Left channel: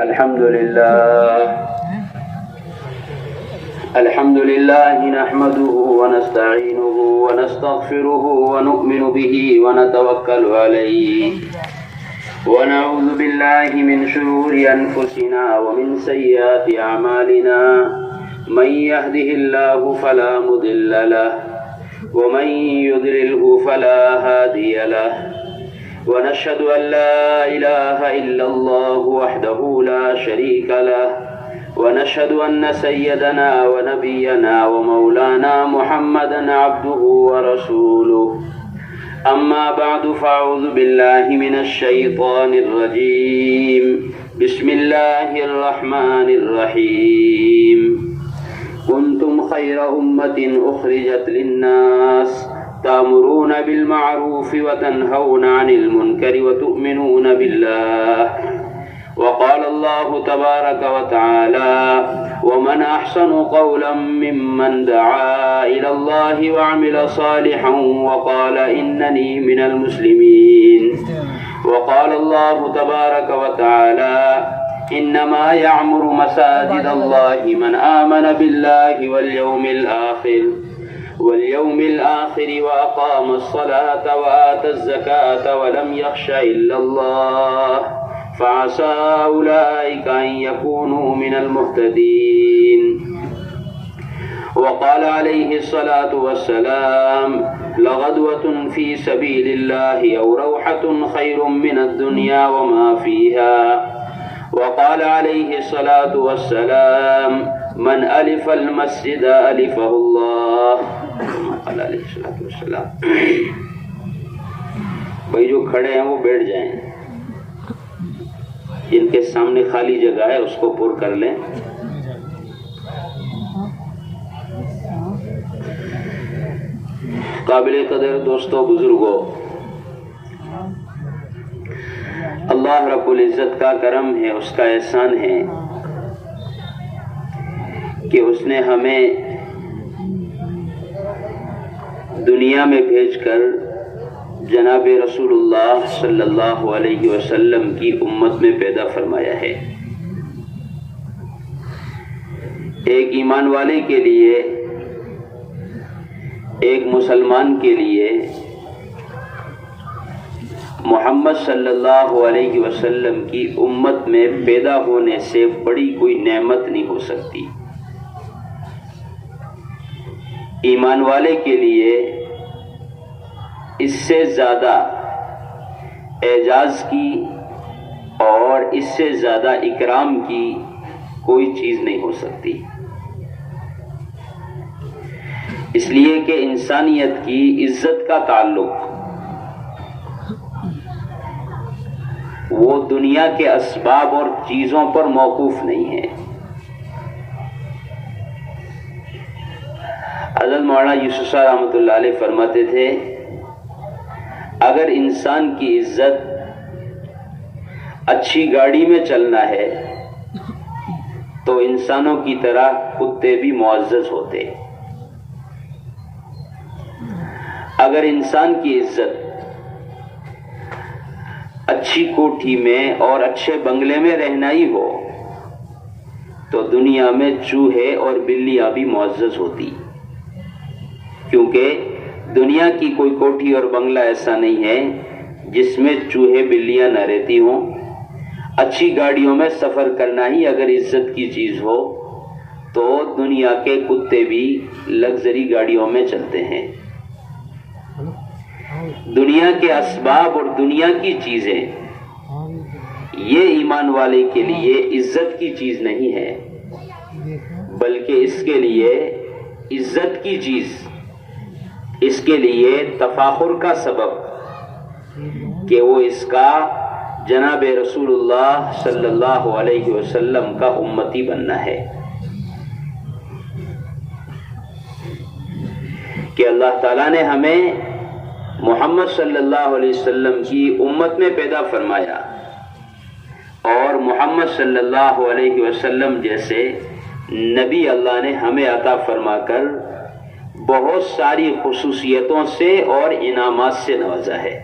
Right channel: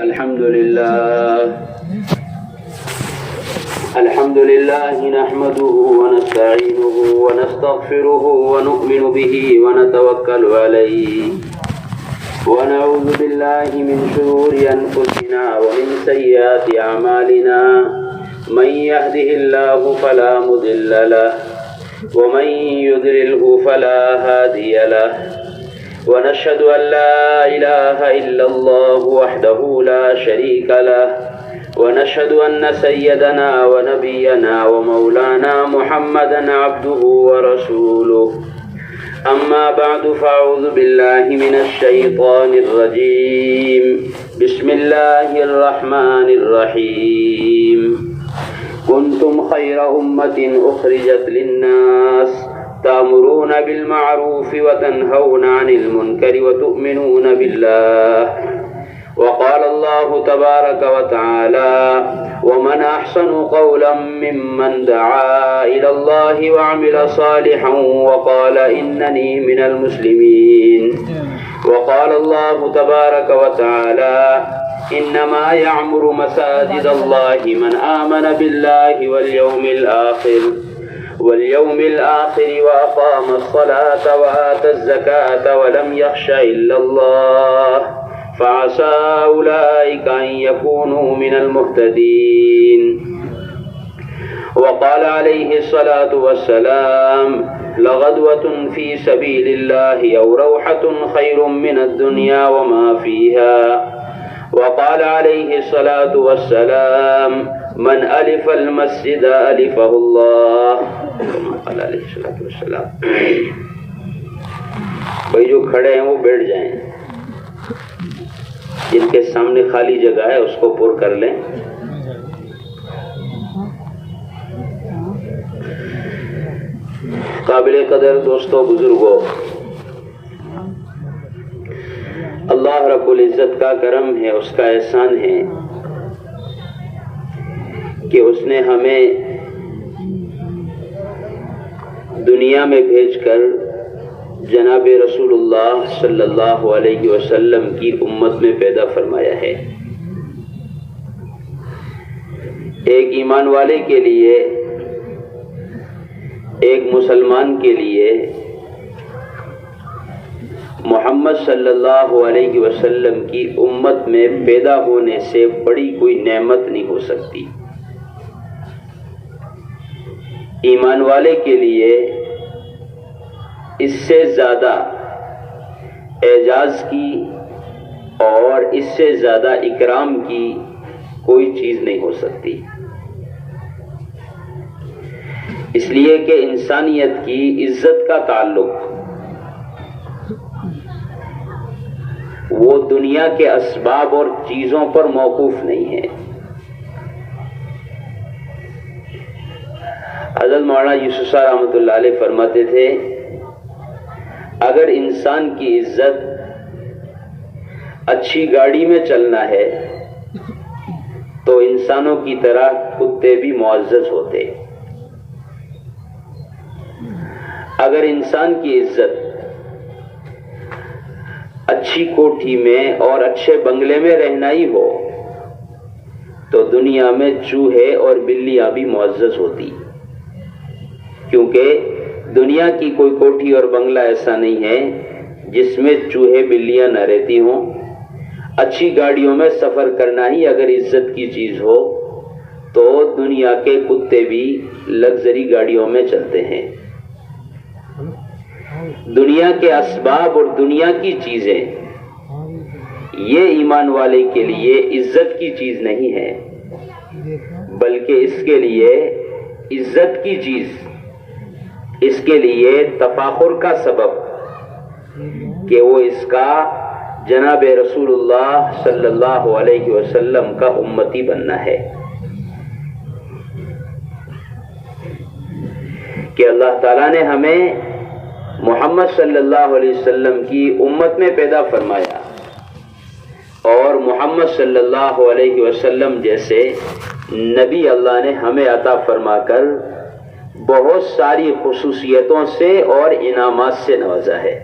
الحمد لله نحمده ونستعينه ونستغفره ونؤمن به ونتوكل عليه ونعوذ بالله من شرور أنفسنا ومن سيئات أعمالنا من يهده الله فلا مضل له ومن يضلله فلا هادي له ونشهد أن لا إله إلا الله وحده لا شريك له ونشهد أن سيدنا ونبينا ومولانا محمدا عبده ورسوله أما بعد فأعوذ بالله من الشيطان الرجيم بسم الله الرحمن الرحيم كنتم خير أمة أخرجت للناس تأمرون بالمعروف وتنهون عن المنكر وتؤمنون بالله وقال الله تبارك وتعالى ومن أحسن قولا ممن دعا إلى الله وعمل صالحا وقال إنني من المسلمين وقال الله تبارك وتعالى إنما يعمر مساجد الله من آمن بالله واليوم الآخر وأقام الصلاة وآتى الزكاة ولم يخش إلا الله فعسى أولئك أن يكونوا من المهتدين وقال عليه الصلاة والسلام لغدوة في سبيل الله أو روحة خير من الدنيا وما فيها وقال عليه الصلاة والسلام من ألف المسجد ألفه الله قال عليه الصلاة والسلام. بھائی جو کھڑے ہیں وہ بیٹھ جائیں، جن کے سامنے خالی جگہ ہے اس کو پر کر لیں. قابل قدر دوستوں، بزرگوں، اللہ رب العزت کا کرم ہے، اس کا احسان ہے کہ اس نے ہمیں دنیا میں بھیج کر جناب رسول اللہ صلی اللہ علیہ وسلم کی امت میں پیدا فرمایا ہے. ایک ایمان والے کے لیے، ایک مسلمان کے لیے محمد صلی اللہ علیہ وسلم کی امت میں پیدا ہونے سے بڑی کوئی نعمت نہیں ہو سکتی. ایمان والے کے لیے اس سے زیادہ اعزاز کی اور اس سے زیادہ اکرام کی کوئی چیز نہیں ہو سکتی. اس لیے کہ انسانیت کی عزت کا تعلق وہ دنیا کے اسباب اور چیزوں پر موقوف نہیں ہے. حضرت مولانا یوسف صاحب رحمۃ اللہ علیہ فرماتے تھے اگر انسان کی عزت اچھی گاڑی میں چلنا ہے تو انسانوں کی طرح کتے بھی معزز ہوتے. اگر انسان کی عزت اچھی کوٹھی میں اور اچھے بنگلے میں رہنا ہی ہو تو دنیا میں چوہے اور بلیاں بھی معزز ہوتی، کیونکہ دنیا کی کوئی کوٹھی اور بنگلہ ایسا نہیں ہے جس میں چوہے بلیاں نہ رہتی ہوں. اچھی گاڑیوں میں سفر کرنا ہی اگر عزت کی چیز ہو تو دنیا کے کتے بھی لگژری گاڑیوں میں چلتے ہیں. دنیا کے اسباب اور دنیا کی چیزیں یہ ایمان والے کے لیے عزت کی چیز نہیں ہے، بلکہ اس کے لیے عزت کی چیز، اس کے لیے تفاخر کا سبب کہ وہ اس کا جناب رسول اللہ صلی اللہ علیہ وسلم کا امتی بننا ہے. کہ اللہ تعالیٰ نے ہمیں محمد صلی اللہ علیہ وسلم کی امت میں پیدا فرمایا اور محمد صلی اللہ علیہ وسلم جیسے نبی اللہ نے ہمیں عطا فرما کر بہت ساری خصوصیتوں سے اور انعامات سے نوازا ہے.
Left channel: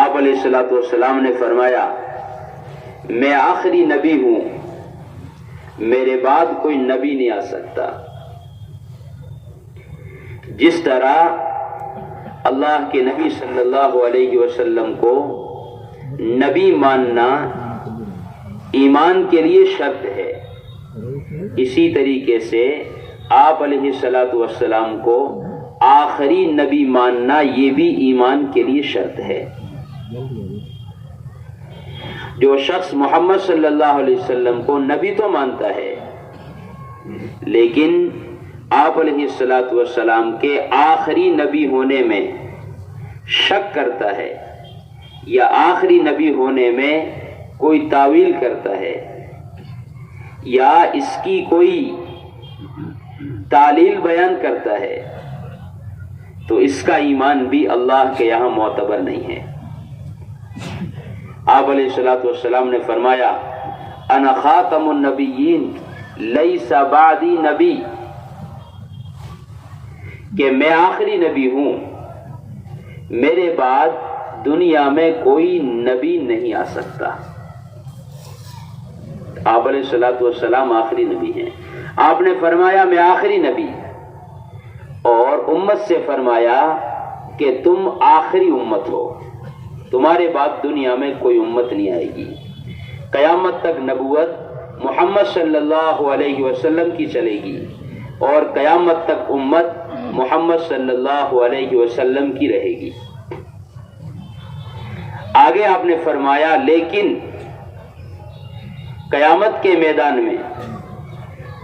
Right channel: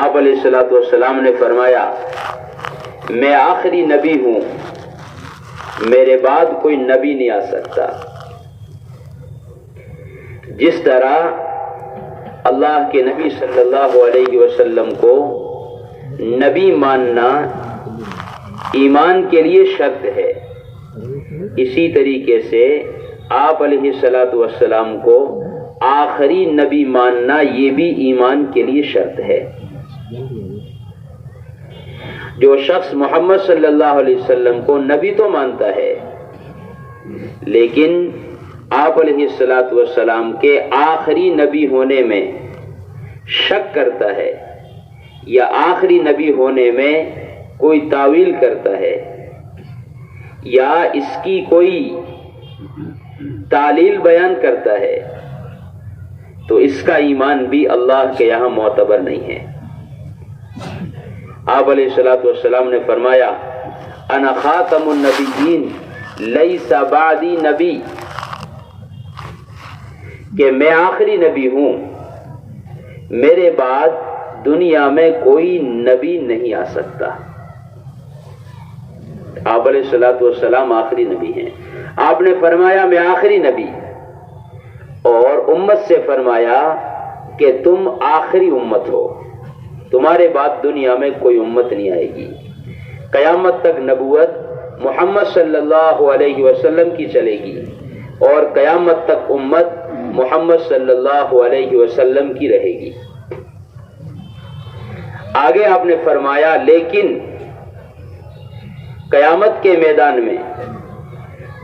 آپ علیہ الصلوۃ والسلام نے فرمایا میں آخری نبی ہوں، میرے بعد کوئی نبی نہیں آ سکتا۔ جس طرح اللہ کے نبی صلی اللہ علیہ وسلم کو نبی ماننا ایمان کے لیے شرط ہے، اسی طریقے سے آپ علیہ الصلوۃ والسلام کو آخری نبی ماننا یہ بھی ایمان کے لیے شرط ہے۔ جو شخص محمد صلی اللہ علیہ وسلم کو نبی تو مانتا ہے، لیکن آپ علیہ الصلوۃ والسلام کے آخری نبی ہونے میں شک کرتا ہے یا آخری نبی ہونے میں کوئی تعویل کرتا ہے یا اس کی کوئی تعلیل بیان کرتا ہے، تو اس کا ایمان بھی اللہ کے یہاں معتبر نہیں ہے۔ آپ علیہ الصلوۃ والسلام نے فرمایا انا خاتم النبیین لیس بعدی نبی، کہ میں آخری نبی ہوں، میرے بعد دنیا میں کوئی نبی نہیں آ سکتا۔ آپ علیہ الصلوۃ والسلام آخری نبی ہیں۔ آپ نے فرمایا میں آخری نبی، اور امت سے فرمایا کہ تم آخری امت ہو، تمہارے بعد دنیا میں کوئی امت نہیں آئے گی۔ قیامت تک نبوت محمد صلی اللہ علیہ وسلم کی چلے گی، اور قیامت تک امت محمد صلی اللہ علیہ وسلم کی رہے گی۔ آگے آپ نے فرمایا لیکن قیامت کے میدان میں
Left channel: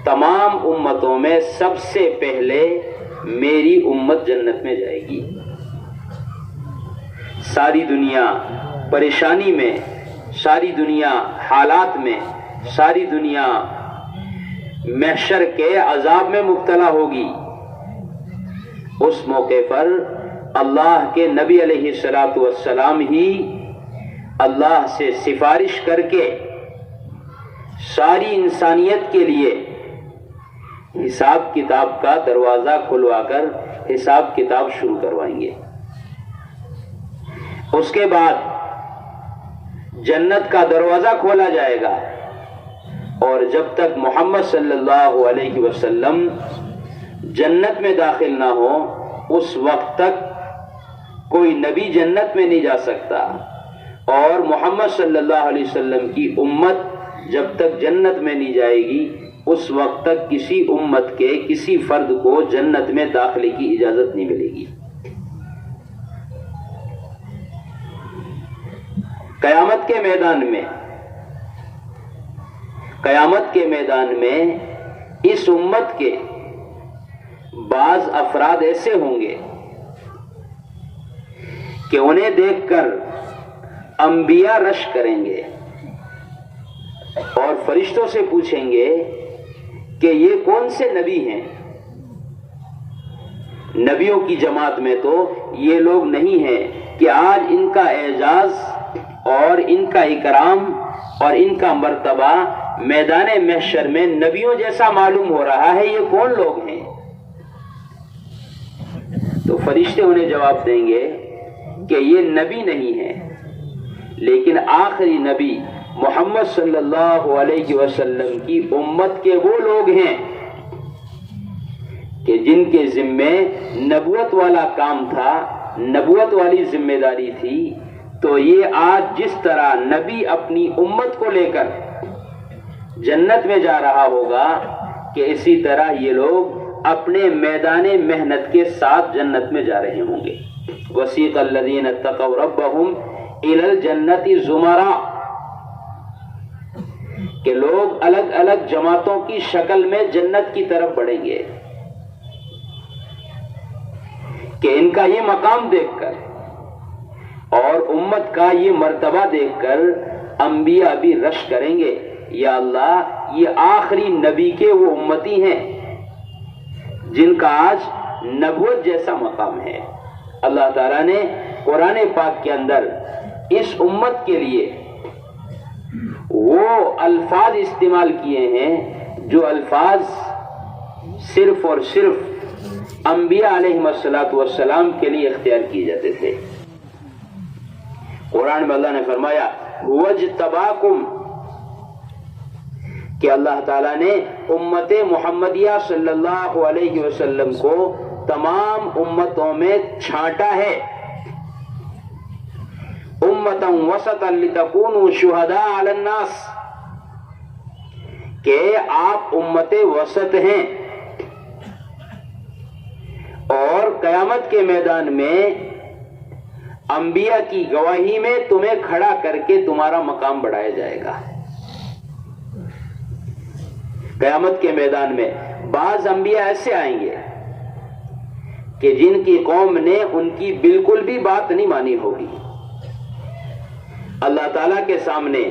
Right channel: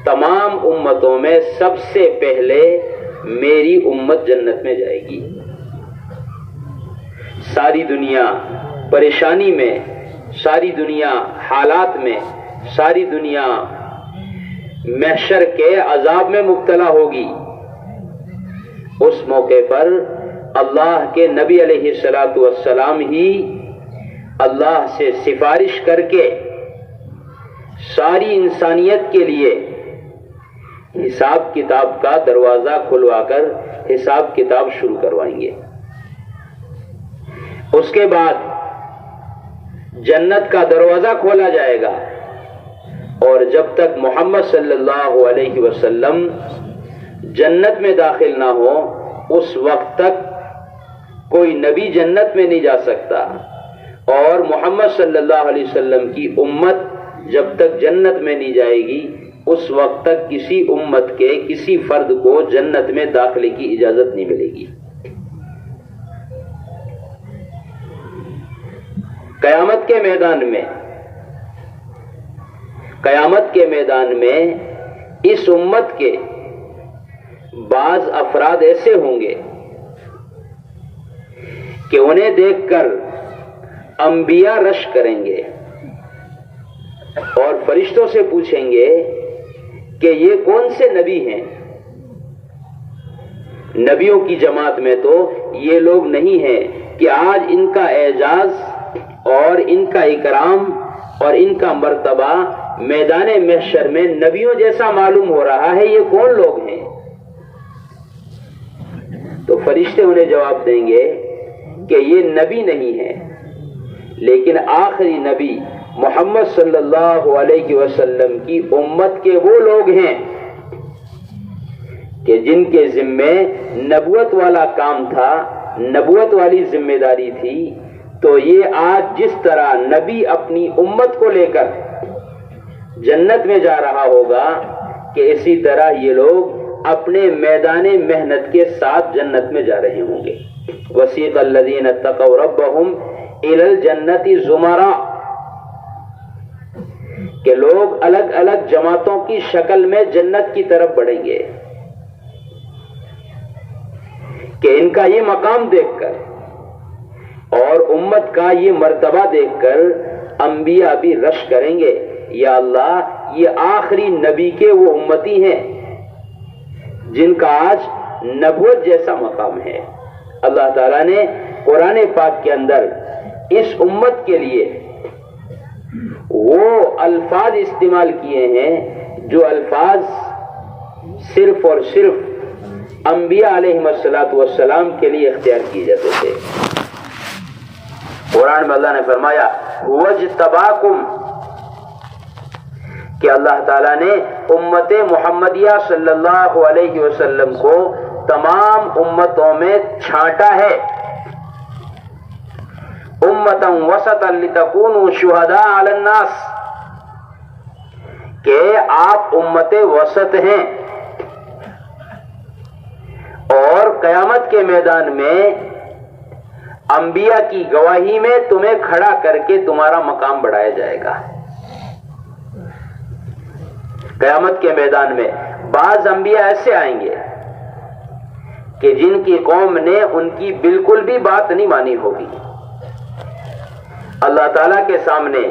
تمام امتوں میں سب سے پہلے میری امت جنت میں جائے گی۔ ساری دنیا پریشانی میں، ساری دنیا حالات میں، ساری دنیا محشر کے عذاب میں مبتلا ہوگی۔ اس موقع پر اللہ کے نبی علیہ الصلوۃ والسلام ہی اللہ سے سفارش کر کے ساری انسانیت کے لیے حساب کتاب کا دروازہ کھلوا کر حساب کتاب شروع کروائیں گے۔ اس کے بعد جنت کا دروازہ کھولا جائے گا، اور جب تک محمد صلی اللہ علیہ وسلم جنت میں داخل نہ ہو اس وقت تک کوئی نبی جنت میں نہیں جا سکتا، اور محمد صلی اللہ علیہ وسلم کی امت جب تک جنت میں نہیں جائے گی اس وقت تک کسی امت کے کسی فرد کو جنت میں داخلے کی اجازت نہیں ملے گی۔ قیامت کے میدان میں اس امت کے بعض افراد ایسے ہوں گے کہ انہیں دیکھ کر انبیاء رشک کریں گے اور فرشتوں سے پوچھیں گے کہ یہ کون سے نبی ہیں؟ نبیوں کی جماعت میں تو یہ لوگ نہیں ہیں کہ آج ان کا اعزاز اور ان کا اکرام اور ان کا مرتبہ میدان محشر میں نبیوں جیسا معلوم ہو رہا ہے، یہ کون لوگ ہیں؟ تو فرشتے انہیں جواب دیں گے کہ یہ نبی نہیں ہے، لیکن آخری نبی محمد صلی اللہ علیہ وسلم کی امت کے وہ لوگ ہیں کہ جن کے ذمے نبوت والا کام تھا، نبوت والی ذمہ داری تھی۔ تو یہ آج جس طرح نبی اپنی امت کو لے کر جنت میں جا رہا ہوگا کہ اسی طرح یہ لوگ اپنے میدان محنت کے ساتھ جنت میں جا رہے ہوں گے۔ وسیق الذین اتقوا ربهم الی الجنۃ زمرا، کہ لوگ الگ الگ جماعتوں کی شکل میں جنت کی طرف بڑھیں گے، کہ ان کا یہ مقام دیکھ کر اور امت کا یہ مرتبہ دیکھ کر انبیاء بھی رشک کریں گے، یا اللہ یہ آخری نبی کے وہ امتی ہیں جن کا آج نبوت جیسا مقام ہے۔ اللہ تعالیٰ نے قرآن پاک کے اندر اس امت کے لیے وہ الفاظ استعمال کیے ہیں جو الفاظ صرف اور صرف انبیاء علیہ السلام کے لیے اختیار کیے جاتے تھے۔ قرآن میں اللہ نے فرمایا وَاجْتَبَاكُمْ کہ اللہ تعالیٰ نے امت محمدیہ صلی اللہ علیہ وسلم کو تمام امتوں میں چھانٹا ہے، امتا وسطا لتکونوا شہداء علی الناس، کہ آپ امت وسط ہیں اور قیامت کے میدان میں انبیاء کی گواہی میں تمہیں کھڑا کر کے تمہارا مقام بڑھایا جائے گا۔ قیامت کے میدان میں بعض انبیاء ایسے آئیں گے کہ جن کی قوم نے ان کی بالکل بھی بات نہیں مانی ہوگی، اللہ تعالیٰ کے سامنے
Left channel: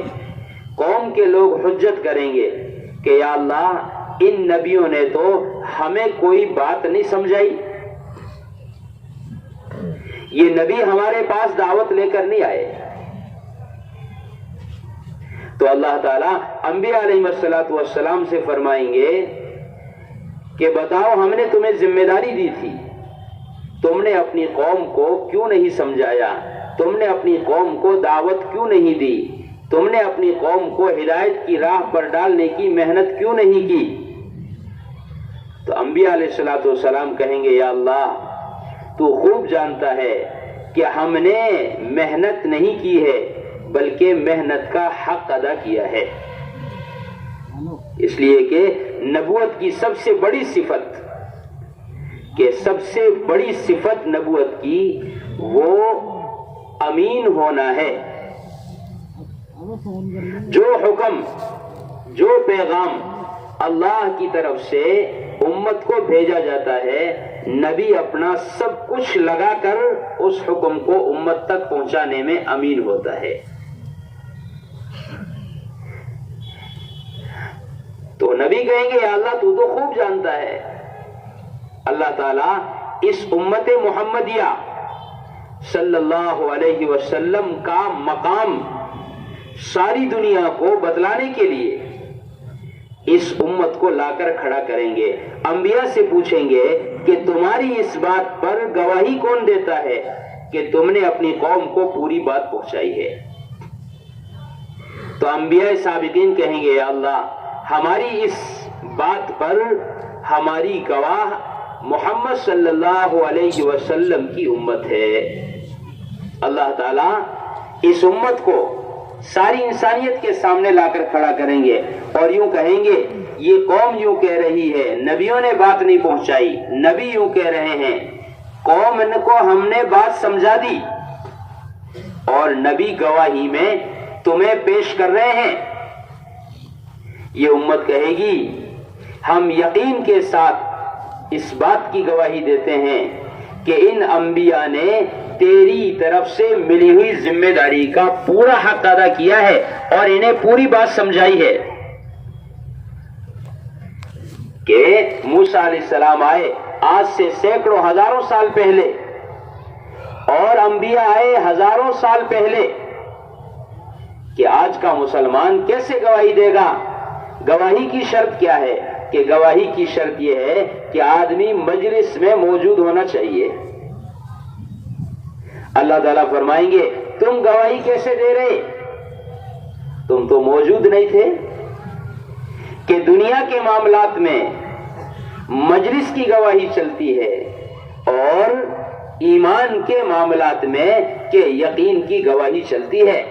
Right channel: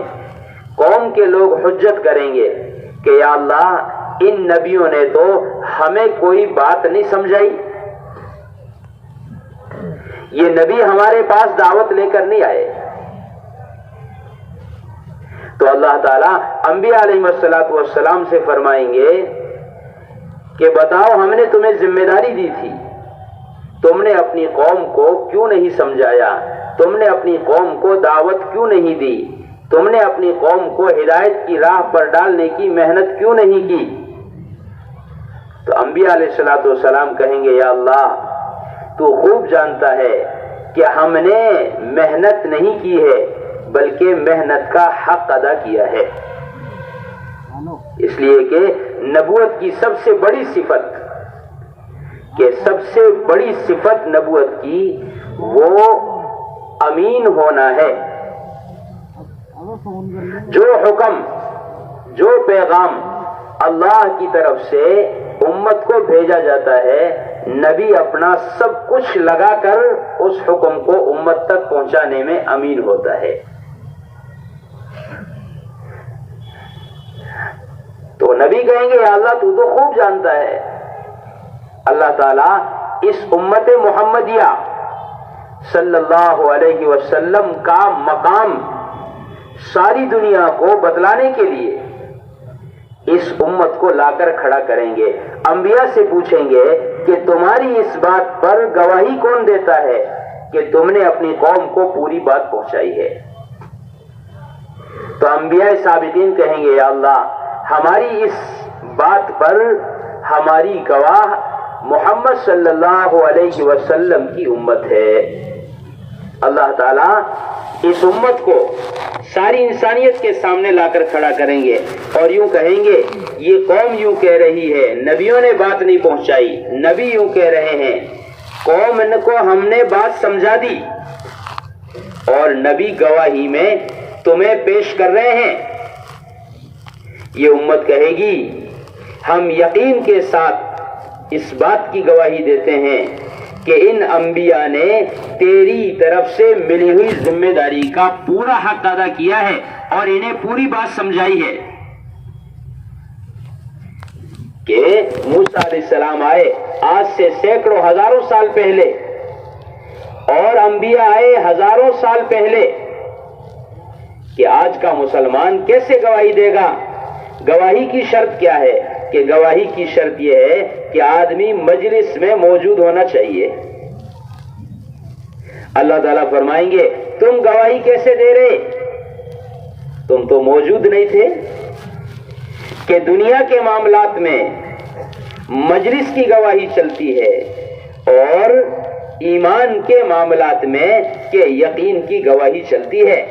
قوم کے لوگ حجت کریں گے کہ یا اللہ ان نبیوں نے تو ہمیں کوئی بات نہیں سمجھائی، یہ نبی ہمارے پاس دعوت لے کر نہیں آئے۔ تو اللہ تعالیٰ انبیاء علیہ السلام سے فرمائیں گے کہ بتاؤ ہم نے تمہیں ذمہ داری دی تھی، تم نے اپنی قوم کو کیوں نہیں سمجھایا، تم نے اپنی قوم کو دعوت کیوں نہیں دی، تم نے اپنی قوم کو ہدایت کی راہ پر ڈالنے کی محنت کیوں نہیں کی؟ تو انبیاء علیہ السلام کہیں گے یا اللہ تو خوب جانتا ہے کہ ہم نے محنت نہیں کی ہے بلکہ محنت کا حق ادا کیا ہے، اس لیے کہ نبوت کی سب سے بڑی صفت، کہ سب سے بڑی صفت نبوت کی وہ امین ہونا ہے۔ جو حکم، جو پیغام اللہ کی طرف سے امت کو بھیجا جاتا ہے، نبی اپنا سب کچھ لگا کر اس حکم کو امت تک پہنچانے میں امین ہوتا ہے۔ تو نبی کہیں گے یا اللہ تو خوب جانتا ہے۔ اللہ تعالیٰ اس امت محمدیہ صلی اللہ علیہ وسلم کا مقام ساری دنیا کو بتلانے کے لیے اس امت کو لا کر کھڑا کریں گے، انبیاء سے پوچھیں گے کہ تمہاری اس بات پر گواہی کون دیتا ہے کہ تم نے اپنی قوم کو پوری بات پہنچائی ہے؟ تو انبیاء سابقین کہیں گے یا اللہ ہماری اس بات پر ہماری گواہ محمد صلی اللہ علیہ وسلم کی امت ہے۔ اللہ تعالیٰ اس امت کو ساری انسانیت کے سامنے لا کر کھڑا کریں گے اور یوں کہیں گے یہ قوم یوں کہہ رہی ہے، نبیوں نے بات نہیں پہنچائی، نبی یوں کہہ رہے ہیں، قوم کو ہم نے بات سمجھا دی اور نبی گواہی میں تمہیں پیش کر رہے ہیں۔ یہ امت کہے گی ہم یقین کے ساتھ اس بات کی گواہی دیتے ہیں کہ ان انبیاء نے تیری طرف سے ملی ہوئی ذمہ داری کا پورا حق ادا کیا ہے اور انہیں پوری بات سمجھائی ہے۔ کہ موسیٰ علیہ السلام آئے آج سے سینکڑوں ہزاروں سال پہلے اور انبیاء آئے ہزاروں سال پہلے، کہ آج کا مسلمان کیسے گواہی دے گا؟ گواہی کی شرط کیا ہے؟ کہ گواہی کی شرط یہ ہے کہ آدمی مجلس میں موجود ہونا چاہیے۔ اللہ تعالیٰ فرمائیں گے تم گواہی کیسے دے رہے؟ تم تو موجود نہیں تھے۔ کہ دنیا کے معاملات میں مجلس کی گواہی چلتی ہے اور ایمان کے معاملات میں کہ یقین کی گواہی چلتی ہے۔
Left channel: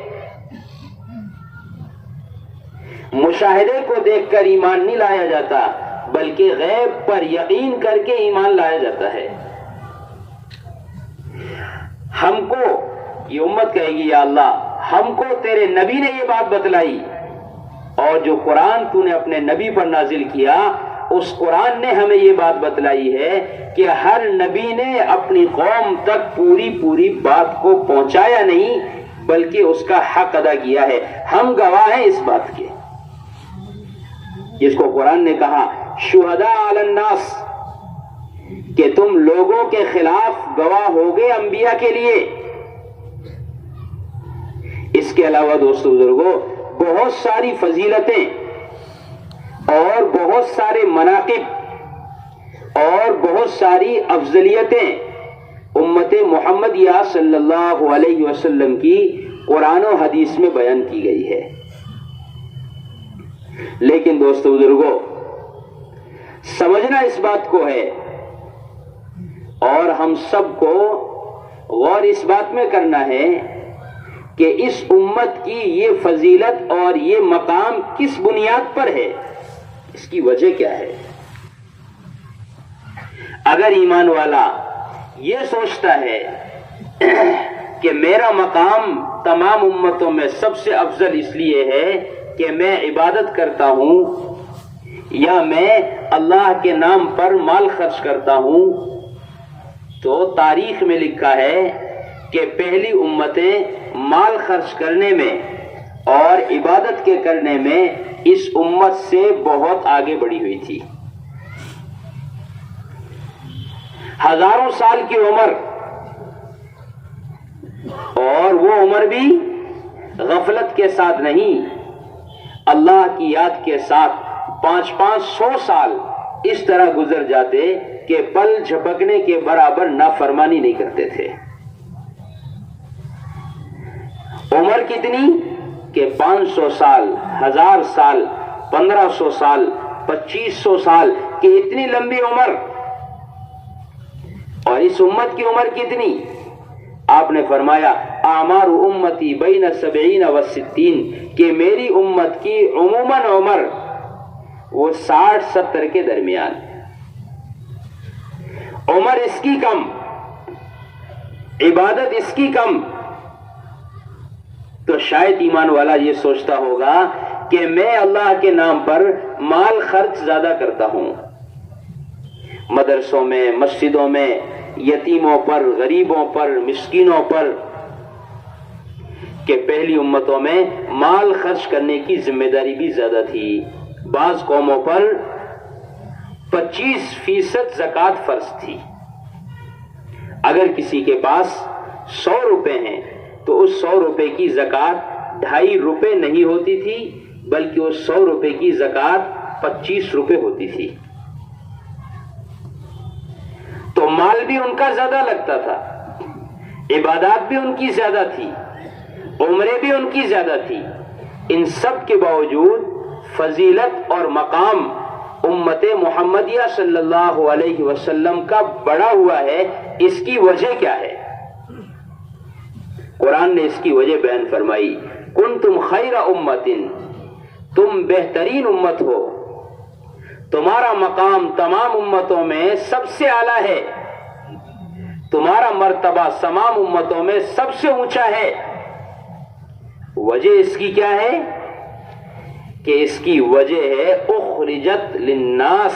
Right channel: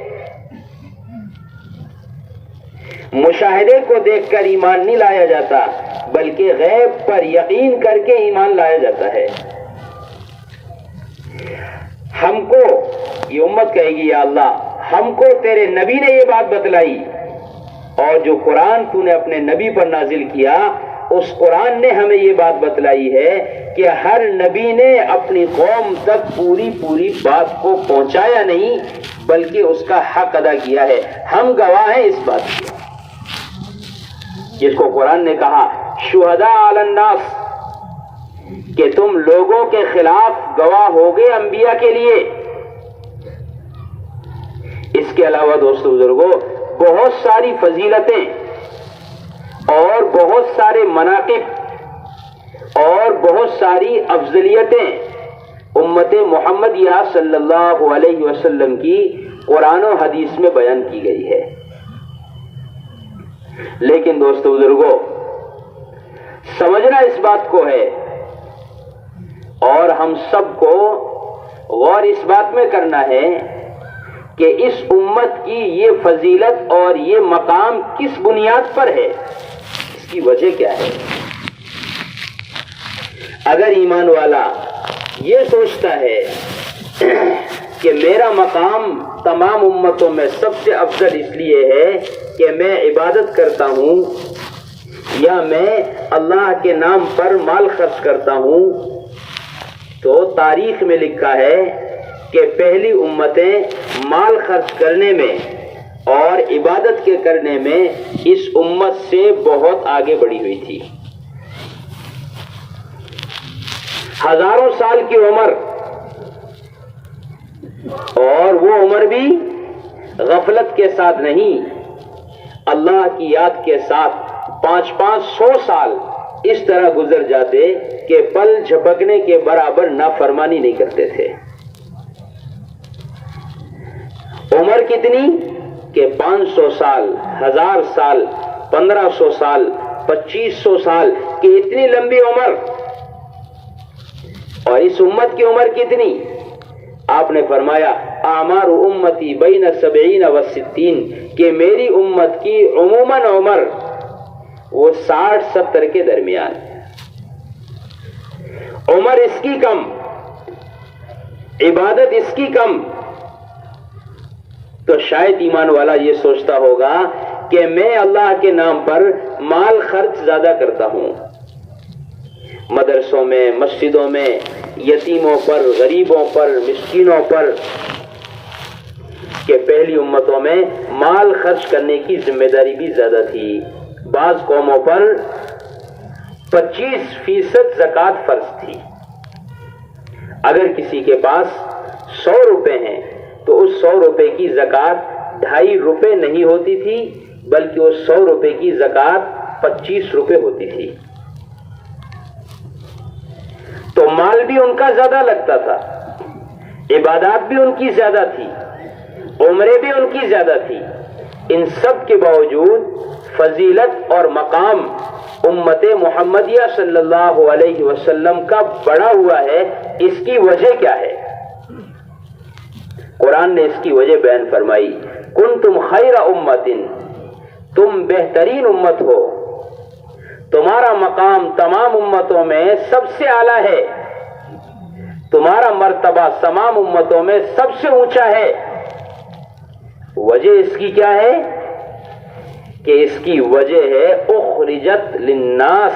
مشاہدے کو دیکھ کر ایمان نہیں لایا جاتا بلکہ غیب پر یقین کر کے ایمان لایا جاتا ہے۔ ہم کو یہ امت کہے گی یا اللہ ہم کو تیرے نبی نے یہ بات بتلائی اور جو قرآن تو نے اپنے نبی پر نازل کیا اس قرآن نے ہمیں یہ بات بتلائی ہے کہ ہر نبی نے اپنی قوم تک پوری بات کو پہنچایا نہیں بلکہ اس کا حق ادا کیا ہے۔ ہم گواہ ہیں اس بات کے، جس کو قرآن نے کہا شہداء علی الناس، کہ تم لوگوں کے خلاف گواہ ہوگے انبیاء کے لیے۔ اس کے علاوہ دوستو بزرگوں بہت ساری فضیلتیں اور بہت سارے مناقب اور بہت ساری افضلیتیں امت محمدیہ صلی اللہ علیہ وسلم کی قرآن و حدیث میں بیان کی گئی ہے۔ لیکن دوستو بزرگوں، سمجھنا اس بات کو ہے اور ہم سب کو غور اس بات میں کرنا ہے کہ اس امت کی یہ فضیلت اور یہ مقام کس بنیاد پر ہے، اس کی وجہ کیا ہے۔ اگر ایمان والا یہ سوچتا ہے کہ میرا مقام تمام امتوں میں سب سے افضل اس لیے ہے کہ میں عبادت کرتا ہوں یا میں اللہ کے نام پر مال خرچ کرتا ہوں، تو تاریخ میں لکھا ہے کہ پہلی امتیں مال خرچ کرنے میں اور عبادت کے کرنے میں اس امت سے بہت آگے بڑھی ہوئی تھی۔ ہزاروں سال کی عمر، اور وہ عمر بھی غفلت کے ساتھ نہیں، اللہ کی یاد کے ساتھ 500 سال اس طرح گزر جاتے کہ پل جھپکنے کے برابر نافرمانی نہیں کرتے تھے۔ عمر کتنی کہ 500 سال، 1000 سال، 1500 سال، 2500 سال کی اتنی لمبی عمر، اور اس امت کی عمر کتنی؟ آپ نے فرمایا اعمار امتی بین 70 و 60، کہ میری امت کی عموماً عمر وہ 60-70 کے درمیان، عمر اس کی کم، عبادت اس کی کم، تو شاید ایمان والا یہ سوچتا ہوگا کہ میں اللہ کے نام پر مال خرچ زیادہ کرتا ہوں، مدرسوں میں، مسجدوں میں، یتیموں پر، غریبوں پر، مسکینوں پر، کہ پہلی امتوں میں مال خرچ کرنے کی ذمہ داری بھی زیادہ تھی۔ بعض قوموں پر 25% زکوٰۃ فرض تھی۔ اگر کسی کے پاس 100 روپے ہیں تو اس 100 روپے کی زکوٰۃ 2.5 روپے نہیں ہوتی تھی، بلکہ اس 100 روپے کی زکوٰۃ 25 روپے ہوتی تھی۔ تو مال بھی ان کا زیادہ لگتا تھا، عبادات بھی ان کی زیادہ تھی، عمریں بھی ان کی زیادہ تھی۔ ان سب کے باوجود فضیلت اور مقام امت محمدیہ صلی اللہ علیہ وسلم کا بڑا ہوا ہے۔ اس کی وجہ کیا ہے؟ قرآن نے اس کی وجہ بیان فرمائی، کنتم خیر امت، تم بہترین امت ہو، تمہارا مقام تمام امتوں میں سب سے اعلیٰ ہے، تمہارا مرتبہ تمام امتوں میں سب سے اونچا ہے۔ وجہ اس کی کیا ہے؟ کہ اس کی وجہ ہے اخرجت للناس،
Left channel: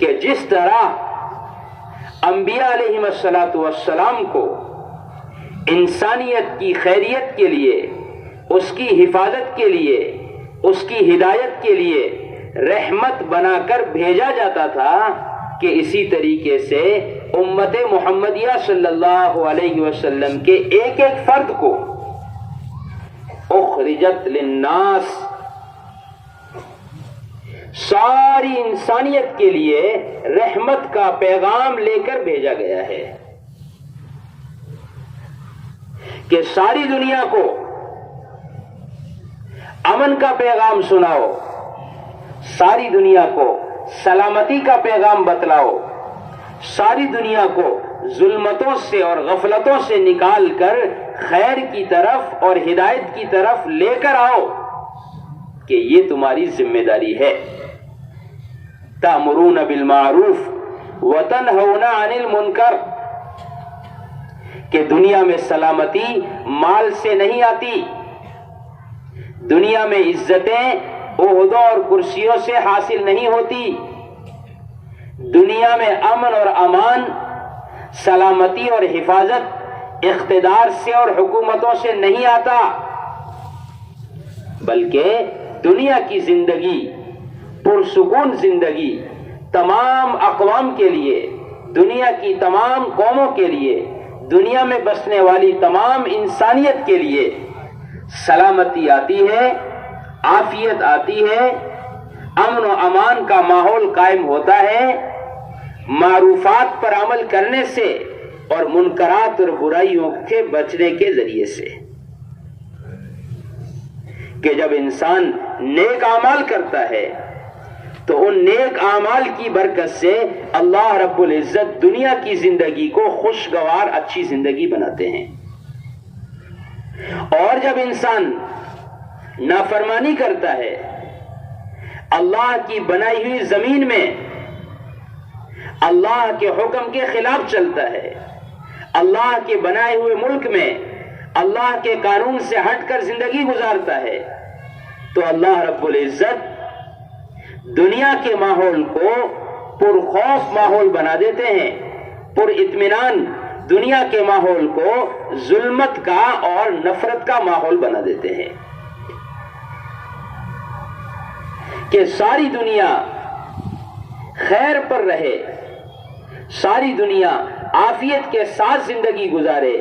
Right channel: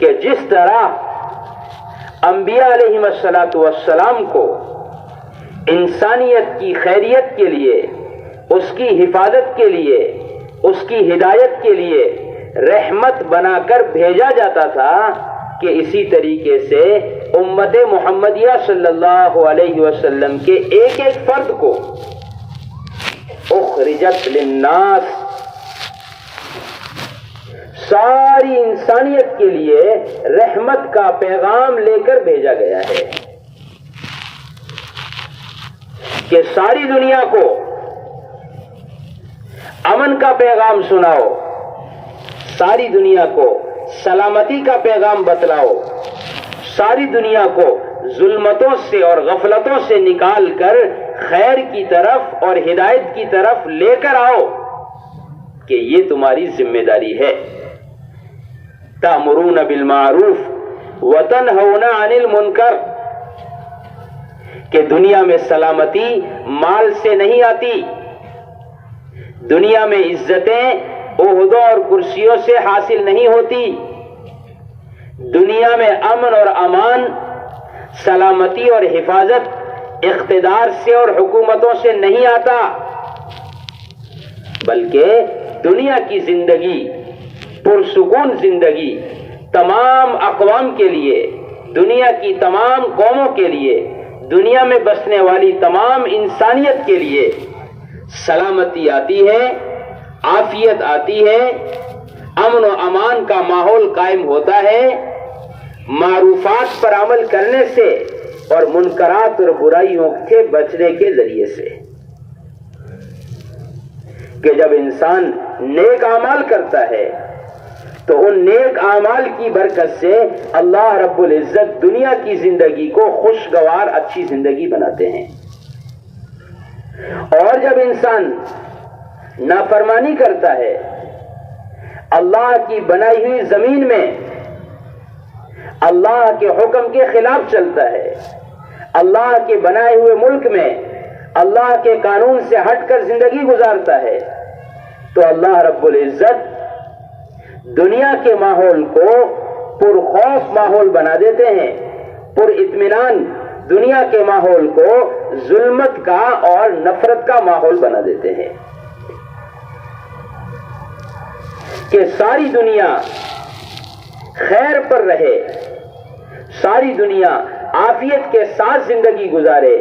کہ جس طرح انبیاء علیہم السلام کو انسانیت کی خیریت کے لیے، اس کی حفاظت کے لیے، اس کی ہدایت کے لیے رحمت بنا کر بھیجا جاتا تھا، کہ اسی طریقے سے امت محمدیہ صلی اللہ علیہ وسلم کے ایک ایک فرد کو اخرجت للناس، ساری انسانیت کے لیے رحمت کا پیغام لے کر بھیجا گیا ہے، کہ ساری دنیا کو امن کا پیغام سناؤ، ساری دنیا کو سلامتی کا پیغام بتلاؤ، ساری دنیا کو ظلمتوں سے اور غفلتوں سے نکال کر خیر کی طرف اور ہدایت کی طرف لے کر آؤ، کہ یہ تمہاری ذمہ داری ہے۔ تأمرون بالمعروف وتنہون عن المنکر، کہ دنیا میں سلامتی مال سے نہیں آتی، دنیا میں عزتیں عہدوں اور کرسیوں سے حاصل نہیں ہوتی، دنیا میں امن اور امان، سلامتی اور حفاظت اقتدار سے اور حکومتوں سے نہیں آتا، بلکہ دنیا کی زندگی، پرسکون زندگی تمام اقوام کے لیے، دنیا کی تمام قوموں کے لیے، دنیا میں بسنے والی تمام انسانیت کے لیے سلامتی آتی ہے، عافیت آتی ہے، امن و امان کا ماحول قائم ہوتا ہے، معروفات پر عمل کرنے سے اور منکرات اور برائیوں سے بچنے کے ذریعے سے۔ کہ جب انسان نیک اعمال کرتا ہے تو ان نیک اعمال کی برکت سے اللہ رب العزت دنیا کی زندگی کو خوشگوار اچھی زندگی بناتے ہیں، اور جب انسان نافرمانی کرتا ہے، اللہ کی بنائی ہوئی زمین میں اللہ کے حکم کے خلاف چلتا ہے، اللہ کے بنائے ہوئے ملک میں اللہ کے قانون سے ہٹ کر زندگی گزارتا ہے، تو اللہ رب العزت دنیا کے ماحول کو پرخوف ماحول بنا دیتے ہیں، پر اطمینان دنیا کے ماحول کو ظلمت کا اور نفرت کا ماحول بنا دیتے ہیں، کہ ساری دنیا خیر پر رہے، ساری دنیا عافیت کے ساتھ زندگی گزارے،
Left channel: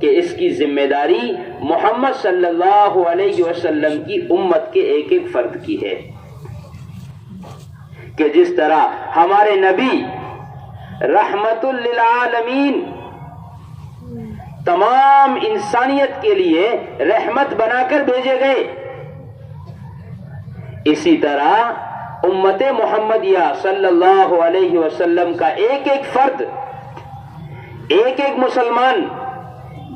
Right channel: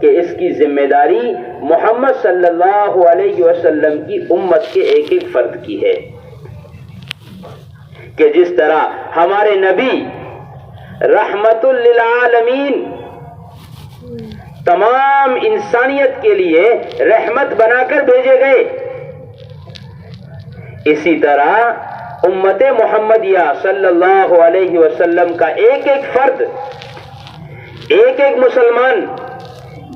کہ اس کی ذمہ داری محمد صلی اللہ علیہ وسلم کی امت کے ایک ایک فرد کی ہے، کہ جس طرح ہمارے نبی رحمت للعالمین تمام انسانیت کے لیے رحمت بنا کر بھیجے گئے، اسی طرح امت محمدیہ صلی اللہ علیہ وسلم کا ایک ایک فرد، ایک ایک مسلمان،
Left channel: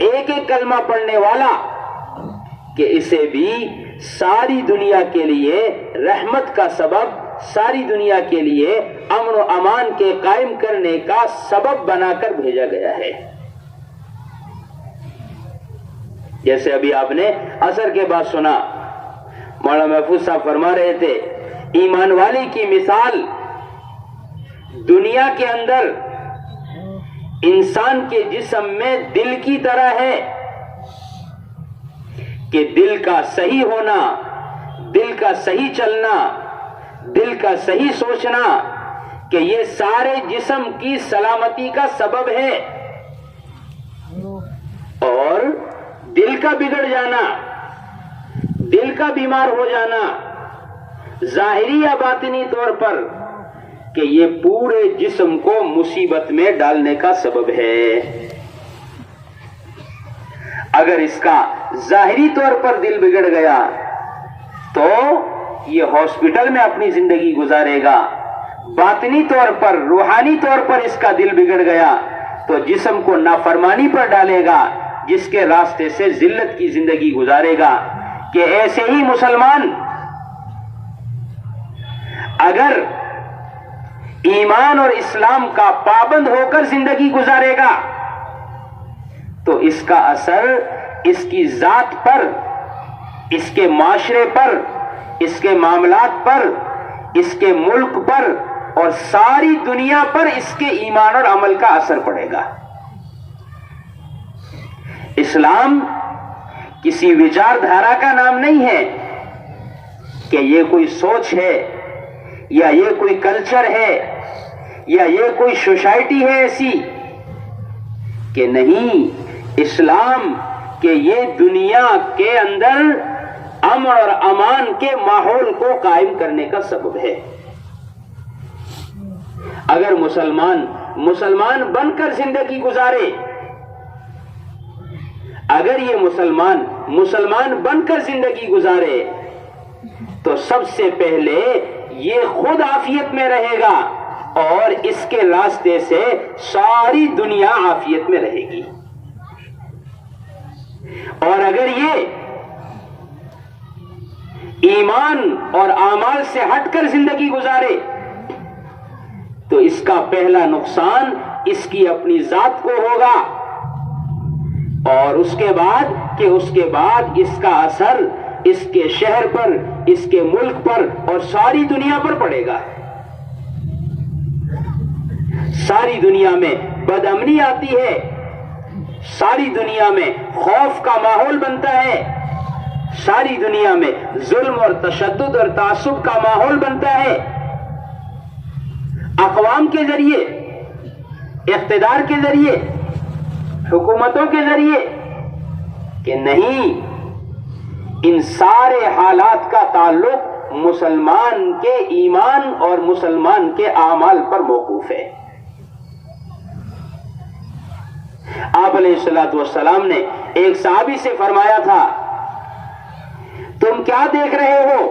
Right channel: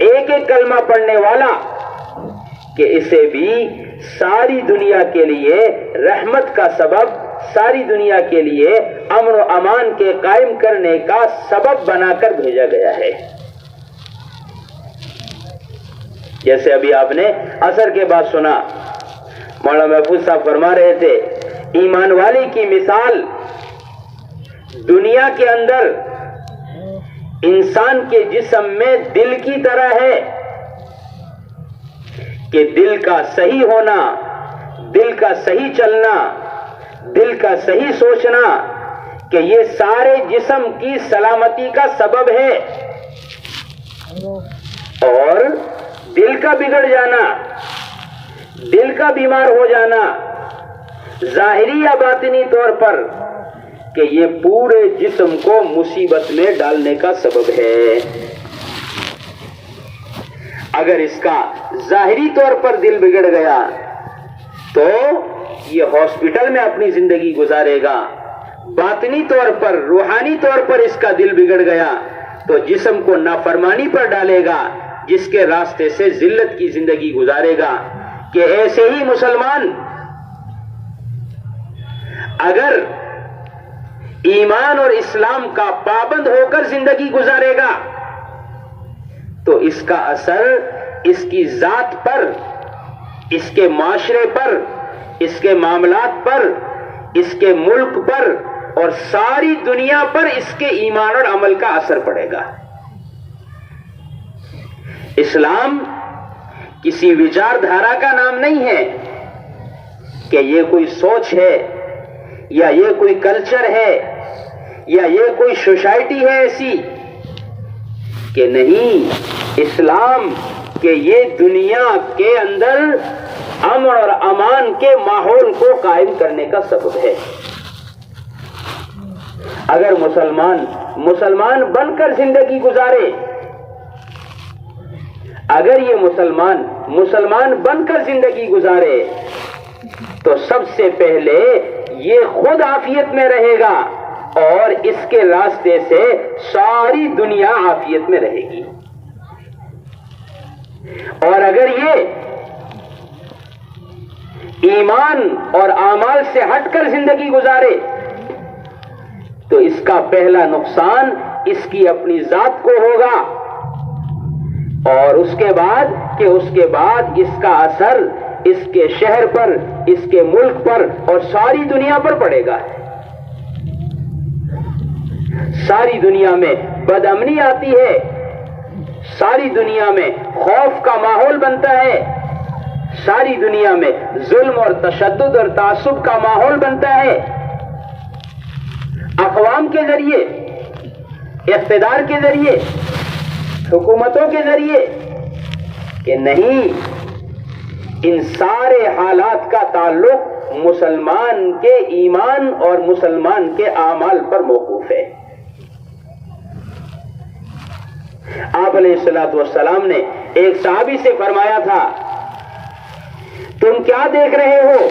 ایک ایک کلمہ پڑھنے والا، کہ اسے بھی ساری دنیا کے لیے رحمت کا سبب، ساری دنیا کے لیے امن و امان کے قائم کرنے کا سبب بنا کر بھیجا گیا ہے۔ جیسے ابھی آپ نے عصر کے بعد سنا، مولانا محفوظ صاحب فرما رہے تھے، ایمان والی کی مثال دنیا کے اندر انسان کے جسم میں دل کی طرح ہے، کہ دل کا صحیح ہونا، دل کا صحیح چلنا، دل کا صحیح سوچنا، کہ یہ سارے جسم کی سلامتی کا سبب ہے، اور دل کا بگڑ جانا، دل کا بیمار ہو جانا، ظاہری یا باطنی طور پر، کہ یہ پورے جسم کو مصیبت میں ڈالنے کا سبب ہے۔ اگر اس کا ظاہری طور پر دل بگڑ گیا تو یہ ہاسپٹل میں اپنی زندگی گزارے گا، باطنی طور پر، روحانی طور پر اس کا دل بگڑ گیا تو جسم کو نافرمانی پر ڈالے گا، جس کے راستے سے ذلت کی زندگی گزارے گا۔ کہ ایسے ہی مسلمان اگر ایمان اور اسلام کا پابند ہو کر زندگی گزارے گا تو اس کا اثر اس کی ذات پر، اس کے معاشرے پر، اس کے معاملات پر، اس کے ملک پر اور ساری دنیا پر اس کے ایمان اور عمل کا اثر پڑے گا۔ اسلام کسی وچار دھارا کا نام نہیں ہے کہ یہ کوئی سوچ ہے یا یہ کوئی کلچر ہے یا یہ کوئی سوسائٹی ہے ایسی، کہ نہیں، اسلام کہ یہ دنیا کے اندر امن اور امان کے ماحول کو قائم کرنے کا سبب ہے۔ اگر مسلمان بن کر زندگی گزارے، اگر یہ مسلمان بن کر زندگی گزارے تو سب سے پہلے یہ خود عافیت میں رہے گا اور اس کے راستے سے ساری دنیا عافیت میں رہے گی۔ اور اگر یہ ایمان اور اعمال سے ہٹ کر زندگی گزارے تو اس کا پہلا نقصان اس کی اپنی ذات کو ہوگا، اور اس کے بعد اس کا اثر اس کے شہر پر، اس کے ملک پر اور ساری دنیا پر پڑے گا۔ ساری دنیا میں بد امنی آتی ہے، ساری دنیا میں خوف کا ماحول بنتا ہے، ساری دنیا میں ظلم اور تشدد اور تعصب کا ماحول بنتا ہے، اقوام کے ذریعے، اقتدار کے ذریعے، حکومتوں کے ذریعے، کہ نہیں، ان سارے حالات کا تعلق مسلمان کے ایمان اور مسلمان کے اعمال پر موقوف ہے۔ آپ علیہ الصلوۃ والسلام نے ایک صحابی سے فرمایا تھا، تم کیا دیکھ رہے ہو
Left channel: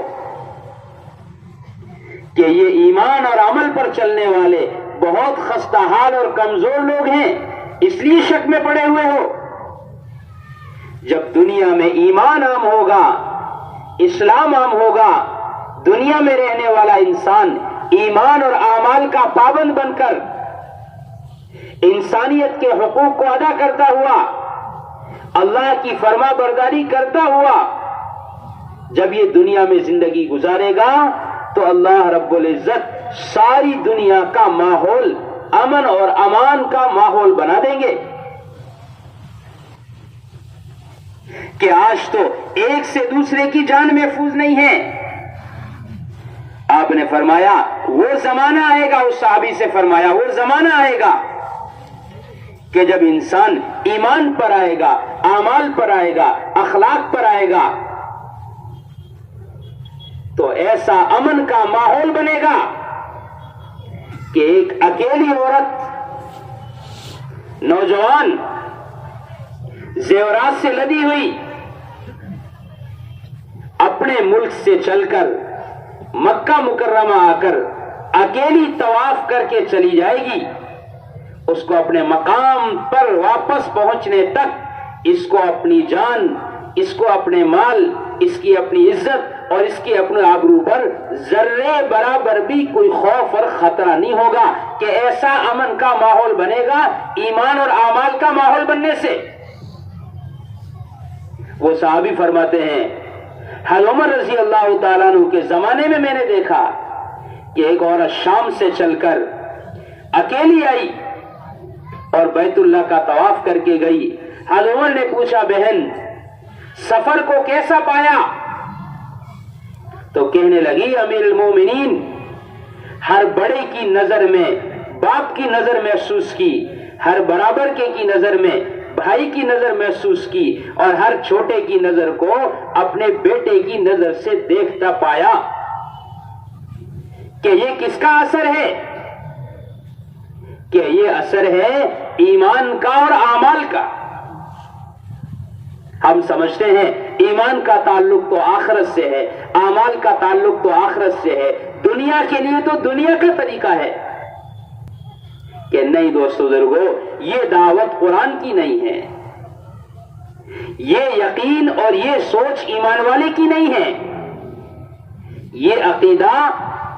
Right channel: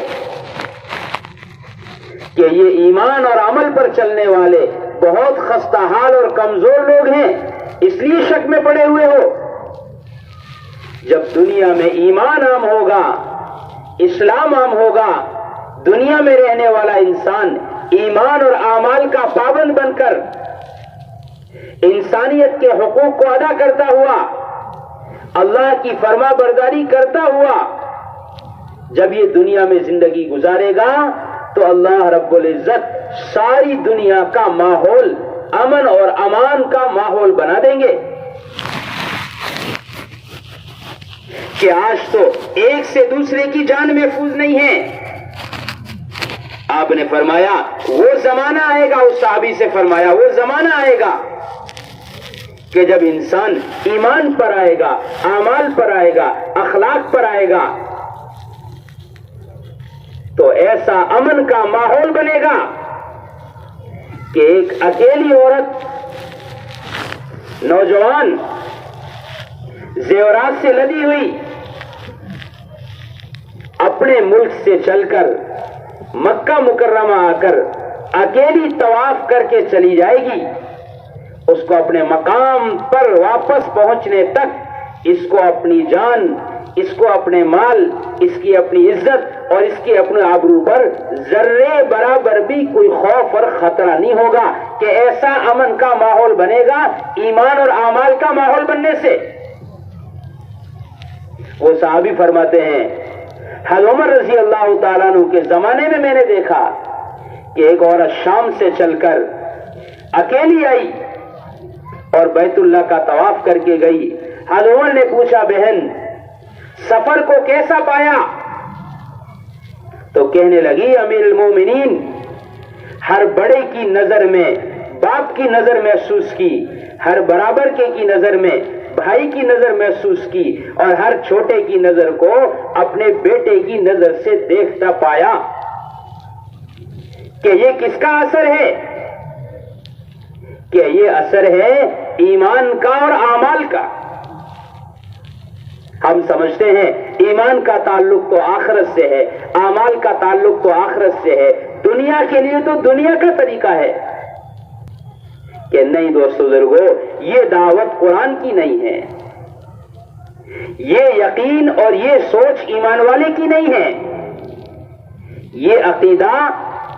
کہ یہ ایمان اور عمل پر چلنے والے بہت خستہ حال اور کمزور لوگ ہیں، اس لیے شک میں پڑے ہوئے ہو؟ جب دنیا میں ایمان عام ہوگا، اسلام عام ہوگا، دنیا میں رہنے والا انسان ایمان اور اعمال کا پابند بن کر انسانیت کے حقوق کو ادا کرتا ہوا، اللہ کی فرما برداری کرتا ہوا جب یہ دنیا میں زندگی گزارے گا تو اللہ رب العزت ساری دنیا کا ماحول امن اور امان کا ماحول بنا دیں گے کہ آج تو ایک سے دوسرے کی جان محفوظ نہیں ہے۔ آپ نے فرمایا وہ زمانہ آئے گا، اس صحابی سے فرمایا وہ زمانہ آئے گا کہ جب انسان ایمان پر آئے گا، اعمال پر آئے گا، اخلاق پر آئے گا تو ایسا امن کا ماحول بنے گا کہ ایک اکیلی عورت، نوجوان، زیورات سے لدی ہوئی اپنے ملک سے چل کر مکہ مکرمہ آ کر اکیلی طواف کر کے چلی جائے گی، اس کو اپنے مقام پر واپس پہنچنے تک اس کو اپنی جان، اس کو اپنے مال، اس کی اپنی عزت اور اس کی اپنے آبرو پر ذرے برابر بھی کوئی خوف اور خطرہ نہیں ہوگا کہ ایسا امن کا ماحول بنے گا ایمان اور اعمال کا ماحول بننے سے۔ وہ صحابی فرماتے ہیں حضرت عمر رضی اللہ تعالیٰ عنہ کے زمانے میں میں نے دیکھا کہ ایک عورت شام سے چل کر اکیلی آئی اور بیت اللہ کا طواف کر کے گئی۔ حضرت عمر نے پوچھا بہن سفر کو کیسا پایا؟ تو کہنے لگی امیر المومنین ہر بڑے کی نظر میں باپ کی نظر محسوس کی، ہر برابر کے کی نظر میں بھائی کی نظر محسوس کی اور ہر چھوٹے کی نظر کو اپنے بیٹے کی نظر سے دیکھتا پایا کہ یہ کس کا اثر ہے؟ کہ یہ اثر ہے ایمان کا اور اعمال کا۔ ہم سمجھتے ہیں ایمان کا تعلق تو آخرت سے ہے، اعمال کا تعلق تو آخرت سے ہے، دنیا کے لیے تو دنیا کا طریقہ ہے کہ نہیں دوستو بزرگو، یہ دعوت قرآن کی نہیں ہے، یہ یقین اور یہ سوچ ایمان والے کی نہیں ہے، یہ عقیدہ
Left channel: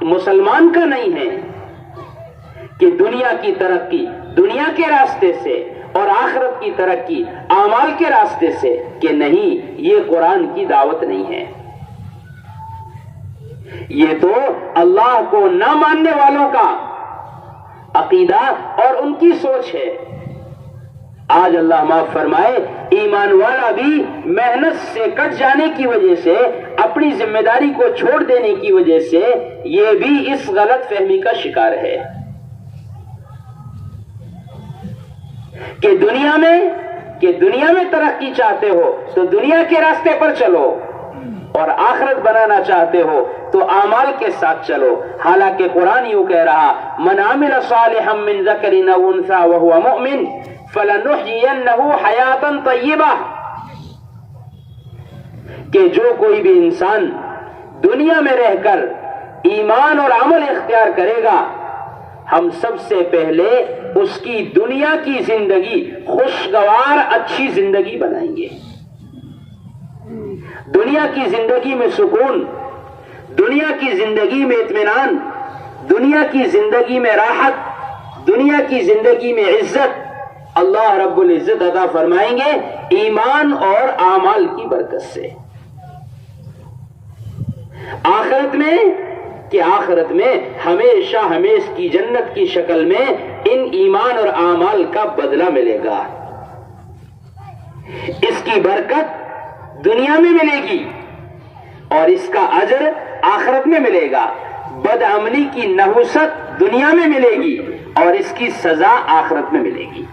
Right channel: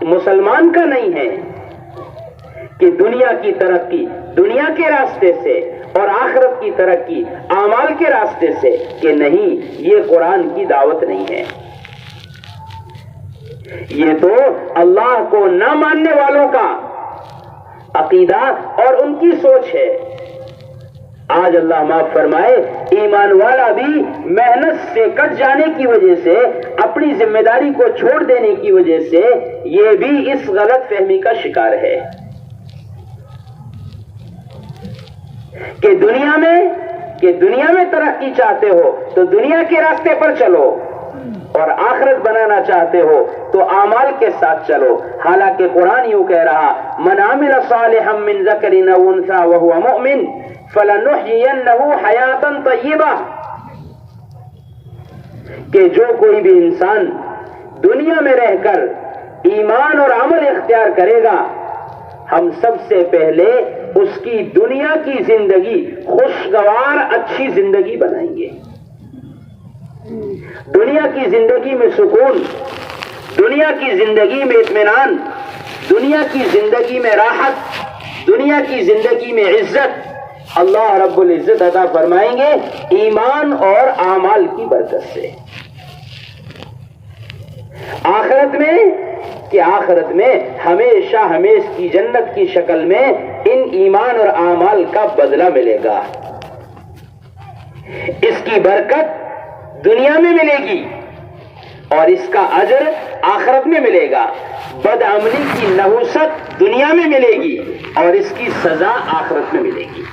مسلمان کا نہیں ہے کہ دنیا کی ترقی دنیا کے راستے سے اور آخرت کی ترقی اعمال کے راستے سے، کہ نہیں، یہ قرآن کی دعوت نہیں ہے، یہ تو اللہ کو نہ ماننے والوں کا عقیدہ اور ان کی سوچ ہے۔ آج اللہ معاف فرمائے ایمان والا بھی محنت سے کٹ جانے کی وجہ سے، اپنی ذمہ داری کو چھوڑ دینے کی وجہ سے یہ بھی اس غلط فہمی کا شکار ہے کہ دنیا میں ترقی چاہتے ہو تو دنیا کے راستے پر چلو اور آخرت بنانا چاہتے ہو تو اعمال کے ساتھ چلو۔ حالانکہ قرآن یوں کہہ رہا من عمل صالحا من ذکر او انثى وهو مؤمن فلنحيينه حیاتا طیبہ، کہ جو کوئی بھی انسان دنیا میں رہ کر ایمان اور عمل اختیار کرے گا، ہم سب سے پہلے اس کی دنیا کی زندگی خوشگوار اچھی زندگی بنائیں گے، دنیا کی زندگی میں سکون، دنیا کی زندگی میں اطمینان، دنیا کی زندگی میں راحت، دنیا کی زندگی میں عزت اللہ رب العزت عطا فرمائیں گے ایمان اور اعمال کی برکت سے۔ آخرت میں ہمیشہ ہمیش کی جنت کی شکل میں ان ایمان اور اعمال کا بدلہ ملے گا، اس کی برکت دنیا میں ملے گی اور اس کا اجر آخرت میں ملے گا، بدعملی کی نحوست دنیا میں ملے گی اور اس کی سزا آخرت میں ملے گی۔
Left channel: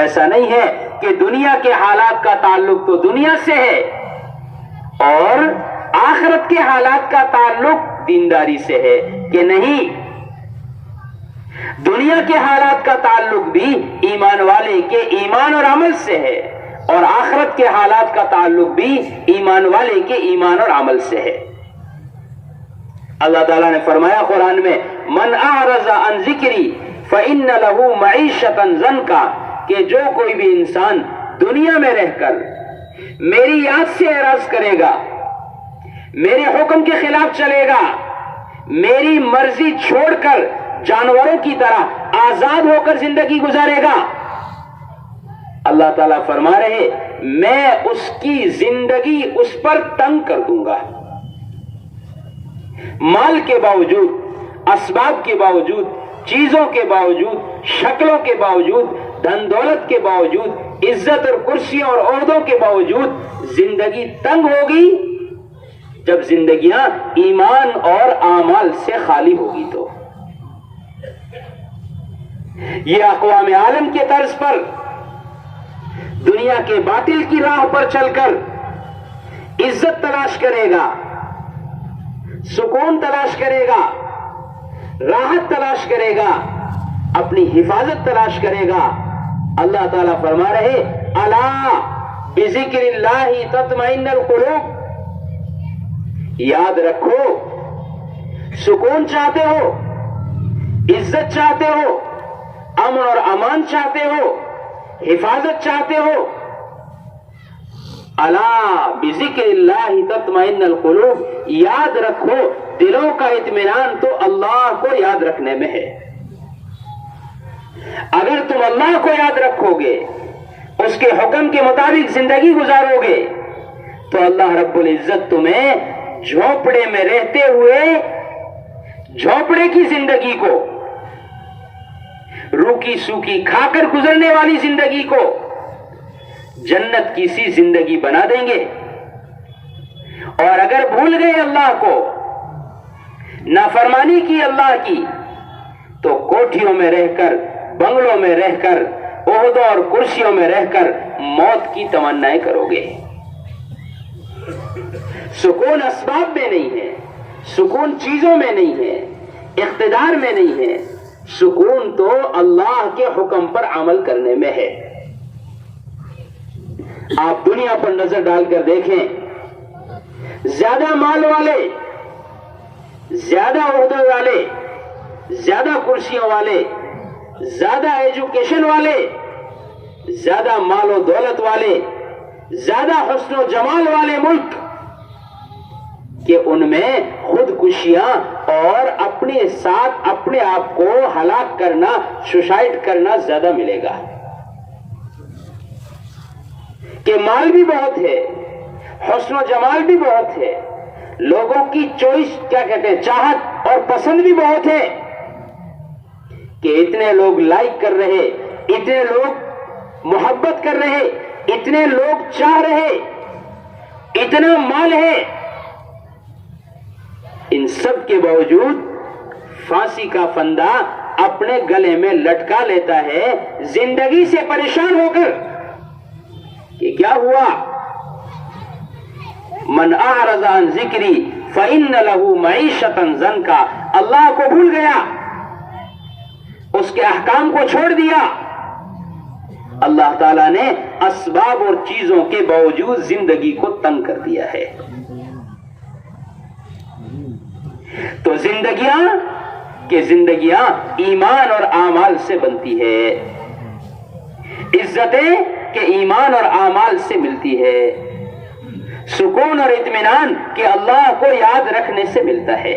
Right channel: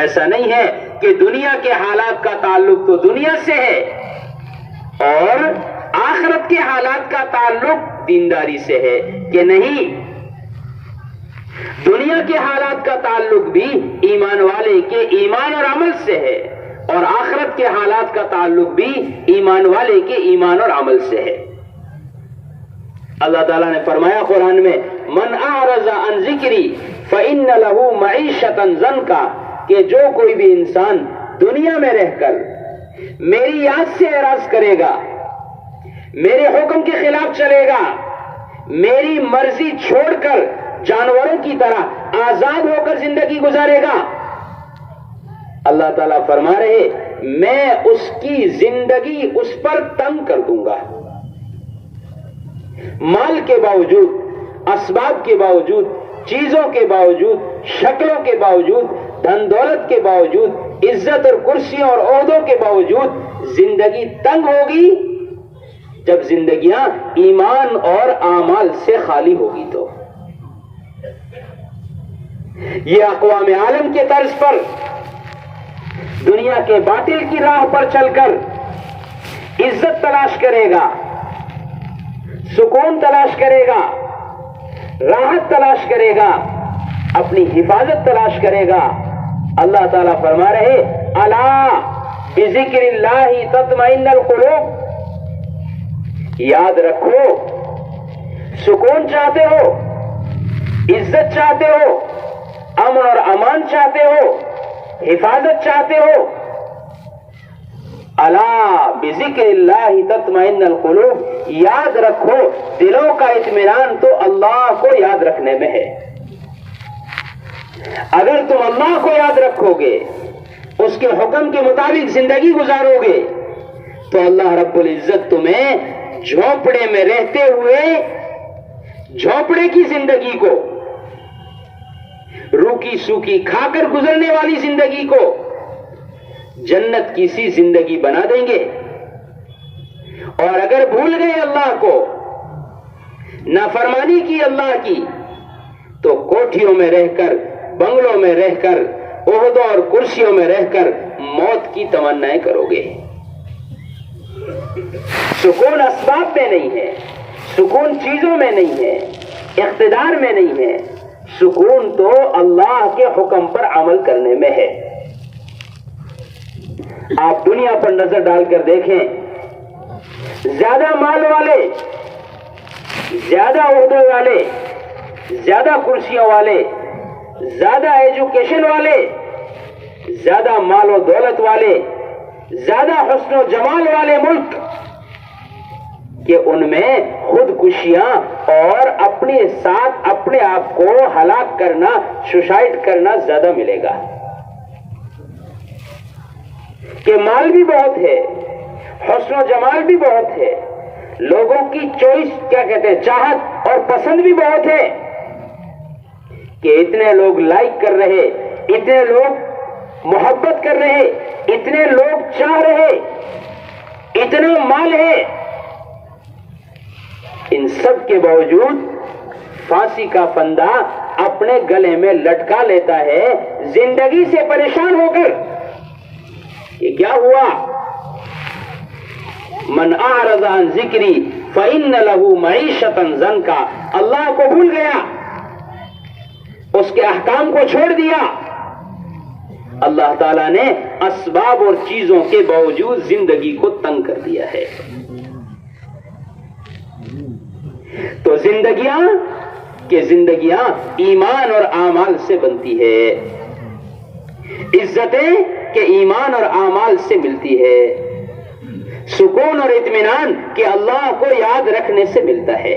ایسا نہیں ہے کہ دنیا کے حالات کا تعلق تو دنیا سے ہے اور آخرت کے حالات کا تعلق دینداری سے ہے، کہ نہیں، دنیا کے حالات کا تعلق بھی ایمان والے کے ایمان اور عمل سے ہے، اور آخرت کے حالات کا تعلق بھی ایمان والے کے ایمان اور عمل سے ہے۔ اللہ تعالیٰ نے فرمایا قرآن میں من اعرض عن ذکری فإن له معیشۃ ضنکا، کہ جو کوئی بھی انسان دنیا میں رہ کر میری یاد سے اعراض کرے گا، میرے حکم کے خلاف چلے گا، میری مرضی چھوڑ کر جانوروں کی طرح آزاد ہو کر زندگی گزارے گا، اللہ تعالیٰ فرما رہے میں اس کی زندگی اس پر تنگ کر دوں گا۔ مال کے باوجود، اسباب کے باوجود، چیزوں کے باوجود، شکلوں کے باوجود، دھن دولت کے باوجود، عزت اور کرسیوں اور عہدوں کے باوجود زندگی تنگ ہوگی جب زندگیاں ایمان اور اعمال سے خالی ہوگی۔ تو یہ اقوام عالم کے طرز پر دنیا کے باطل کی راہ پر چل کر عزت تلاش کرے گا، سکون تلاش کرے گا، راحت تلاش کرے گا، اپنی حفاظت تلاش کرے گا۔ اللہ تعالیٰ فرما رہے الا بذکر اللہ تطمئن القلوب، یاد رکھو سکون چاہتے ہو، عزت چاہتے ہو، امن اور امان چاہتے ہو، حفاظت چاہتے ہو، الا بذکر اللہ تطمئن القلوب، یاد رکھو دلوں کا اطمینان تو اللہ کو یاد رکھنے میں ہے۔ اگر تم اللہ کو یاد رکھو گے، اس کے حکم کے مطابق زندگی گزارو گے، تو اللہ رب العزت تمہیں جھونپڑے میں رہتے ہوئے جھونپڑے کی زندگی کو، روکی سوکی کھا کر گزرنے والی زندگی کو جنت کی سی زندگی بنا دیں گے۔ اور اگر بھول گئے اللہ کو، نافرمانی کی اللہ کی، تو کوٹھیوں میں رہ کر، بنگلوں میں رہ کر، عہدوں اور کرسیوں میں رہ کر موت کی تمنائیں کرو گے۔ سکون اسباب میں نہیں ہے، سکون چیزوں میں نہیں ہے، اقتدار میں نہیں ہے، سکون تو اللہ کے حکم پر عمل کرنے میں ہے۔ آپ دنیا پر نظر ڈال کر دیکھیں، زیادہ مال والے، زیادہ عہدوں والے، زیادہ کرسیوں والے، زیادہ ایجوکیشن والے، زیادہ مال و دولت والے، زیادہ حسن و جمال والے ملک، کہ ان میں خودکشیاں اور اپنے ساتھ اپنے آپ کو ہلاک کرنا، سوسائڈ کرنا زیادہ ملے گا۔ کہ مال بھی بہت ہے، حسن و جمال بھی بہت ہے، لوگوں کی چوائس کیا کہتے ہیں، چاہت اور پسند بھی بہت ہے، کہ اتنے لوگ لائک کر رہے، اتنے لوگ محبت کر رہے، اتنے لوگ چاہ رہے، اتنا مال ہے، ان سب کے باوجود پھانسی کا پھندا اپنے گلے میں لٹکا لیتا ہے زندگی سے پریشان ہو کر۔ کہ کیا ہوا؟ من اعرض عن ذکری فإن له معیشۃ ضنکا، اللہ کو بھول گیا، اس کے احکام کو چھوڑ دیا، اللہ تعالیٰ نے اسباب اور چیزوں کے باوجود زندگی کو تنگ کر دیا ہے۔ تو زندگیاں ایمان اور اعمال سے بنتی ہے، عزتیں کہ ایمان اور اعمال سے ملتی ہے، سکون اور اطمینان کہ اللہ کو یاد رکھنے سے ملتا ہے۔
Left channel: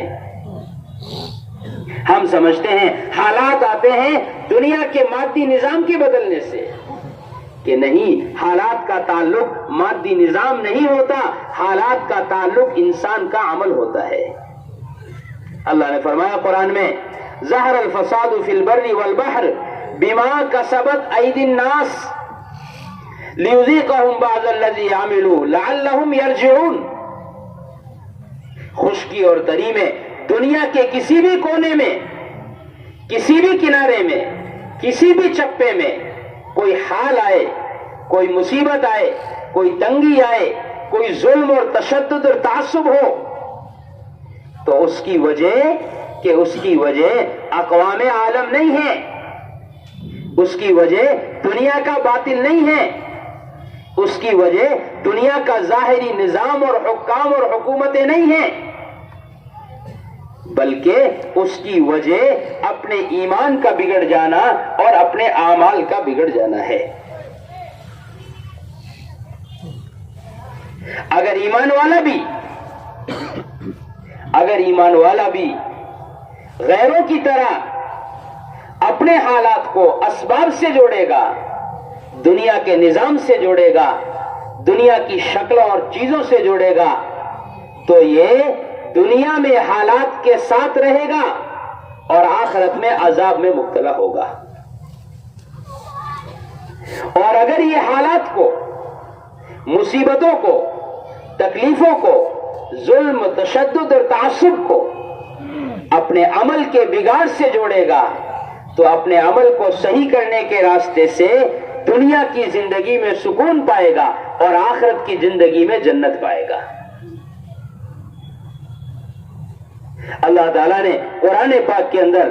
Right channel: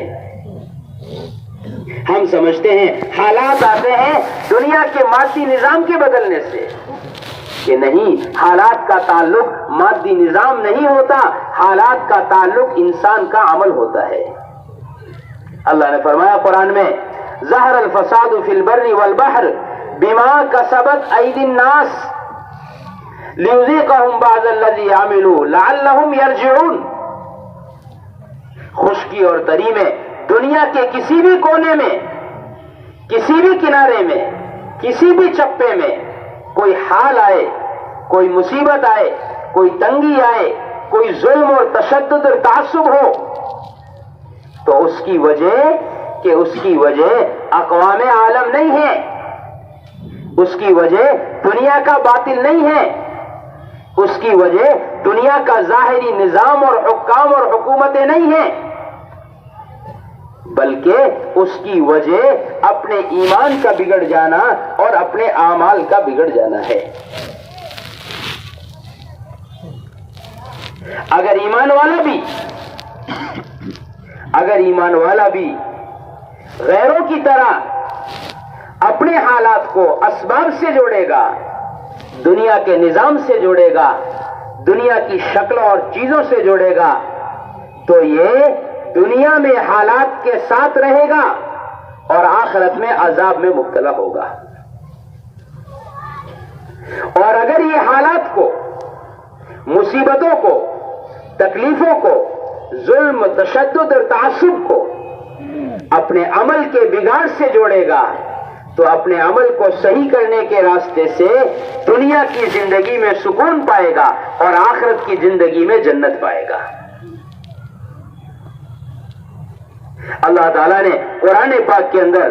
ہم سمجھتے ہیں حالات آتے ہیں دنیا کے مادی نظام کے بدلنے سے، کہ نہیں، حالات کا تعلق مادی نظام نہیں ہوتا، حالات کا تعلق انسان کا عمل ہوتا ہے۔ اللہ نے فرمایا قرآن میں ظہر الفساد فی البر والبحر بما کسبت ایدی الناس لیذیقہم بعض الذی عملوا لعلہم یرجعون۔ خشکی اور تری میں، دنیا کے کسی بھی کونے میں، کسی بھی کنارے میں، کسی بھی چپے میں کوئی حال آئے، کوئی مصیبت آئے، کوئی تنگی آئے، کوئی ظلم اور تشدد اور تعصب ہو، تو اس کی وجہ اقوام عالم نہیں ہے، اس کی وجہ دنیا کا باطل نہیں ہے، اس کی وجہ دنیا کا ظاہری نظام اور حکام اور حکومتیں نہیں ہیں، بلکہ اس کی وجہ اپنے ایمان کا بگڑ جانا اور اپنے اعمال کا بگڑ جانا ہے۔ اگر ایمان والا بھی غیروں کی طرح اپنے حالات کو اسباب سے جوڑے گا، دنیا کے نظام سے جوڑے گا، دنیا کی شکلوں اور چیزوں سے جوڑے گا، تو یہ دنیا میں حالات کے ساتھ رہے گا اور آخرت میں عذاب میں مبتلا ہوگا۔ اور اگر یہ حالات کو، مصیبتوں کو، تکلیفوں کو، ظلم، تشدد اور تعصب کو اپنے عمل کے بگاڑ سے جوڑے گا تو اپنے عمل کو صحیح کرنے کے راستے سے دنیا کی زندگی میں سکون پائے گا اور آخرت کی زندگی میں جنت پائے گا۔ اللہ تعالیٰ نے قرآن پاک کے اندر،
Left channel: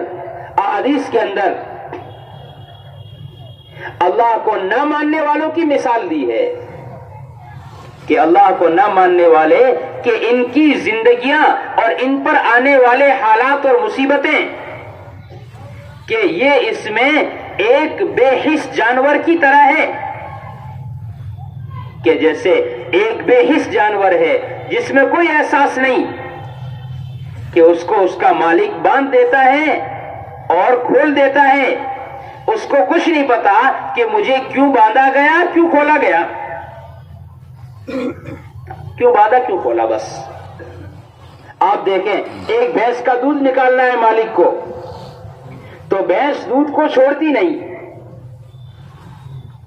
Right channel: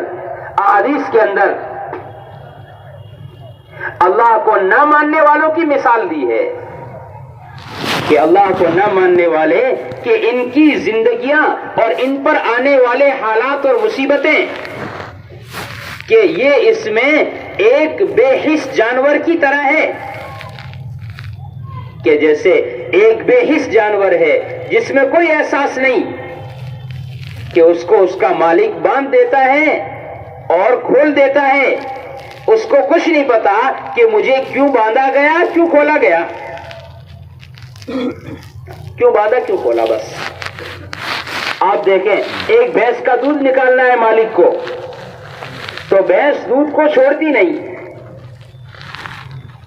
احادیث کے اندر اللہ کو نہ ماننے والوں کی مثال دی ہے کہ اللہ کو نہ ماننے والے کہ ان کی زندگیاں اور ان پر آنے والے حالات اور مصیبتیں کہ یہ اس میں ایک بے حس جانور کی طرح ہے، کہ جیسے ایک بے حس جانور ہے جس میں کوئی احساس نہیں کہ اس کو اس کا مالک باندھ دیتا ہے اور کھول دیتا ہے، اس کو کچھ نہیں پتا کہ مجھے کیوں باندھا گیا، کیوں کھولا گیا، کیوں باندھا کیوں کھولا۔ بس آپ دیکھیں، ایک بھینس کا دودھ نکالنا ہے مالک کو تو بھینس دودھ کو چھوڑتی نہیں،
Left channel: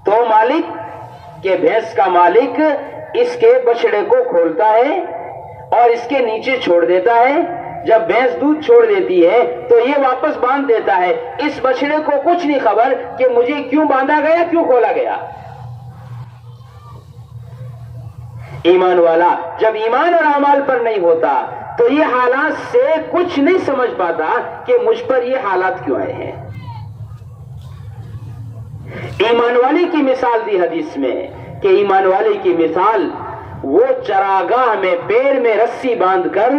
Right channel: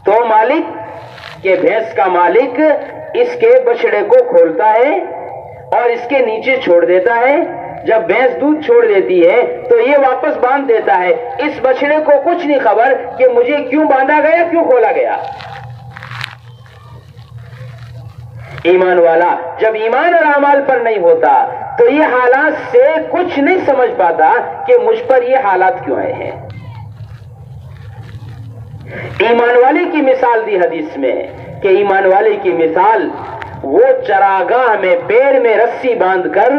تو مالک کہ بھینس کا مالک اس کے بچڑے کو کھولتا ہے اور اس کے نیچے چھوڑ دیتا ہے۔ جب بھینس دودھ چھوڑ دیتی ہے تو یہ واپس باندھ دیتا ہے، اس بچڑے کو کچھ نہیں خبر کہ مجھے کیوں باندھا گیا، کیوں کھولا گیا۔ ایمان والا جب ایمان اور اعمال پر نہیں ہوتا تو یہ حالات سے کچھ نہیں سمجھ پاتا کہ مجھ پر یہ حالات کیوں آئے ہیں۔ ایمان والے کی مثال دی حدیث میں کہ ایمان والے کی مثال وہ چراگاہ میں پیر میں رسی باندھ کر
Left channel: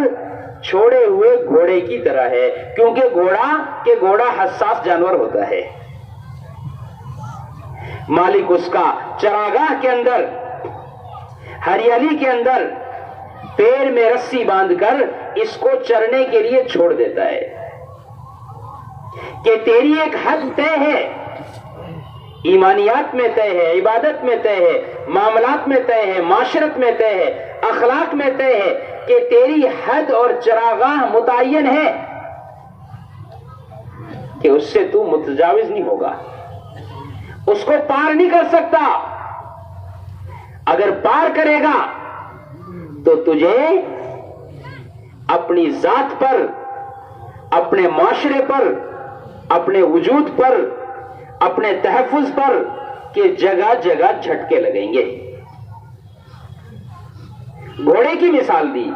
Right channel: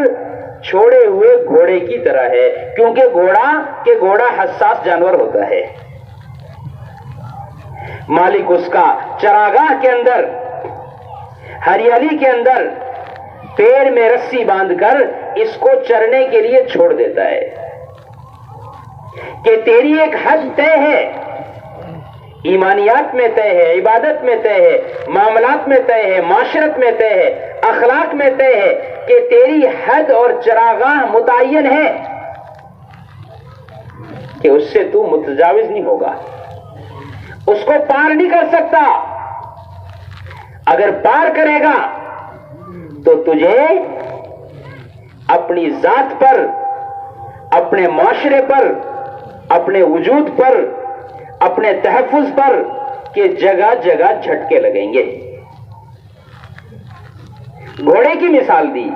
چھوڑے ہوئے گھوڑے کی طرح ہے، کیونکہ گھوڑا حساس جانور ہوتا ہے۔ مالک اس کا چراگاہ کے اندر، ہریالی کے اندر پیر میں رسی باندھ کر اس کو چرنے کے لیے چھوڑ دیتا ہے کہ تیری ایک حد طے ہے، ایمانیات میں طے ہے، عبادت میں طے ہے، معاملات میں طے ہے، معاشرت میں طے ہے، اخلاق میں طے ہے کہ تیری حد اور چراگاہ متعین ہے کہ اس سے تو متجاوز نہیں ہوگا، اس کو پار نہیں کر سکتا۔ اگر پار کرے گا تو تجھے اپنی ذات پر، اپنے معاشرے پر، اپنے وجود پر، اپنے تحفظ پر کہ جگہ جگہ جھٹکے لگیں گے۔ گھوڑے کی مثال دی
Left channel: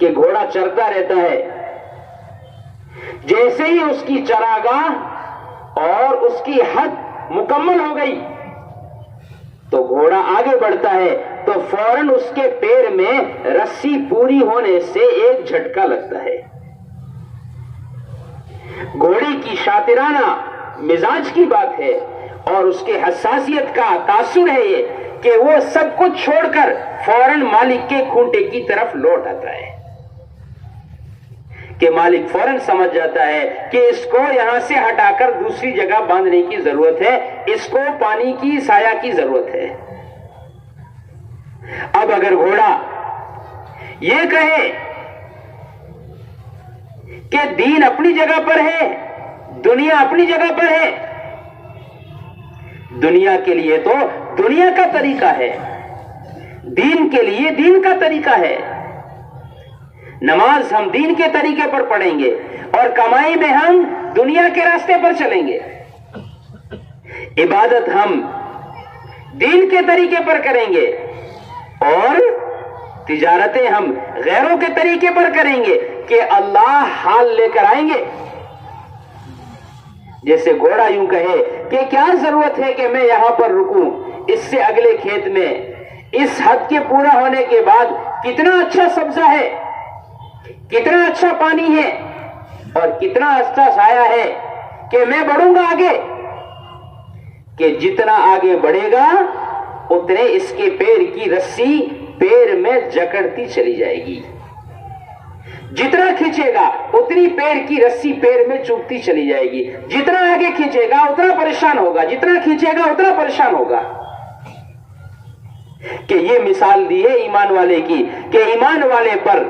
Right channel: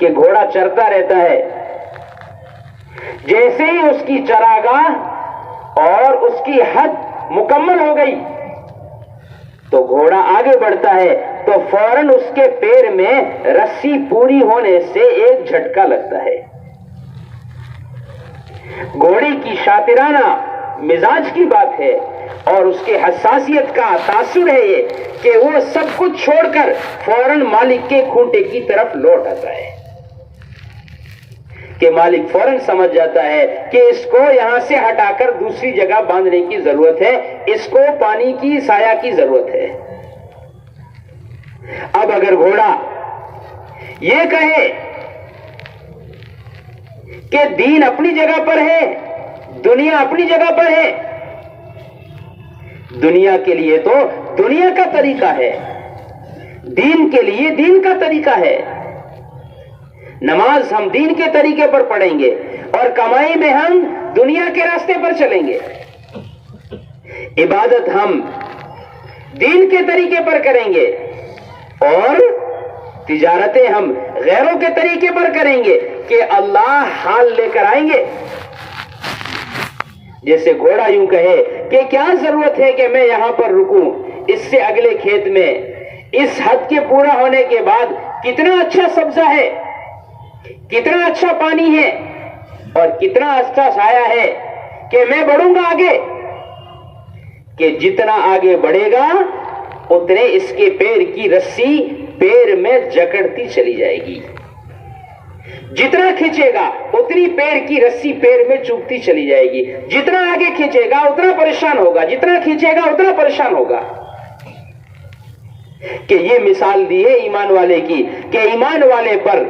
کہ گھوڑا چرتا رہتا ہے، جیسے ہی اس کی چراگاہ اور اس کی حد مکمل ہو گئی تو گھوڑا آگے بڑھتا ہے تو فوراً اس کے پیر میں رسی پوری ہونے سے ایک جھٹکا لگتا ہے۔ گھوڑے کی شاطرانہ مزاج کی بات ہے اور اس کے حساسیت کا تاثر ہے یہ کہ وہ سب کچھ چھوڑ کر فوراً مالک کے کھونٹے کی طرف لوٹ آتا ہے، کہ مالک فوراً سمجھ جاتا ہے کہ اس کو یہاں سے ہٹا کر دوسری جگہ باندھنے کی ضرورت ہے، اس کو پانی کی سایہ کی ضرورت ہے۔ اب اگر گھوڑا یہ کہے کہ دین اپنی جگہ پر ہے، دنیا اپنی جگہ پر ہے، دنیا کے لیے تو دنیا کا طریقہ ہے، دین کے لیے دین کا طریقہ ہے، نماز ہم دین کے طریقے پر پڑھیں گے اور کمائی میں ہم دنیا کے راستے پر چلیں گے، عبادت ہم دین کے طریقے پر کریں گے اور تجارتیں ہم غیروں کے طریقے پر کریں گے کہ اللہ حال لے کر آئیں گے۔ جیسے گھوڑا یوں کہے کہ کیا ضرورت ہے کہ میں یہاں پر رکوں، اس سے اگلے کھیت میں اس حد کے پورا ہونے کے بعد کتنا اچھا سبزہ ہے، کتنا اچھا پانی ہے اور کتنا اچھا سایہ ہے کہ میں بڑھوں گا آگے، کہ جتنا آگے بڑھے گا اتنے اس کے پیر کی رسی پیر میں جکڑتی چلی جائے گی، جتنا کھینچے گا اتنی پیر کی رسی پیر میں چبھتی چلی جائے گی، جتنا آگے کھینچے گا اتنا پریشان ہوگا، جتنا کھینچے گا اتنا پریشان ہوگا۔ کہ یہ مثال دی ہے ایمان والے کی، کہ ایمان والے پر،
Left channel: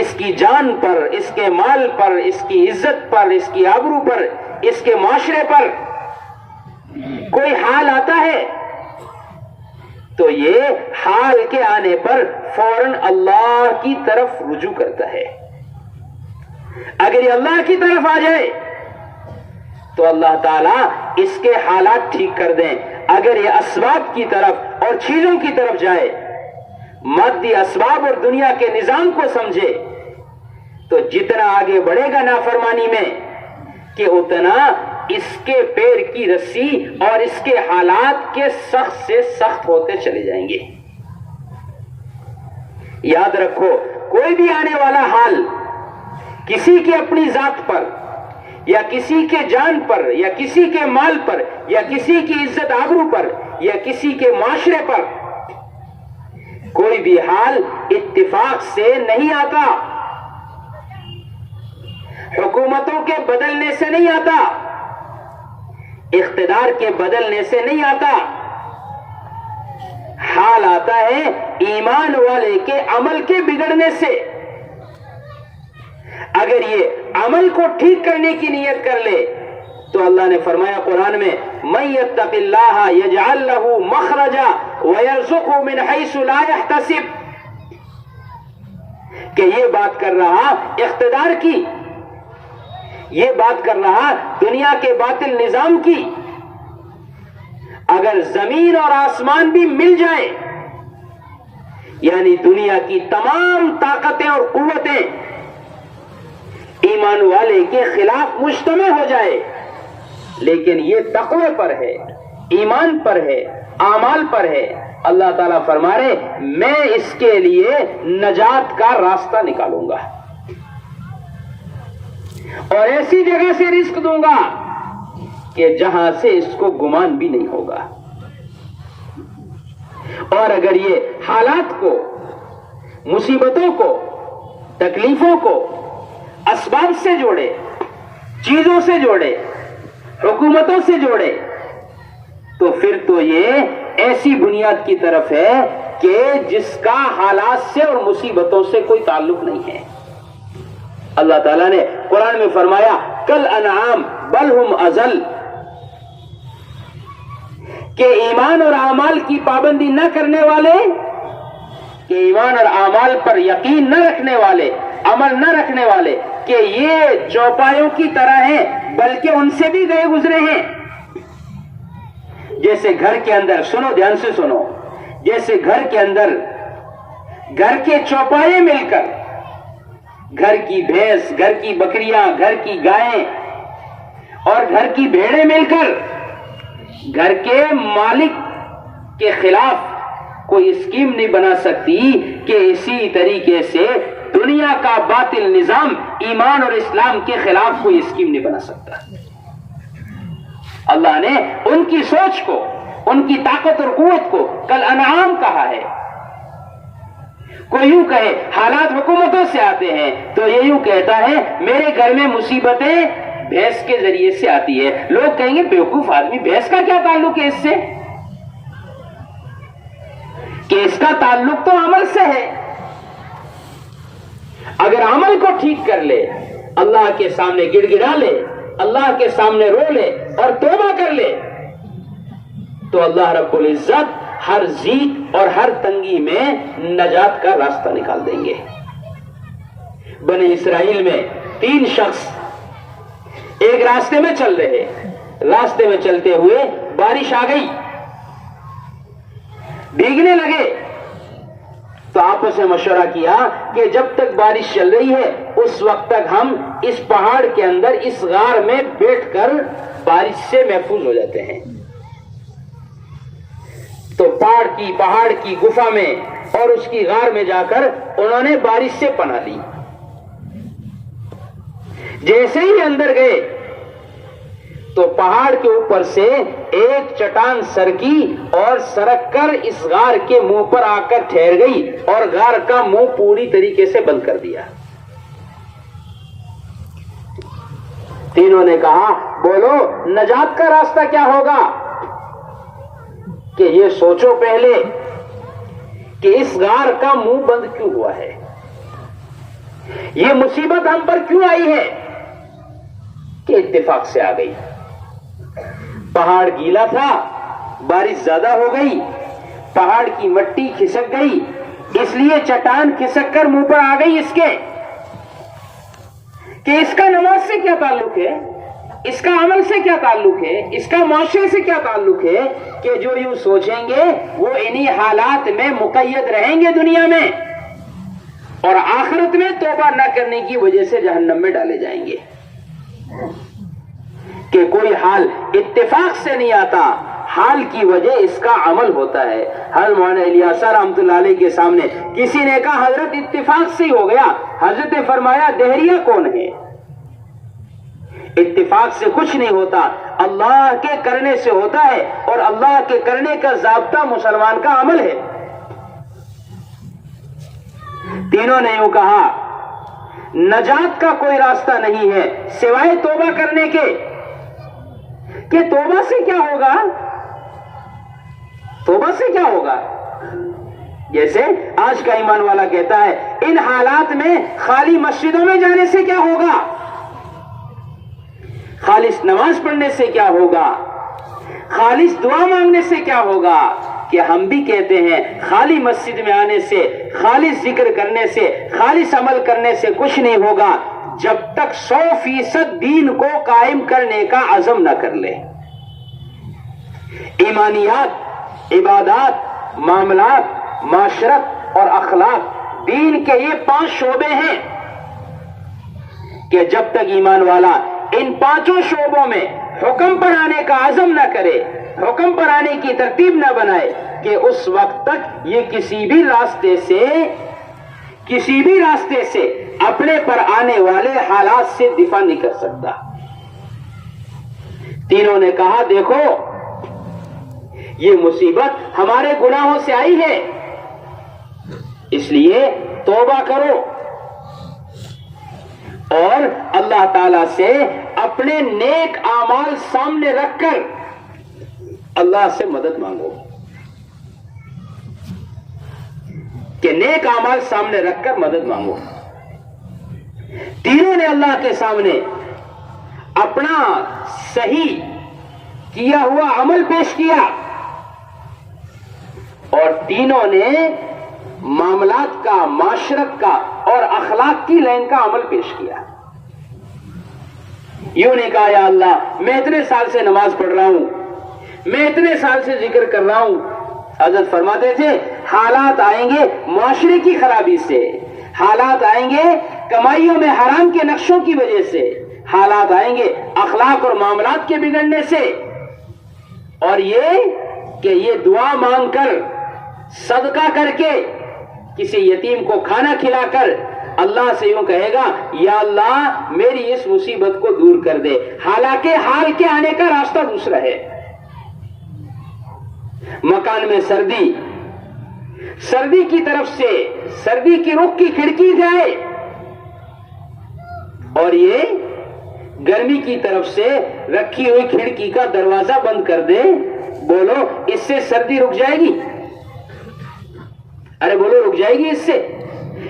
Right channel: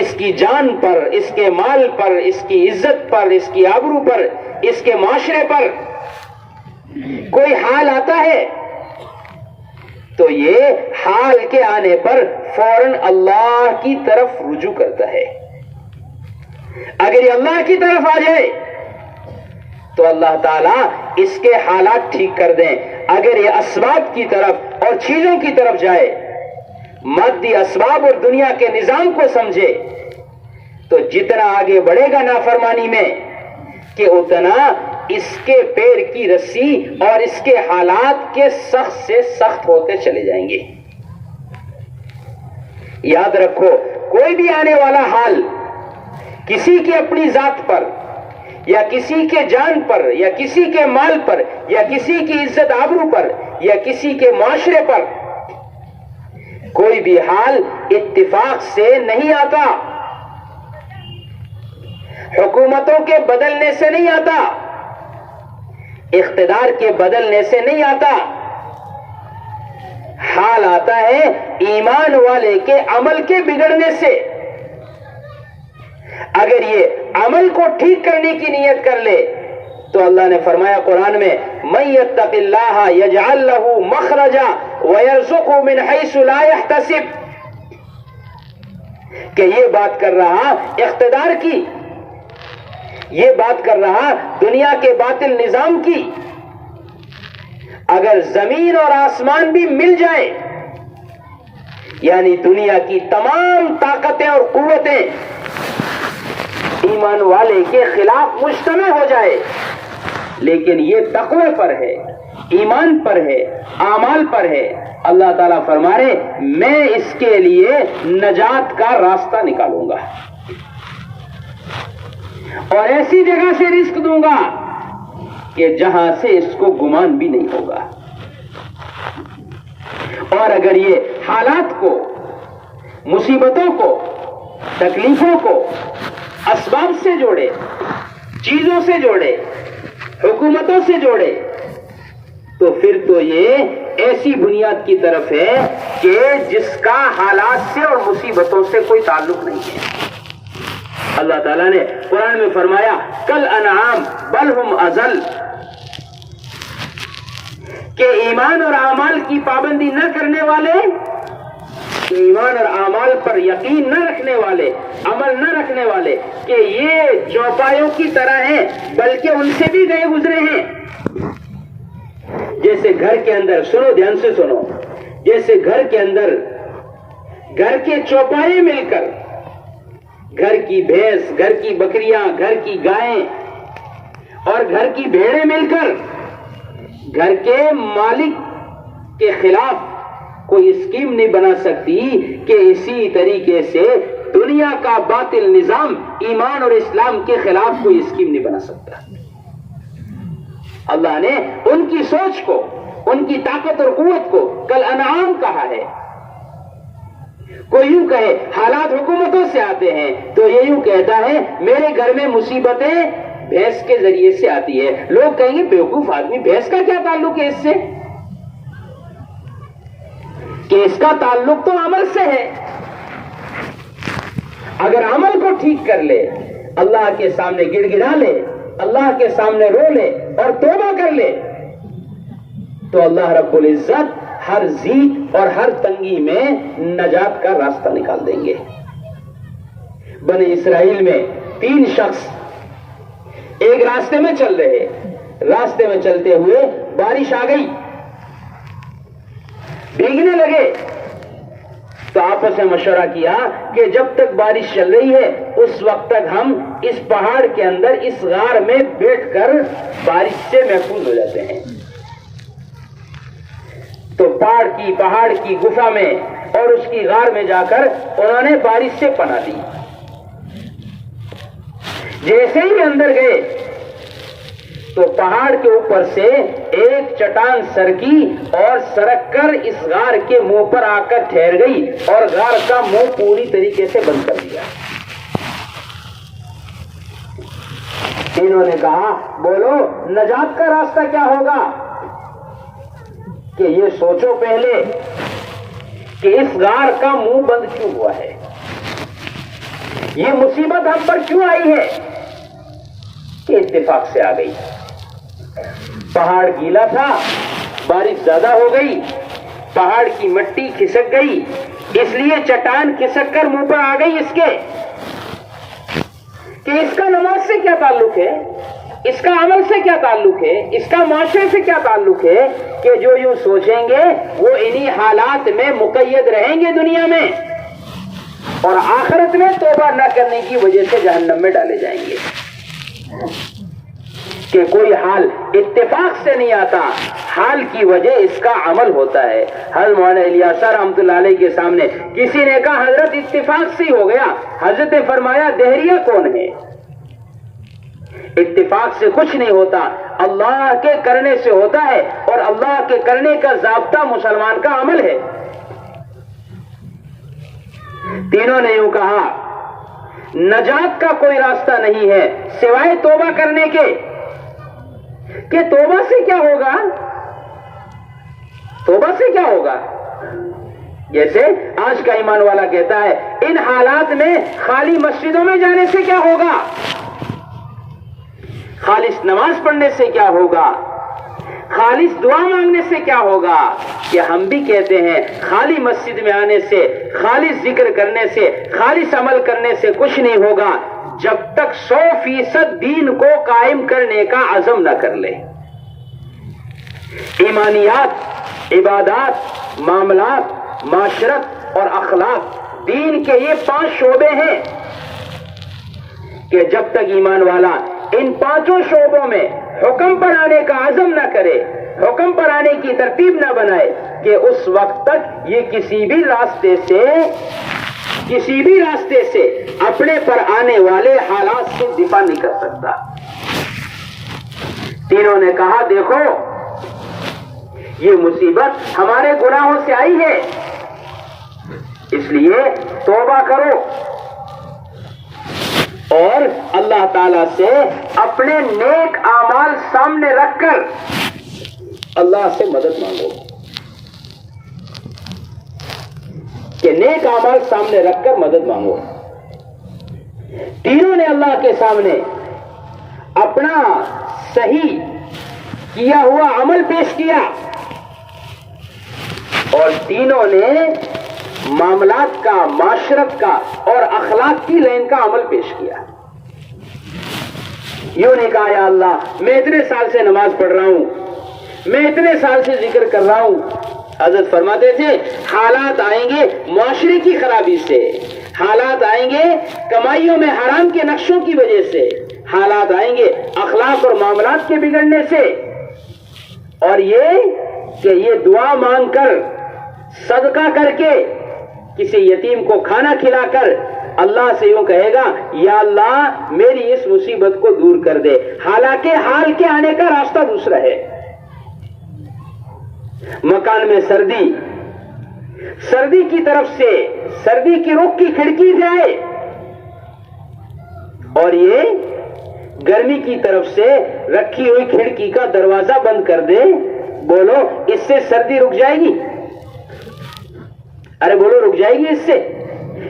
اس کی جان پر، اس کے مال پر، اس کی عزت پر، اس کی آبرو پر، اس کے معاشرے پر کوئی حال آتا ہے تو یہ حال کے آنے پر فوراً اللہ کی طرف رجوع کرتا ہے۔ اگر یہ اللہ کی طرف آ جائے تو اللہ تعالیٰ اس کے حالات ٹھیک کر دیں، اگر یہ اسباب کی طرف اور چیزوں کی طرف جائے، مادی اسباب اور دنیا کے نظام کو سمجھے، تو جتنا آگے بڑھے گا نافرمانی میں کہ اتنا اس کے پیر کی رسی اور اس کے حالات کے سخت سے سخت ہوتے چلے جائیں گے۔ یاد رکھو، کوئی بھی آنے والا حال کسی کی اپنی ذات پر یا کسی کے جان پر یا کسی کے مال پر یا کسی کی عزت آبرو پر یا کسی کے معاشرے پر، کوئی بھی حال اتفاق سے نہیں آتا، حکومتوں کے بدلنے سے نہیں آتا، اقتدار کے بدلنے سے نہیں آتا، حال آتا ہے ایمان والے کے عمل کے بگڑنے سے۔ اگر یہ عمل کو ٹھیک کرنے کی نیت کر لے تو اللہ نے فرمایا قرآن میں مَن يَتَّقِ اللَّهَ يَجْعَل لَّهُ مَخْرَجًا وَيَرْزُقْهُ مِنْ حَيْثُ لَا يَحْتَسِبُ، کہ یہ بات کر رہا اقتدار کی، یہ بات کر رہا دنیا کے باطل نظام کی، اگر زمین اور آسمان بھی مل جائے، یعنی دنیا کی تمام طاقتیں اور قوتیں ایمان والے کے خلاف مجتمع ہو جائے، لیکن یہ تقوی پر ہے، ایمان پر ہے، اعمال پر ہے، اللہ تعالیٰ فرما رہے میں اس کے لیے نجات کا راستہ نکالوں گا اور ایسی جگہ سے رزق دوں گا کہ جہاں سے اس کو گمان بھی نہیں ہوگا۔ اور اگر یہ حالات کو، مصیبتوں کو، تکلیفوں کو اسباب سے جوڑے، چیزوں سے جوڑے، حکومتوں سے جوڑے، تو پھر تو یہ ایسی بنیاد کی طرف ہے کہ جس کا حالات سے اور مصیبتوں سے کوئی تعلق نہیں ہے۔ اللہ تعالیٰ نے قرآن میں فرمایا کل انعام بل ہم اضل، کہ ایمان اور اعمال کی پابندی نہ کرنے والے، ایمان اور اعمال پر یقین نہ رکھنے والے، عمل نہ رکھنے والے، کہ یہ چوپایوں کی طرح ہیں بلکہ ان سے بھی گئے گزرے ہیں۔ جیسے گھر کے اندر، سنو دھیان سے سنو، جیسے گھر کے اندر گھر کے چوپائے مل کر، گھر کی بھینس، گھر کی بکریاں، گھر کی گائیں اور گھر کی بھیڑیں مل کر گھر کے مالک کے خلاف کوئی اسکیم نہیں بنا سکتی، کہ اسی طریقے سے دنیا کا باطل نظام ایمان اور اسلام کے خلاف کوئی اسکیم نہیں بنا سکتا۔ اللہ نے ان کی سوچ کو، ان کی طاقت اور قوت کو کل انعام کہا ہے۔ کوئی یوں کہے حالات حکومتوں سے آتے ہیں تو یہ یوں کہتا ہے میرے گھر میں مصیبتیں بھینس کے ذریعے سے آتی ہے، لوگ کہیں گے بیوقوف آدمی، بھینس کا کیا تعلق ہے اس سے؟ کہ اس کا تعلق تو عمل سے ہے۔ اگر عمل کو ٹھیک کر لے، اللہ کے سامنے گڑ گڑا لے، اللہ کے سامنے رو لے اور توبہ کر لے، تو اللہ رب العزت ہر ضیق اور ہر تنگی میں نجات کا راستہ نکال دیں گے۔ بنی اسرائیل میں 3 شخص ایک راستے میں چل رہے، راستے میں چلتے ہوئے بارش آ گئی، بھیگنے لگے، تو آپس میں مشورہ کیا کہ جب تک بارش چل رہی ہے اس وقت تک ہم اس پہاڑ کے اندر اس غار میں بیٹھ کر بارش سے محفوظ ہو جاتے ہیں۔ تو پہاڑ کی گفا میں اور اس کی غار میں جا کر انہوں نے بارش سے پناہ لی. جیسے ہی اندر گئے تو پہاڑ کے اوپر سے ایک چٹان سرکی اور سرک کر اس غار کے منہ پر آ کر ٹھہر گئی اور غار کا منہ پوری طریقے سے بند کر دیا. تینوں نے کہا بولو نجات کا راستہ کیا ہوگا؟ کہ یہ سوچو پہلے کہ اس غار کا منہ بند کیوں ہوا ہے، یہ مصیبت ہم پر کیوں آئی ہے؟ کہ اتفاق سے آ گئی. پہاڑ گیلا تھا، بارش زیادہ ہو گئی، پہاڑ کی مٹی کھسک گئی، اس لیے چٹان کھسک کر منہ پر آ گئی اس کے. کہ اس کا نماز سے کیا تعلق ہے، اس کا عمل سے کیا تعلق ہے، اس کا معاشرے سے کیا تعلق ہے کہ جو یوں سوچیں گے وہ انہی حالات میں مقید رہیں گے دنیا میں اور آخرت میں توبہ نہ کرنے کی وجہ سے جہنم میں ڈالے جائیں گے. کہ کوئی حال اتفاق سے نہیں آتا، حال کی وجہ اس کا عمل ہوتا ہے. حضرت مولانا الیاس رحمۃ اللہ علیہ کے سامنے کسی نے کہا حضرت اتفاق سے ہو گیا. حضرت نے فرمایا دہریہ کون ہے؟ اتفاق سے کچھ نہیں ہوتا، اللہ کے کرنے سے ہوتا ہے اور اللہ کے کرنے کا ضابطہ مسلمان کا عمل ہے. تینوں نے یوں کہا نجات کا کوئی راستہ نہیں ہے سوائے توبہ کرنے کے. کہ توبہ سے کیا ہوگا؟ توبہ سے کیا ہوگا؟ جیسے آج کا ایمان والا کہتا ہے ان حالات میں خالی مسجدوں میں جانے سے کیا ہوگا، خالص نماز پڑھنے سے کیا ہوگا، خالص دعا مانگنے سے کیا ہوگا. کہ ہم بھی کہتے ہیں خالی مسجد میں آنے سے، خالص ذکر کرنے سے، خالص عمل کرنے سے کچھ نہیں ہوگا جب تک 100% دین کو قائم کرنے کا عزم نہ کر لے. ایمانیات، عبادات، معاملات، معاشرت اور اخلاق دین کے یہ 5 شعبے ہیں کہ جب تک ایمان والا ان 5 شعبوں میں حکم پر آنے کا عزم نہ کرے، حکم پر آنے کی ترتیب نہ بنائے، کہ اس وقت تک یہ کسی بھی راستے سے اپنے پر آنے والے حالات سے دفاع نہیں کر سکتا. تینوں نے کہا دیکھو یہ مصیبت ہمارے گناہوں سے آئی ہے، اس لیے توبہ کرو اور اللہ تعالی سے اپنے نیک اعمال سامنے رکھ کر اللہ سے مدد مانگو. کہ نیک اعمال سامنے رکھ کر مدد مانگو. تینوں نے اللہ کے سامنے اپنا صحیح کیا ہوا عمل پیش کیا اور تینوں نے معاملات کا، معاشرت کا اور اخلاق کی لائن کا عمل پیش کیا. یوں نے کہا یا اللہ میں اتنے سال سے نماز پڑھ رہا ہوں، میں اتنے سال سے ذکر کر رہا ہوں. حضرت فرماتے تھے حالات آئیں گے معاشرے کی خرابی سے، حالات آئیں گے کمائیوں میں حرام کے نقشوں کی وجہ سے، حالات آئیں گے اخلاق اور معاملات کے بگڑنے سے، اور یہ کہ یہ دعا مانگ کر، صدقہ کر کے، کسی یتیم کو کھانا کھلا کر اللہ سے یوں کہے گا یا اللہ میری اس مصیبت کو دور کر دے، حالانکہ حال کے آنے کا راستہ دوسرا ہے. مکان میں سردی کی طرف سے سردی کی رخ کی کھڑکی جائے اور یہ گرمی کی طرف سے رکھی ہوئی کھڑکی کا دروازہ بند کر دے. بولو اس سے سردی رک جائے گی؟ ارے بولو رک جائے گی اس سے؟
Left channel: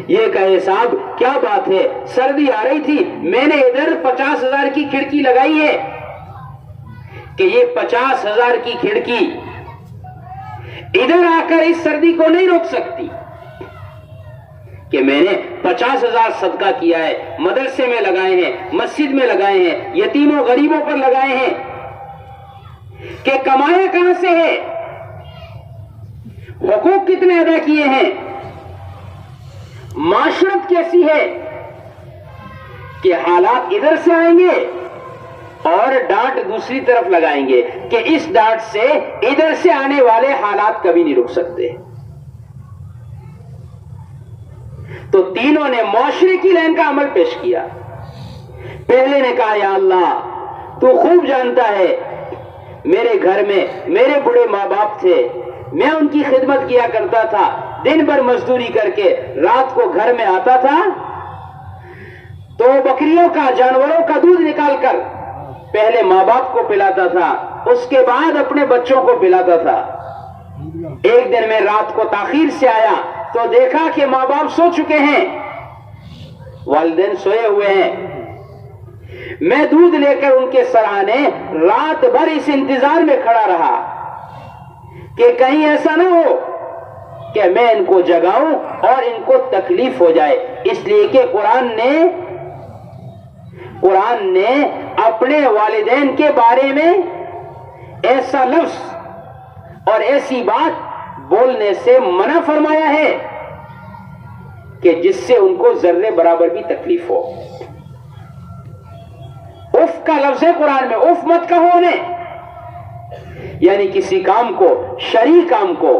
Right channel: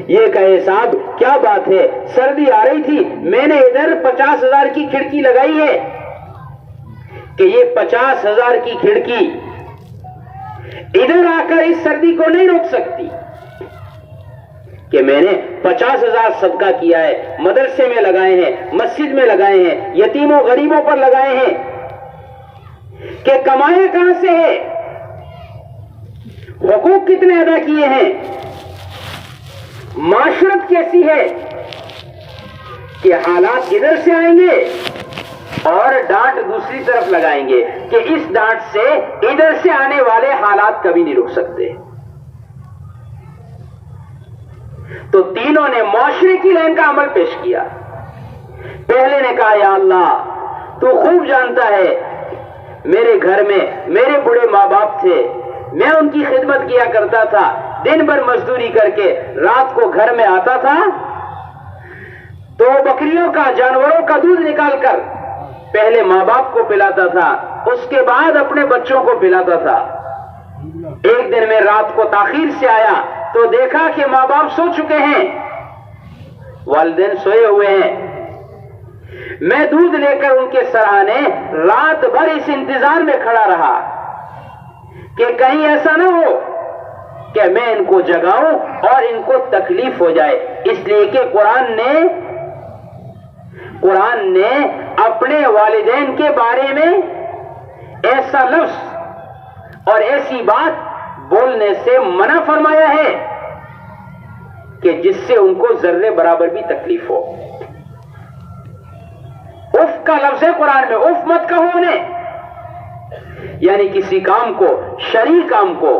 یہ کہے صاحب کیا بات ہے، سردی آ رہی تھی میں نے ادھر 50,000 کی کھڑکی لگائی ہے، کہ یہ 50,000 کی کھڑکی ادھر آ کر اس سردی کو نہیں روک سکتی. کہ میں نے 50,000 صدقہ کیا ہے، مدرسے میں لگائے ہیں، مسجد میں لگائے ہیں، یتیموں غریبوں پر لگائے ہیں، کہ کمائے کہاں سے ہے، حقوق کتنے ادا کیے ہیں، معاشرت کیسی ہے، کہ حالات ادھر سے آئیں گے اور ڈانٹ دوسری طرف لگائیں گے کہ اس ڈانٹ سے ادھر سے آنے والے حالات کبھی نہیں رک سکتے. تو تینوں نے معاشرے کی لائن کا عمل پیش کیا. پہلے نے کہا یا اللہ تو خوب جانتا ہے میرے گھر میں میرے بڑے ماں باپ تھے, میں ان کی خدمت کیا کرتا تھا, دن بھر مزدوری کر کے رات کو گھر میں آتا تھا تو بکریوں کا جانوروں کا دودھ نکال کر پہلے ماں باپ کو پلاتا تھا, اس کے بعد اپنے بچوں کو پلاتا تھا. ایک دن میں رات کو تاخیر سے آیا تو دیکھا کہ ماں باپ سو چکے ہیں, والدین سوئے ہوئے ہیں. میں دودھ لے کر ان کے سرانے رات بھر اس انتظار میں کھڑا رہا کہ کہیں ایسا نہ ہو کہ میں ان کو جگاؤں اور ان کو تکلیف ہو جائے. اس لیے کہ قرآن نے اپنے والدین کے بارے میں ایسا لفظ اور ایسی بات بولنے سے منع فرمایا ہے کہ جس سے ان کو ذرے برابر بھی تکلیف ہو. اف کا لفظ ہے قرآن میں, اف مت کہو انہیں, یعنی کسی کام کو, شرعی کام کو,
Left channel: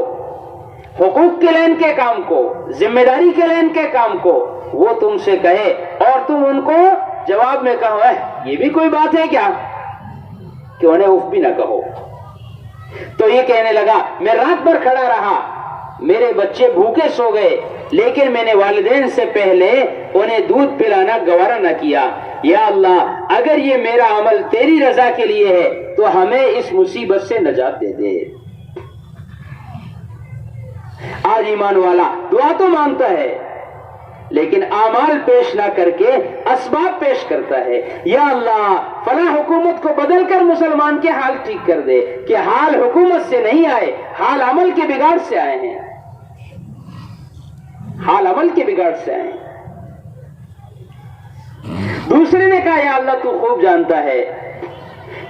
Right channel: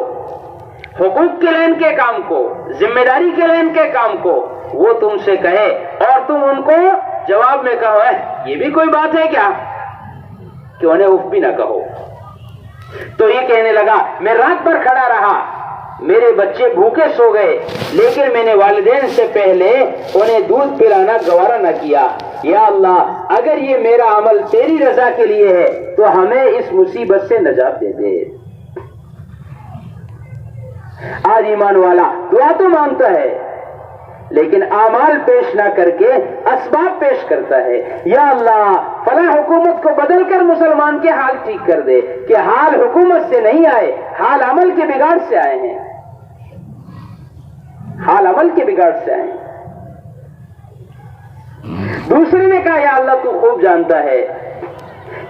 حقوق کے لین کے کام کو, ذمہ داری کے لین کے کام کو وہ تم سے کہے اور تم ان کو جواب میں کہو یہ بھی کوئی بات ہے کیا کہ انہیں اف بھی نہ کہو. تو یہ کہنے لگا میں رات بھر کھڑا رہا, میرے بچے بھوکے سو گئے, لیکن میں نے والدین سے پہلے انہیں دودھ پلانا گوارا نہ کیا. یا اللہ اگر یہ میرا عمل تیری رضا کے لیے ہے تو ہمیں اس مصیبت سے نجات دے دے. آج ایمان والا دعا تو مانگتا ہے لیکن اعمال پیش نہ کر کے اسباب پیش کرتا ہے. یا اللہ فلاں حکومت کو بدل کر مسلمان کے حال ٹھیک کر دے, کہ حال حکومت سے نہیں آئے, حال عمل کے بگاڑ سے آئے ہیں, حال عمل کے بگاڑ سے آئے ہیں. دوسرے نے کہا یا اللہ تو خوب جانتا ہے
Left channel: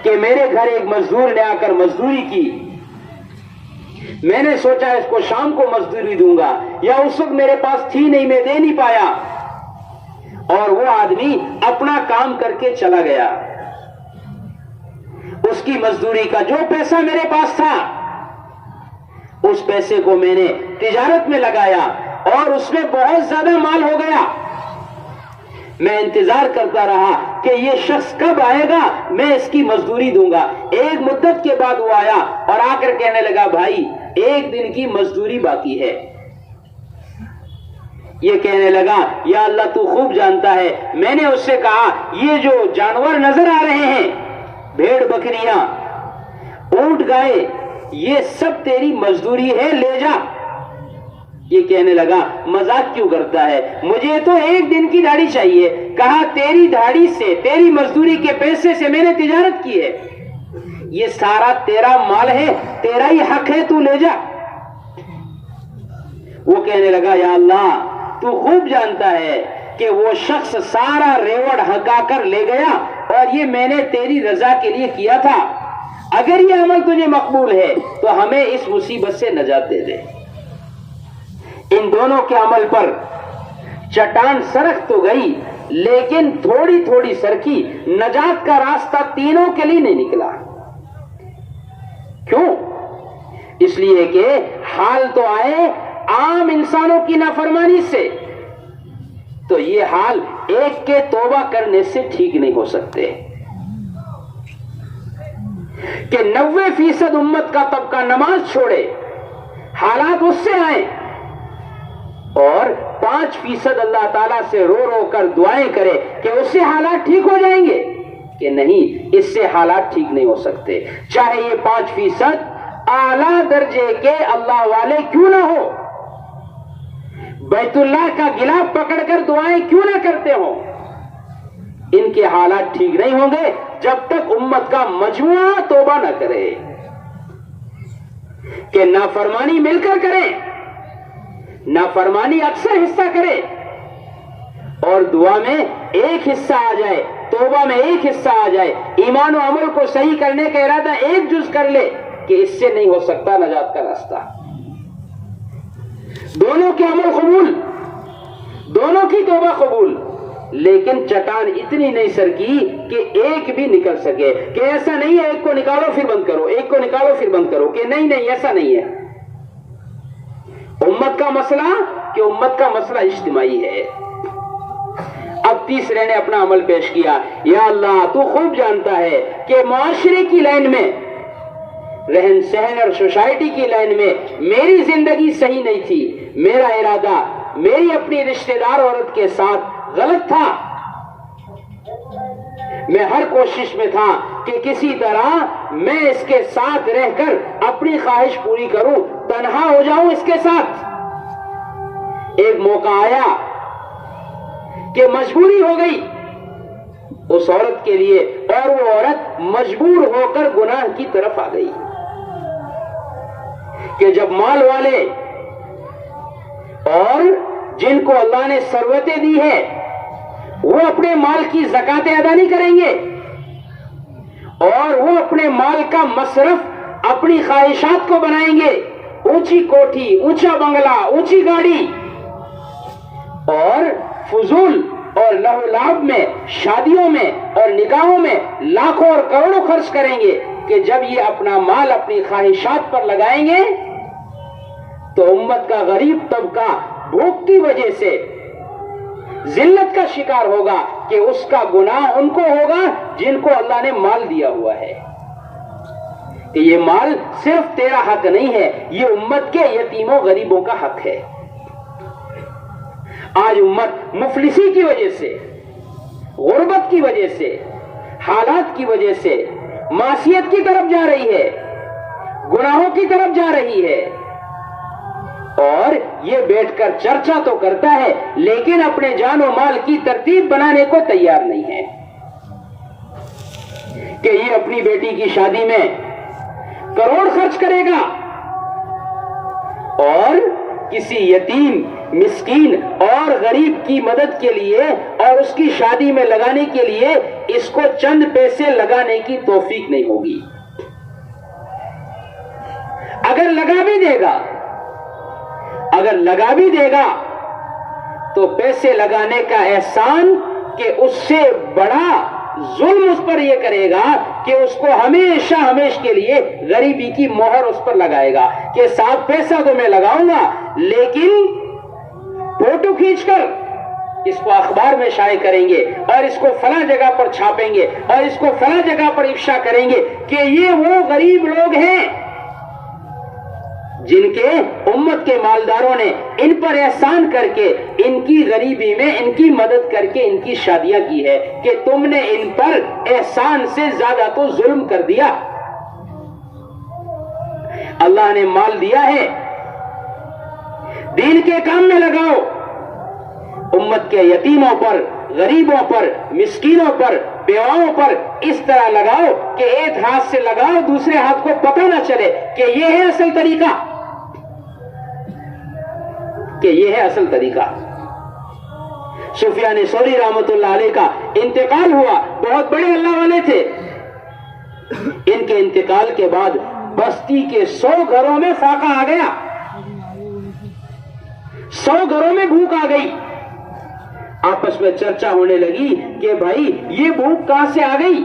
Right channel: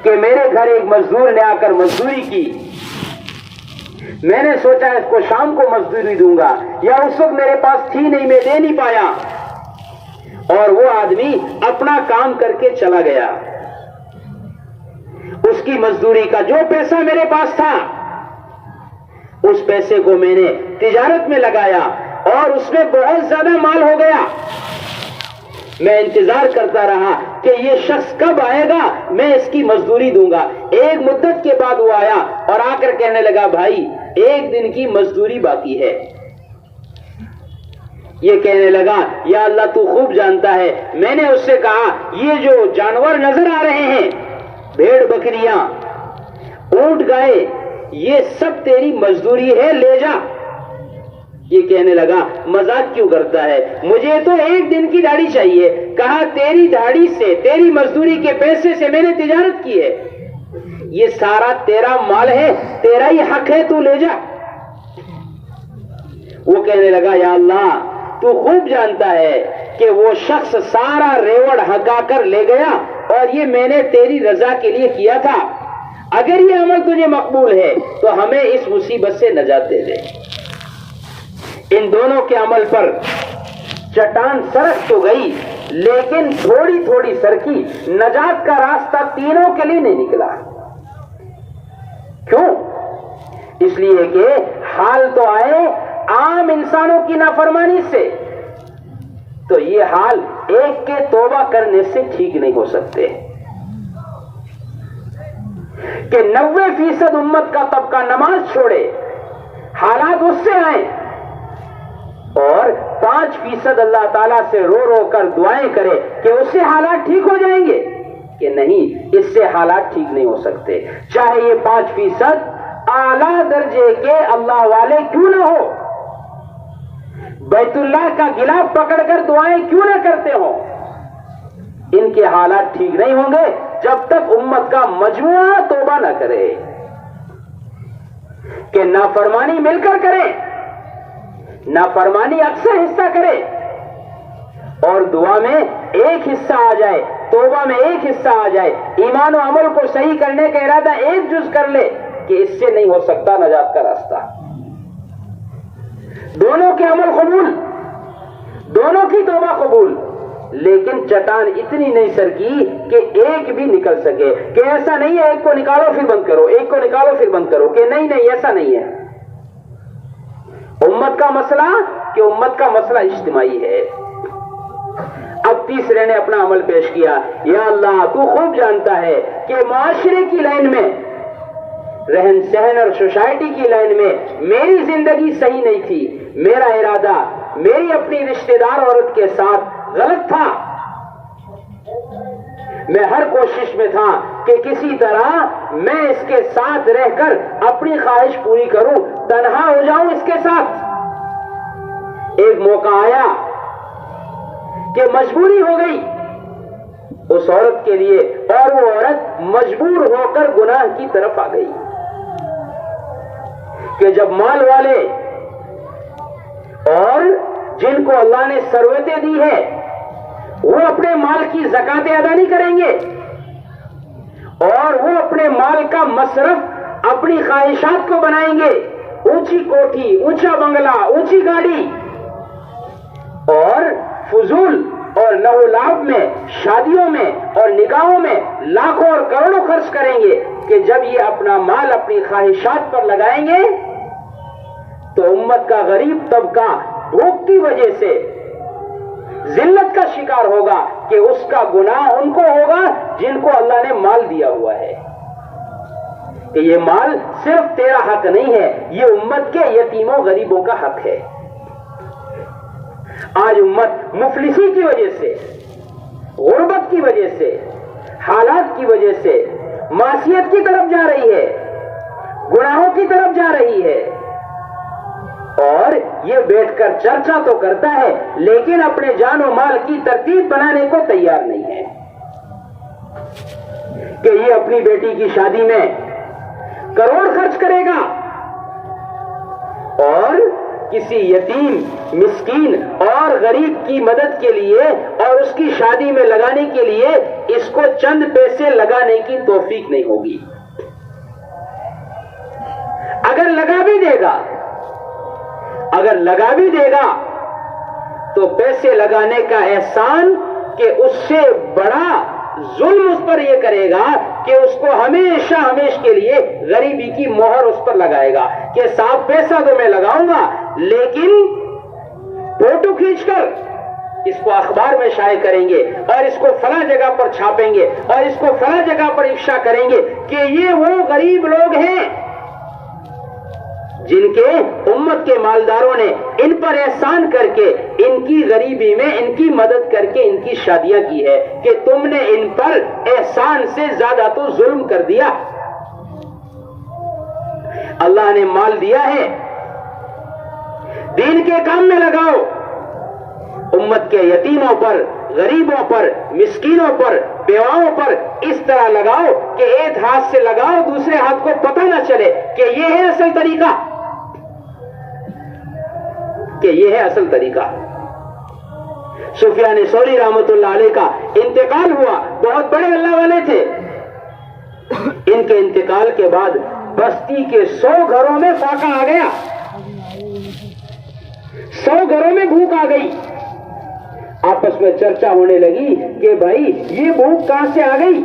کہ میرے گھر ایک مزدور نے آ کر مزدوری کی, میں نے سوچا اس کو شام کو مزدوری دوں گا, یا اس وقت میرے پاس تھی نہیں, میں دے نہیں پایا, اور وہ آدمی اپنا کام کر کے چلا گیا. اس کی مزدوری کا جو پیسہ میرے پاس تھا اس پیسے کو میں نے تجارت میں لگایا اور اس میں بہت زیادہ مال ہو گیا. میں انتظار کرتا رہا کہ یہ شخص کب آئے گا, میں اس کی مزدوری دوں گا. ایک مدت کے بعد وہ آیا اور آ کر کہنے لگا بھائی ایک دن کی مزدوری باقی ہے. یہ کہنے لگا یا اللہ تو خوب جانتا ہے, میں نے اس سے کہا یہ جو جانور نظر آ رہے ہیں, بھیڑ بکریاں اونٹ گائے, یہ سب تیری مزدوری ہے, لے جا. یہ کہنے لگا مذاق کیوں کرتا ہے, مجھے تو ایک دن کی داڑھی چاہیے. کہا تیری داڑھی سے, تیری مزدوری کے پیسے سے میں نے تجارت کی ہے, یہ سارا تیرا مال ہے, تیرا ہی حق ہے, تو لے جا. وہ کہنے لگا یا اللہ تو خوب جانتا ہے کہ وہ شخص سارا ریوڑ ہکا کر لے گیا اور یہ میں نے تیری رضا کے لیے کیا تھا. اگر یہ عمل تجھے مقبول ہے تو ہمیں اس مصیبت سے نجات دے دے. ان دونوں کے عمل پر چٹان سرک تو گئی لیکن تھوڑی تھوڑی سرکی, نجات کا راستہ تینوں کے لیے نہیں نکلا. کیوں؟ اس لیے کہ حال تو آئے عام انسانوں کی نافرمانی سے, تو یہ حال ایک کے توبہ کرنے سے ٹھیک نہیں ہو سکتے. کہ 90% امت کا طبقہ نماز چھوڑے, حالات اس سے آئے, اور 5% اللہ تعالیٰ سے رو رو کر دعائیں کرے کہ اس سے حالات ٹھیک ہو جائیں گے, کہ نہیں اس سے حالات ٹھیک نہیں ہو سکتے. چاہے یہ 5% اعلیٰ درجے کے اللہ والے کیوں نہ ہو, بیت اللہ کا گلاف پکڑ کر دعائیں کیوں نہ کرتے ہو, ان کے حالات ٹھیک نہیں ہوں گے جب تک امت کا مجموعہ توبہ نہ کرے. کہ نافرمانی مل کر کریں, نافرمانی اکثر حصہ کرے, اور دعا میں ایک حصہ آ جائے, توبہ میں ایک حصہ آ جائے, ایمان و عمل کو صحیح کرنے کا ارادہ ایک جز کر لے, کہ اس سے نہیں ہو سکتا نجات کا راستہ. دونوں کے عمل قبول, دونوں کی توبہ قبول, لیکن چٹان اتنی نہیں سرکی کہ ایک بھی نکل سکے، کہ ایسا نہیں ہے ایک کو نکالو پھر بند کرو، ایک کو نکالو پھر بند کرو، کہ نہیں ایسا نہیں ہے۔ امت کا مسئلہ کہ امت کا مسئلہ اجتماعی ہے۔ اب تیسرے نے اپنا عمل پیش کیا، یا اللہ تو خوب جانتا ہے کہ معاشرے کی لائن میں، رہن سہن اور سوسائٹی کی لائن میں میری زندگی صحیح نہیں تھی، میرا ارادہ میری اپنی رشتہ دار عورت کے ساتھ غلط تھا، میں ہر کوشش میں تھا کہ کسی طرح میں اس کے ساتھ رہ کر اپنی خواہش پوری کروں، تنہا ہو جاؤں اس کے ساتھ۔ ایک موقع آیا کہ مجبوری ہو گئی اس عورت کے لیے، اور وہ عورت مجبور ہو کر گناہ کی طرف آ گئی، کہ جب مال والے اور جن کو اللہ نے ثروتیں دی ہے وہ اپنے مال کی زکاتیں ادا نہیں کریں گے، اور وہ اپنے مال کا مصرف اپنی خواہشات کو بنائیں گے، اونچی کوٹھی، اونچا بنگلہ، اونچی گاڑی، اور فضول اور لہو و لعب میں، شادیوں میں اور نکاحوں میں لاکھوں اور کروڑوں خرچ کریں گے، کہ جب یہ اپنا مال اپنی خواہشات پر لگائیں گے تو امت کا غریب طبقہ بھوک کی وجہ سے ذلت کا شکار ہوگا، کہ اس کا گناہ ان کو ہوگا جن کو اللہ نے مال دیا ہوا ہے، کہ یہ مال صرف تیرا حق نہیں ہے، یہ امت کے یتیموں غریبوں کا حق ہے۔ آج امت مفلسی کی وجہ سے، غربت کی وجہ سے، حالات کی وجہ سے معصیت کی طرف جا رہی ہے، گناہوں کی طرف جا رہی ہے، اور یہ بیٹھ کر چرچا تو کرتا ہے لیکن اپنے جان و مال کی ترتیب بنانے کو تیار نہیں ہے، کہ یہ اپنی بیٹی کی شادی میں کروڑ خرچ کرے گا، اور کسی یتیم، مسکین اور غریب کی مدد کے لیے اور اس کی شادی میں لگانے کے لیے اس کو چند پیسے لگانے کی توفیق نہیں ہوگی۔ اگر لگا بھی دے گا تو پیسے لگانے کا احسان کہ اس سے بڑا ظلم اس پر یہ کرے گا کہ اس کو ہمیشہ کے لیے غریبی کی مہر اس پر لگائے گا، کہ صاحب پیسہ تو میں لگاؤں گا لیکن فوٹو کھینچ کر اس کو اخبار میں شائع کریں گے، اور اس کو فلاں جگہ پر چھاپیں گے، اور اس کو فلاں جگہ پر افشا کریں گے کہ یہ وہ غریب لوگ ہیں جن کے امت کے مالداروں نے ان پر احسان کر کے ان کی غریبی میں ان کی مدد کر کے ان کی شادیاں کی ہے، کہ تم نے ان پر احسان سے زیادہ تو ظلم کر دیا۔ اللہ نے مال دیا ہے، دین کے کام میں لگاؤ، امت کے یتیموں پر، غریبوں پر، مسکینوں پر، بیواؤں پر اس طرح لگاؤ کہ ایک ہاتھ سے لگاؤ دوسرے ہاتھ کو پتہ نہ چلے کہ یہ ہے اصل طریقہ، کہ یہ ہے اصل طریقہ۔ سفیان ثوری رحمۃ اللہ علیہ کا انتقال ہوا، بہت بڑے اللہ والے تھے، ان کے انتقال کے بعد بستی کے 100 گھروں میں فاقہ آ گیا، 100 گھروں میں بھوک آ گئی، آپس میں چرچا ہونے لگی کہ بھائی یہ بھوک کہاں سے آ گئی؟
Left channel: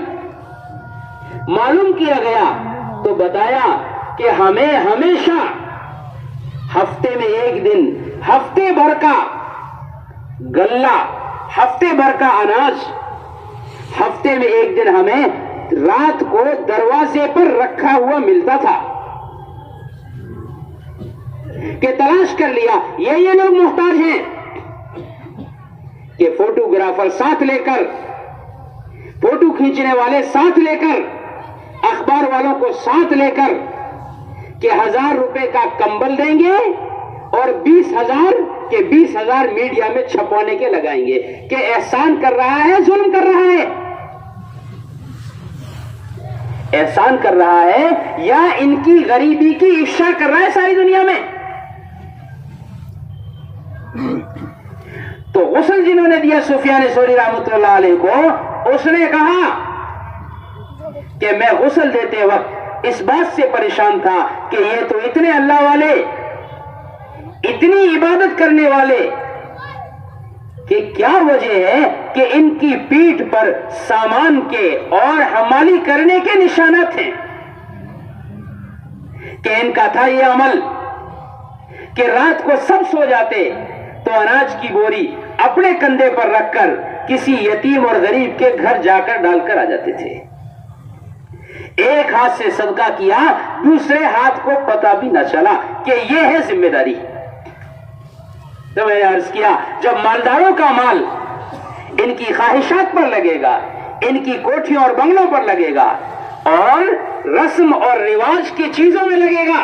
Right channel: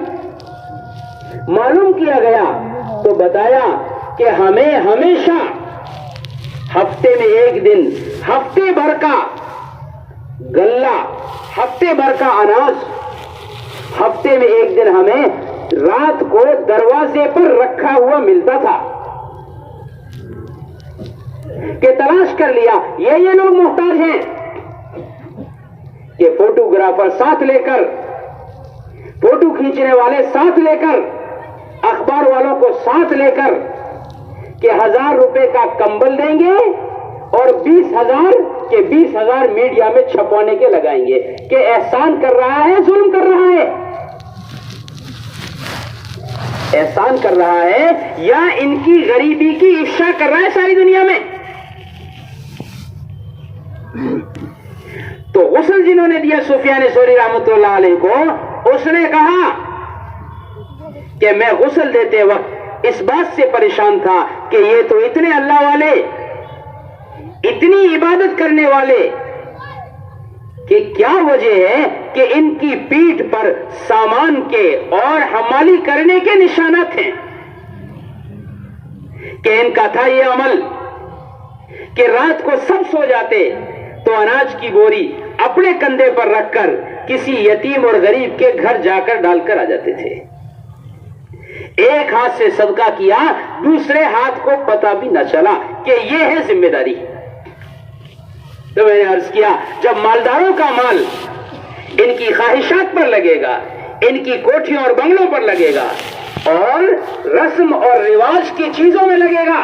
معلوم کیا گیا تو بتایا کہ ہمیں ہمیشہ ہفتے میں ایک دن، ہفتے بھر کا غلہ، ہفتے بھر کا اناج، ہفتے میں ایک دن ہمیں رات کو دروازے پر رکھا ہوا ملتا تھا، کہ تلاش کر لیا یہ لوگ محتاج ہیں، کہ فوٹوگرافر ساتھ لے کر، فوٹو کھینچنے والے ساتھ لے کر، اخبار والوں کو ساتھ لے کر، کہ 1000 روپے کا کمبل دیں گے اور 20,000 کے 20,000 میڈیا میں چھپوانے کے لگائیں گے، کہ احسان کر رہا ہے، ظلم کر رہا ہے، احسان کر رہا ہے یا ان کی غریبی کی افشا کر رہا ہے ساری دنیا میں۔ تو غسل جنہوں نے دیا سفیان ثوری رحمۃ اللہ علیہ کو، اس نے کہا کہ میں غسل دیتے وقت اس بات سے پریشان تھا کہ یہ تو اتنے اللہ والے، اتنی عبادت کرنے والے، کہ کیا وجہ ہے کہ ان کی پیٹھ پر سامان کے اور حمالی کرنے کے نشانات ہیں، کہ ان کا تھا یہ عمل کہ رات کو سب سو جاتے تو اناج کی بوری اپنے کندھے پر رکھ کر کسی یتیم اور غریب کے گھر جا کر ڈال کر آ جاتے تھے، ایک ہاتھ سے صدقہ کیا، دوسرے ہاتھ کو پتہ بھی نہ چلا کہ یہ ہے ذمہ داری۔ تو میں نے عرض کیا جب مالداروں کا مال ان کی خواہشات پر لگے گا، ان کی کوٹھیوں اور بنگلوں پر لگے گا اور رسم اور رواج کی چیزوں میں لگے گا،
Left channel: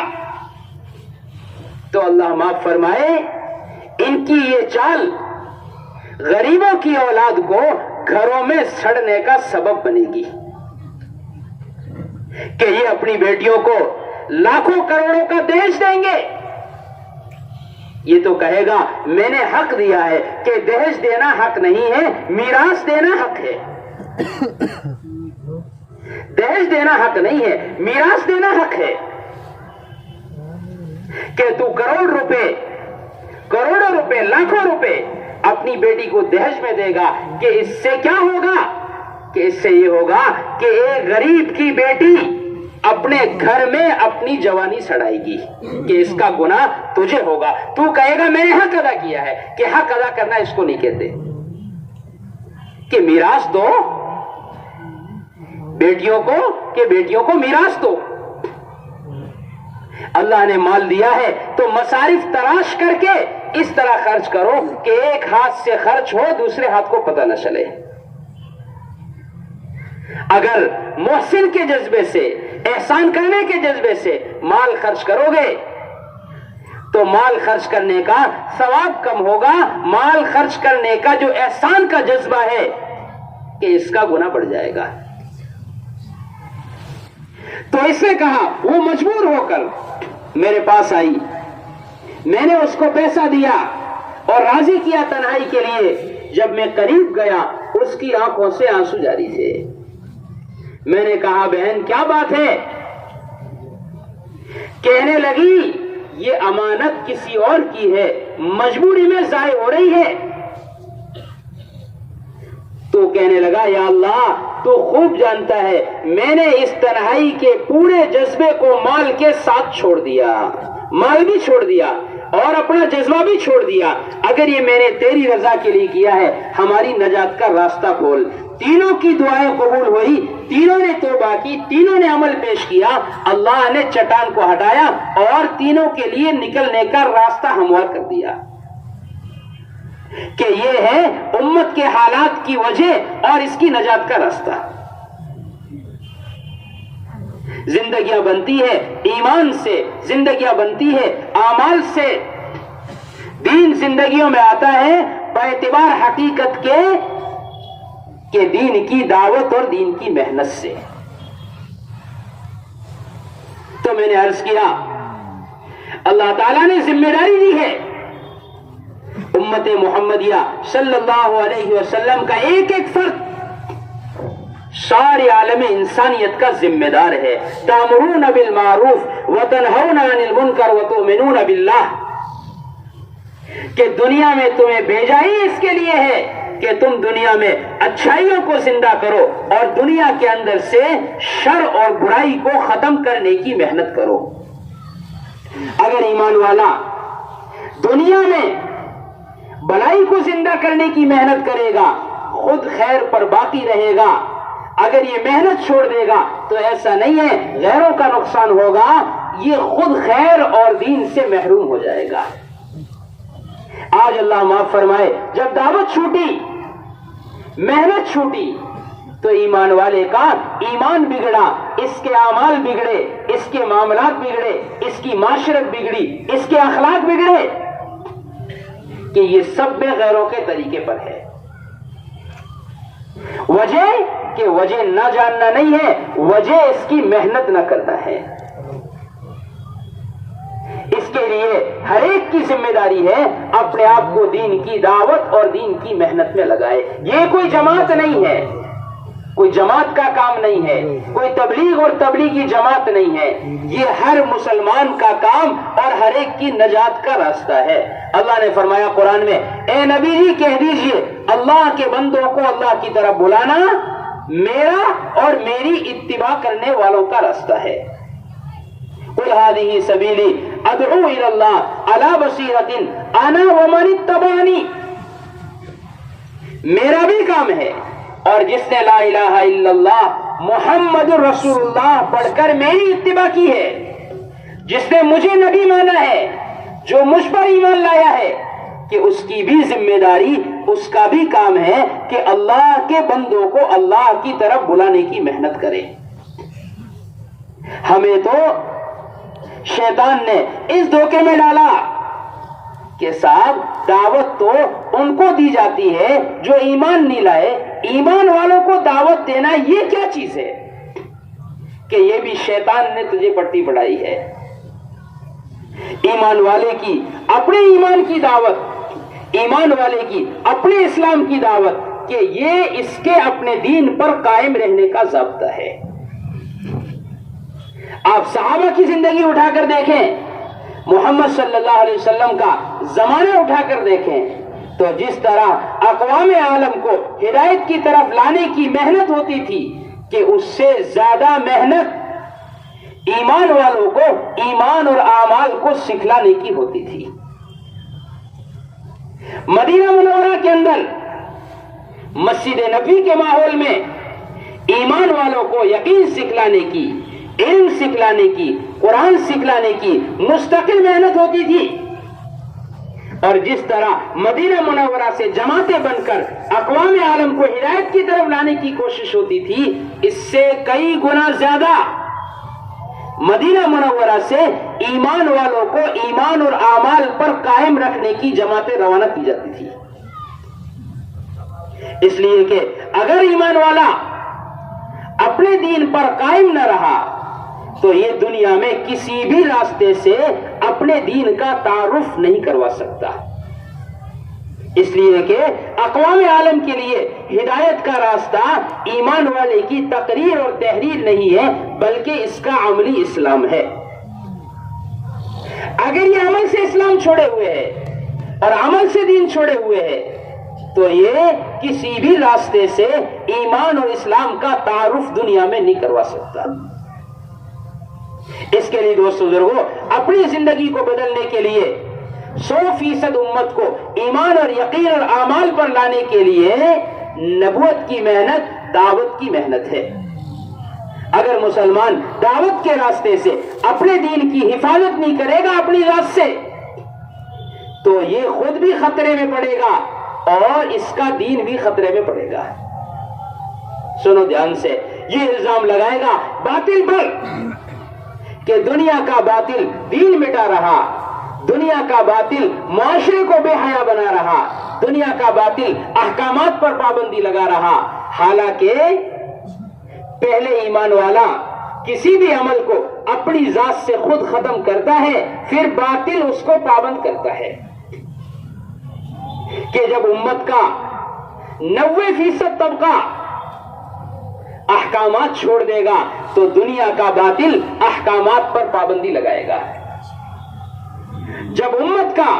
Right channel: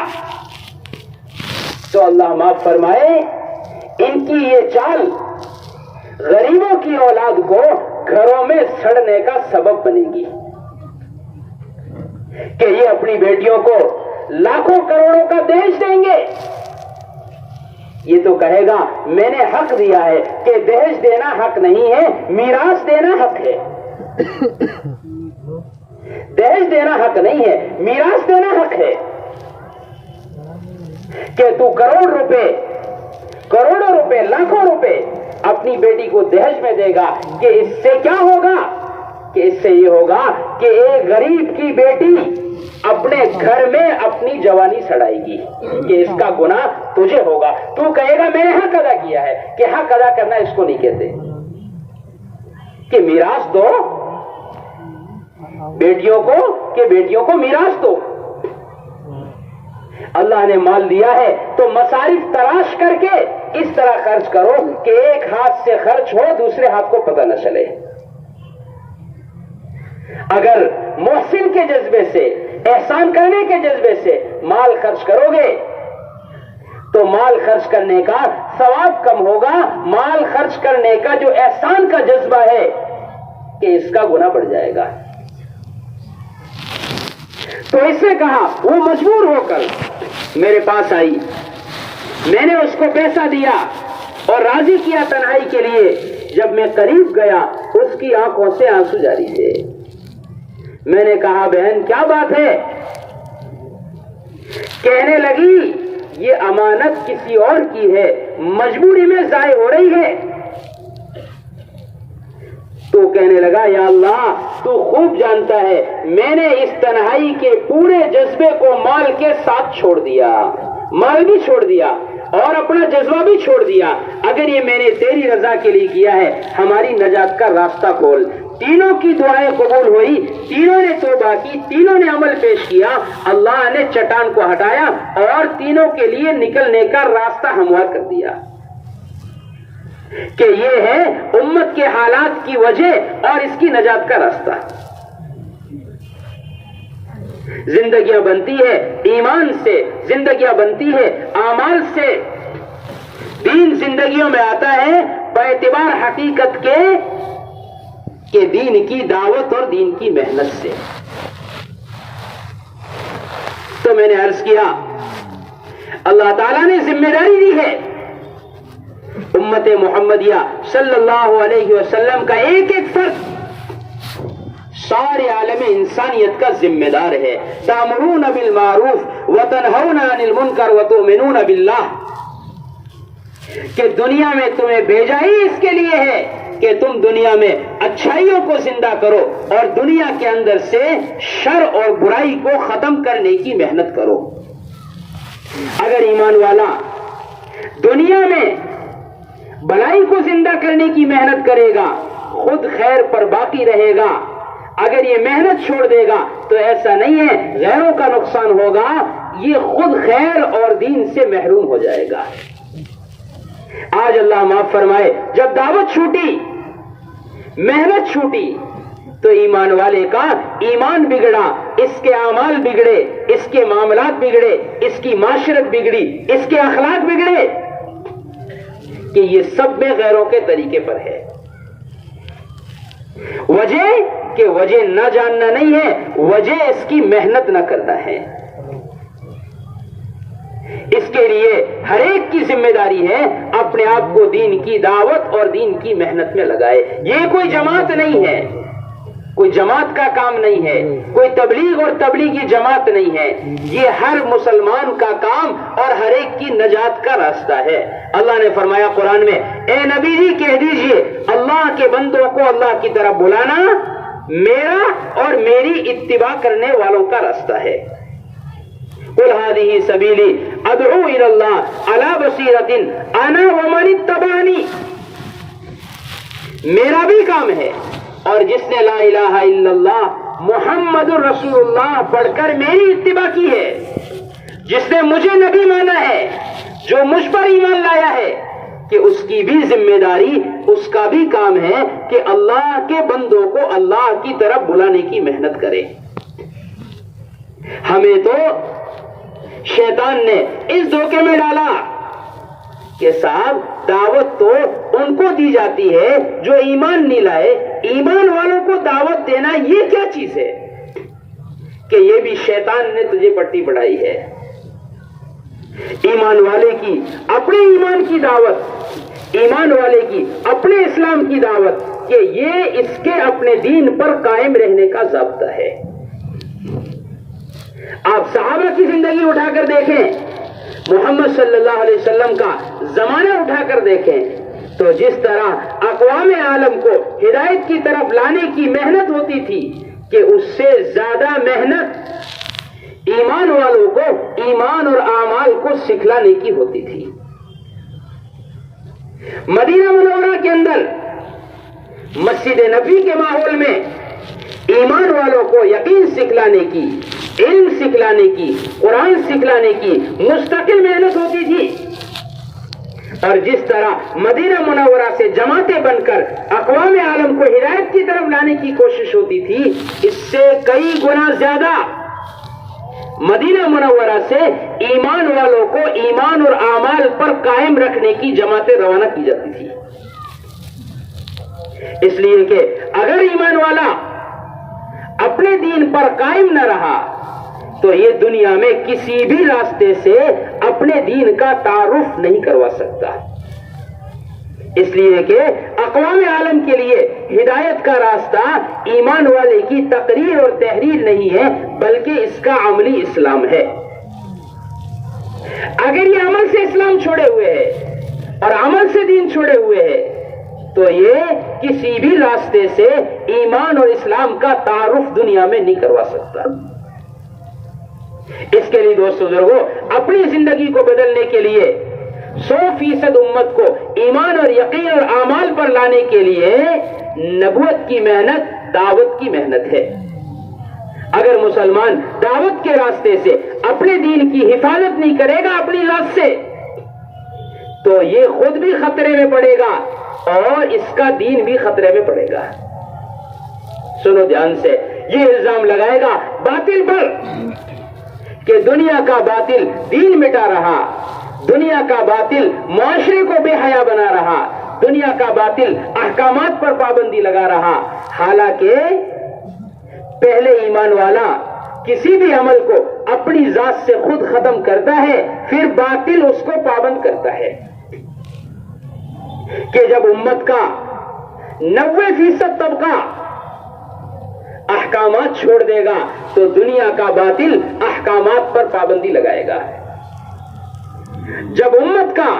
تو اللہ معاف فرمائے ان کی یہ چال غریبوں کی اولاد کو گھروں میں سڑنے کا سبب بنے گی، کہ یہ اپنی بیٹیوں کو لاکھوں کروڑوں کا دہیج دیں گے۔ یہ تو کہے گا میں نے حق دیا ہے، کہ دہیج دینا حق نہیں ہے، میراث دینا حق ہے۔ دہیج دینا حق نہیں ہے، میراث دینا حق ہے، کہ تو کروڑوں روپے لاکھوں روپے اپنی بیٹی کو دہیج میں دے گا، کہ اس سے کیا ہوگا؟ کہ اس سے یہ ہوگا کہ ایک غریب کی بیٹی اپنے گھر میں اپنی جوانی سڑائے گی، کہ اس کا گناہ تجھے ہوگا۔ تو کہے گا میں نے حق ادا کیا ہے، کہ حق ادا کرنا اس کو نہیں کہتے، کہ میراث دو بیٹیوں کو، کہ بیٹیوں کو میراث دو۔ اللہ نے مال دیا ہے تو مصارف تلاش کر کے اس طرح خرچ کرو کہ ایک ہاتھ سے خرچ ہو، دوسرے ہاتھ کو پتہ نہ چلے۔ اگر محسن کے جذبے سے، احسان کرنے کے جذبے سے مال خرچ کرو گے تو مال خرچ کرنے کا ثواب کم ہوگا، مال خرچ کرنے کا جو احسان کا جذبہ ہے کہ اس کا گناہ بڑھ جائے گا۔ تو اس نے کہا، وہ مجبور ہو کر میرے پاس آئی، میں نے اس کو پیسہ دیا اور راضی کیا تنہائی کے لیے۔ جب میں قریب گیا اس کی آنکھوں سے آنسو جاری تھے۔ میں نے کہا بہن کیا بات ہے؟ کہنے لگی یہ امانت کسی اور کی ہے، مجبوری میں ضائع ہو رہی ہے۔ تو کہنے لگا یا اللہ تو خوب جانتا ہے میں نے اس تنہائی کے پورے جذبے کو مال کے ساتھ چھوڑ دیا، مال بھی چھوڑ دیا اور اپنا جذبہ بھی چھوڑ دیا۔ اگر یہ میں نے تیری رضا کے لیے کیا ہے، ہماری نجات کا راستہ کھول۔ تینوں کی دعائیں قبول ہوئی، تینوں نے توبہ کی، تینوں نے عمل پیش کیا، اللہ نے چٹان کو ہٹایا اور تینوں کے لیے نکلنے کا راستہ ہموار کر دیا، کہ یہ ہے امت کے حالات کی وجہ اور اس کی نجات کا راستہ۔ زندگیاں بنتی ہے ایمان سے، زندگیاں بنتی ہے اعمال سے، دین زندگیوں میں آتا ہے باعتبار حقیقت کے کہ دین کی دعوت اور دین کی محنت سے۔ تو میں نے عرض کیا اللہ تعالیٰ نے ذمہ داری دی ہے، امت محمدیہ صلی اللہ علیہ وسلم کا ایک ایک فرد سارے عالم انسانیت کا ذمہ دار ہے۔ تأمرون بالمعروف وتنہون عن المنکر وتؤمنون باللہ، کہ دنیا میں تمہیں بھیجا ہی اس کے لیے ہے کہ تم دنیا میں اچھائیوں کو زندہ کرو اور دنیا کے اندر سے شر اور برائی کو ختم کرنے کی محنت کرو۔ اگر ایمان والا دنیا میں بلائی کو زندہ کرنے کی محنت کرے گا، خود خیر پر باقی رہے گا، اگر یہ محنت چھوڑ دے گا تو ایسا نہیں ہے غیروں کا نقصان ہوگا، یہ خود خیر اور دین سے محروم ہو جائے گا۔ آج اللہ معاف فرمائے جب دعوت چھوٹی، محنت چھوٹی تو ایمان والے کا ایمان بگڑا، اس کے اعمال بگڑے، اس کے معاملات بگڑے، اس کی معاشرت بگڑی، اس کے اخلاق بگڑے، کہ یہ سب میں غیروں کے طریقے پر ہے۔ وجہ کہ وجہ نہ جاننا نہیں ہے، وجہ اس کی محنت نہ کرنا ہے۔ اس کے لیے ہر ایک کی ذمہ داری ہے اپنے آپ کو دین کی دعوت اور دین کی محنت میں لگائے۔ یہ کوئی جماعت نہیں ہے، کوئی جماعت کا کام نہیں ہے، کوئی تبلیغ اور تبلیغی جماعت نہیں ہے، یہ ہر مسلمان کا کام اور ہر ایک کی نجات کا راستہ ہے۔ اللہ نے فرمایا قرآن میں، اے نبی جی کہہ دیجئے اللہ کے بندوں کو اللہ کی طرف بلانا میرا اور میری اتباع کرنے والوں کا راستہ ہے۔ قل هذه سبیلی ادعو الی اللہ علی بصیرۃ انا ومن اتبعنی، میرا بھی کام ہے اور جس نے لا الہ الا اللہ محمد رسول اللہ پڑھ کر میری اتباع کی ہے، جس نے مجھے نبی مانا ہے، جو مجھ پر ایمان لایا ہے، کہ اس کی بھی ذمہ داری، اس کا بھی کام ہے کہ اللہ کے بندوں کو اللہ کی طرف بلانے کی محنت کرے۔ ہمیں تو شیطان نے اس دھوکے میں ڈالا کہ صاحب دعوت تو ان کو دی جاتی ہے جو ایمان نہیں لائے، ایمان والوں کو دعوت دینا یہ کیا چیز ہے کہ یہ بھی شیطان نے تجھے پٹی پڑھائی ہے۔ ایمان والے کی اپنے ایمان کی دعوت، ایمان والے کی اپنے اسلام کی دعوت، کہ یہ اس کے اپنے دین پر قائم رہنے کا ضابطہ ہے۔ آپ صحابہ کی زندگی اٹھا کر دیکھیں، محمد صلی اللہ علیہ وسلم کا زمانہ اٹھا کر دیکھیں، تو جس طرح اقوام عالم کو ہدایت کی طرف لانے کی محنت ہوتی تھی کہ اس سے زیادہ محنت ایمان والوں کو ایمان اور اعمال کو سکھلانے کی ہوتی تھی۔ مدینہ منورہ کے اندر مسجد نبوی کے ماحول میں ایمان والوں کو یقین سکھلانے کی، علم سکھلانے کی، قرآن سکھلانے کی مستقل محنت ہوتی تھی، اور جس طرح مدینہ منورہ سے جماعتیں بن کر اقوام عالم کو ہدایت کی طرف لانے کی کوشش ہوتی تھی، اس سے کئی گنا زیادہ مدینہ منورہ سے ایمان والوں کو ایمان اور اعمال پر قائم رکھنے کی جماعتیں روانہ کی جاتی تھی۔ اس لیے کہ اگر ایمان والا اپنے دین پر قائم نہ رہا تو یہ دنیا میں کسی بھی راستے سے اپنے دین کا تعارف نہیں کروا سکتا۔ اس لیے کہ اقوام عالم کے لیے ہدایت کا راستہ ایمان والے کی تقریر اور تحریر نہیں ہے، بلکہ اس کا عملی اسلام ہے۔ اگر یہ عمل سے اسلام چھوڑے ہوئے ہے اور عمل سے دین چھوڑے ہوئے ہے تو یہ کسی بھی راستے سے ایمان اور اسلام کا تعارف دنیا میں نہیں کروا سکتا۔ اس کے لیے دوستو بزرگوں، اپنی زندگی کو بدلنے کے لیے 100% امت کو ایمان اور یقین اور اعمال پر لانے کے لیے نبوت کی محنت، دعوت کی محنت ہے۔ اگر مسلمان دعوت کے راستے سے اپنے دین کی حفاظت نہیں کرے گا اپنی ذات سے، تو یہ خود بھی خطرے میں پڑے گا اور اس کا دین بھی خطرے میں پڑے گا۔ سنو دھیان سے، یہ الزام لگائے گا باطل پر کہ دنیا کا باطل دین مٹا رہا، دنیا کا باطل معاشرے کو بے حیا بنا رہا، دنیا کا باطل احکامات پر پابندی لگا رہا، حالانکہ پہلے ایمان والا کسی بھی عمل کو اپنی ذات سے خود ختم کرتا ہے، پھر باطل اس کو پابند کرتا ہے۔ کہ جب امت کا 90% طبقہ احکامات چھوڑ دے گا تو دنیا کا باطل احکامات پر پابندی لگائے گا۔ جب امت کا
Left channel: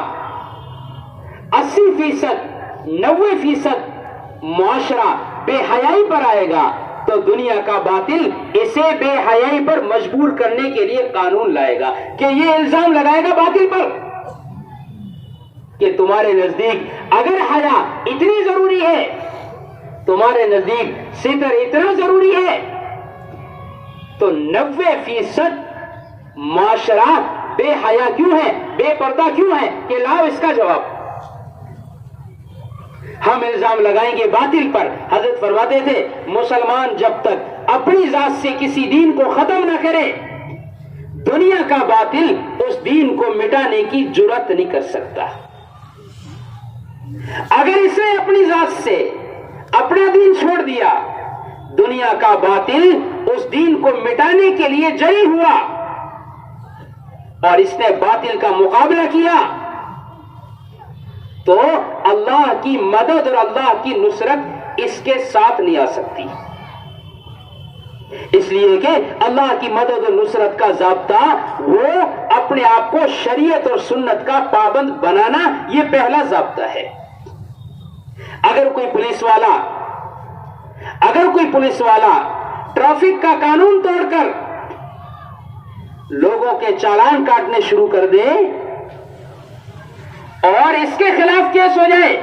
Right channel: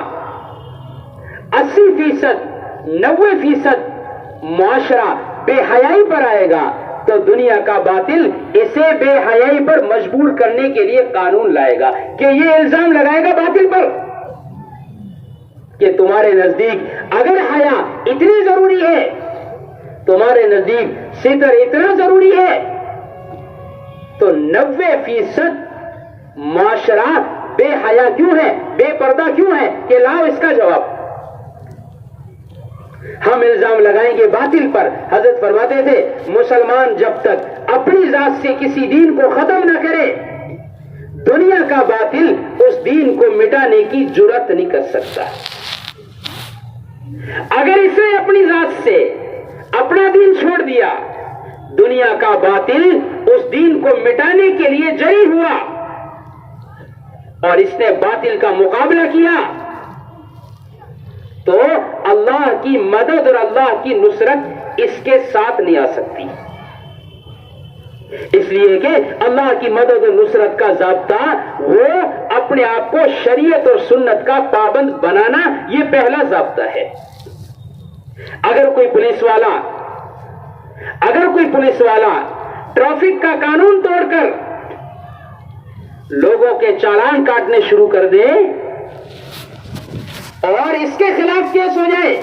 80%، 90% معاشرہ بے حیائی پر آئے گا تو دنیا کا باطل اسے بے حیائی پر مجبور کرنے کے لیے قانون لائے گا، کہ یہ الزام لگائے گا باطل پر کہ تمہارے نزدیک اگر حیا اتنی ضروری ہے، تمہارے نزدیک ستر اتنا ضروری ہے، تو 90% معاشرہ بے حیا کیوں ہے، بے پردہ کیوں ہے؟ کہ لاؤ اس کا جواب۔ ہم الزام لگائیں گے باطل پر۔ حضرت فرماتے تھے مسلمان جب تک اپنی ذات سے کسی دین کو ختم نہ کرے، دنیا کا باطل اس دین کو مٹانے کی جرات نہیں کر سکتا۔ اگر اسے اپنی ذات سے اپنا دین چھوڑ دیا، دنیا کا باطل اس دین کو مٹانے کے لیے جری ہوا اور اس نے باطل کا مقابلہ کیا، تو اللہ کی مدد اور اللہ کی نصرت اس کے ساتھ نہیں آ سکتی۔ اس لیے کہ اللہ کی مدد و نصرت کا ضابطہ وہ اپنے آپ کو شریعت اور سنت کا پابند بنانا، یہ پہلا ضابطہ ہے۔ اگر کوئی پولیس والا ٹریفک کا قانون توڑ کر لوگوں کے چالان کاٹنے شروع کر دے اور اس کے خلاف کیس ہو جائے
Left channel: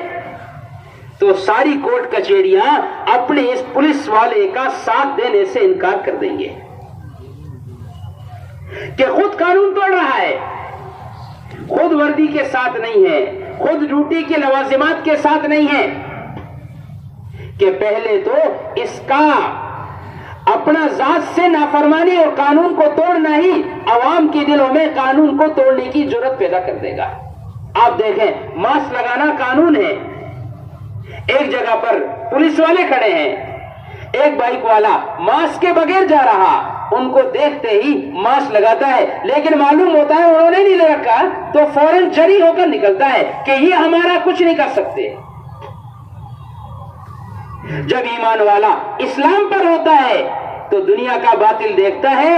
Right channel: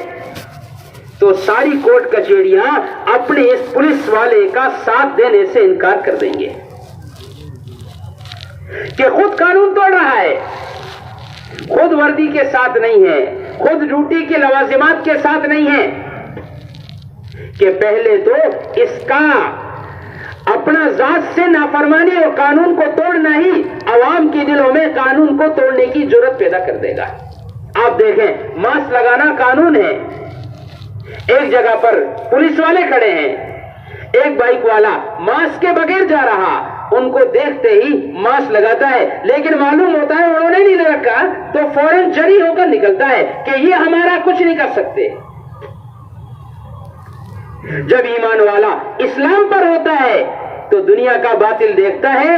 تو ساری کورٹ کچہریاں اپنے اس پولیس والے کا ساتھ دینے سے انکار کر دیں گے کہ خود قانون توڑ رہا ہے، خود وردی کے ساتھ نہیں ہے، خود ڈیوٹی کے لوازمات کے ساتھ نہیں ہے، کہ پہلے تو اس کا اپنا ذات سے نافرمانی اور قانون کو توڑنا ہی عوام کے دلوں میں قانون کو توڑنے کی جرات پیدا کر دے گا۔ آپ دیکھیں، ماسک لگانا قانون ہے، ایک جگہ پر پولیس والے کھڑے ہیں، ایک بائک والا ماسک کے بغیر جا رہا، ان کو دیکھتے ہی ماسک لگاتا ہے، لیکن معلوم ہوتا ہے انہوں نے نہیں رکھا تو فوراً جری ہو کر نکلتا ہے کہ یہ ہمارا کچھ نہیں کر سکتے۔ جب ایمان والا اسلام پر ہوتا ہے تو دنیا کا باطل دیکھتا ہے،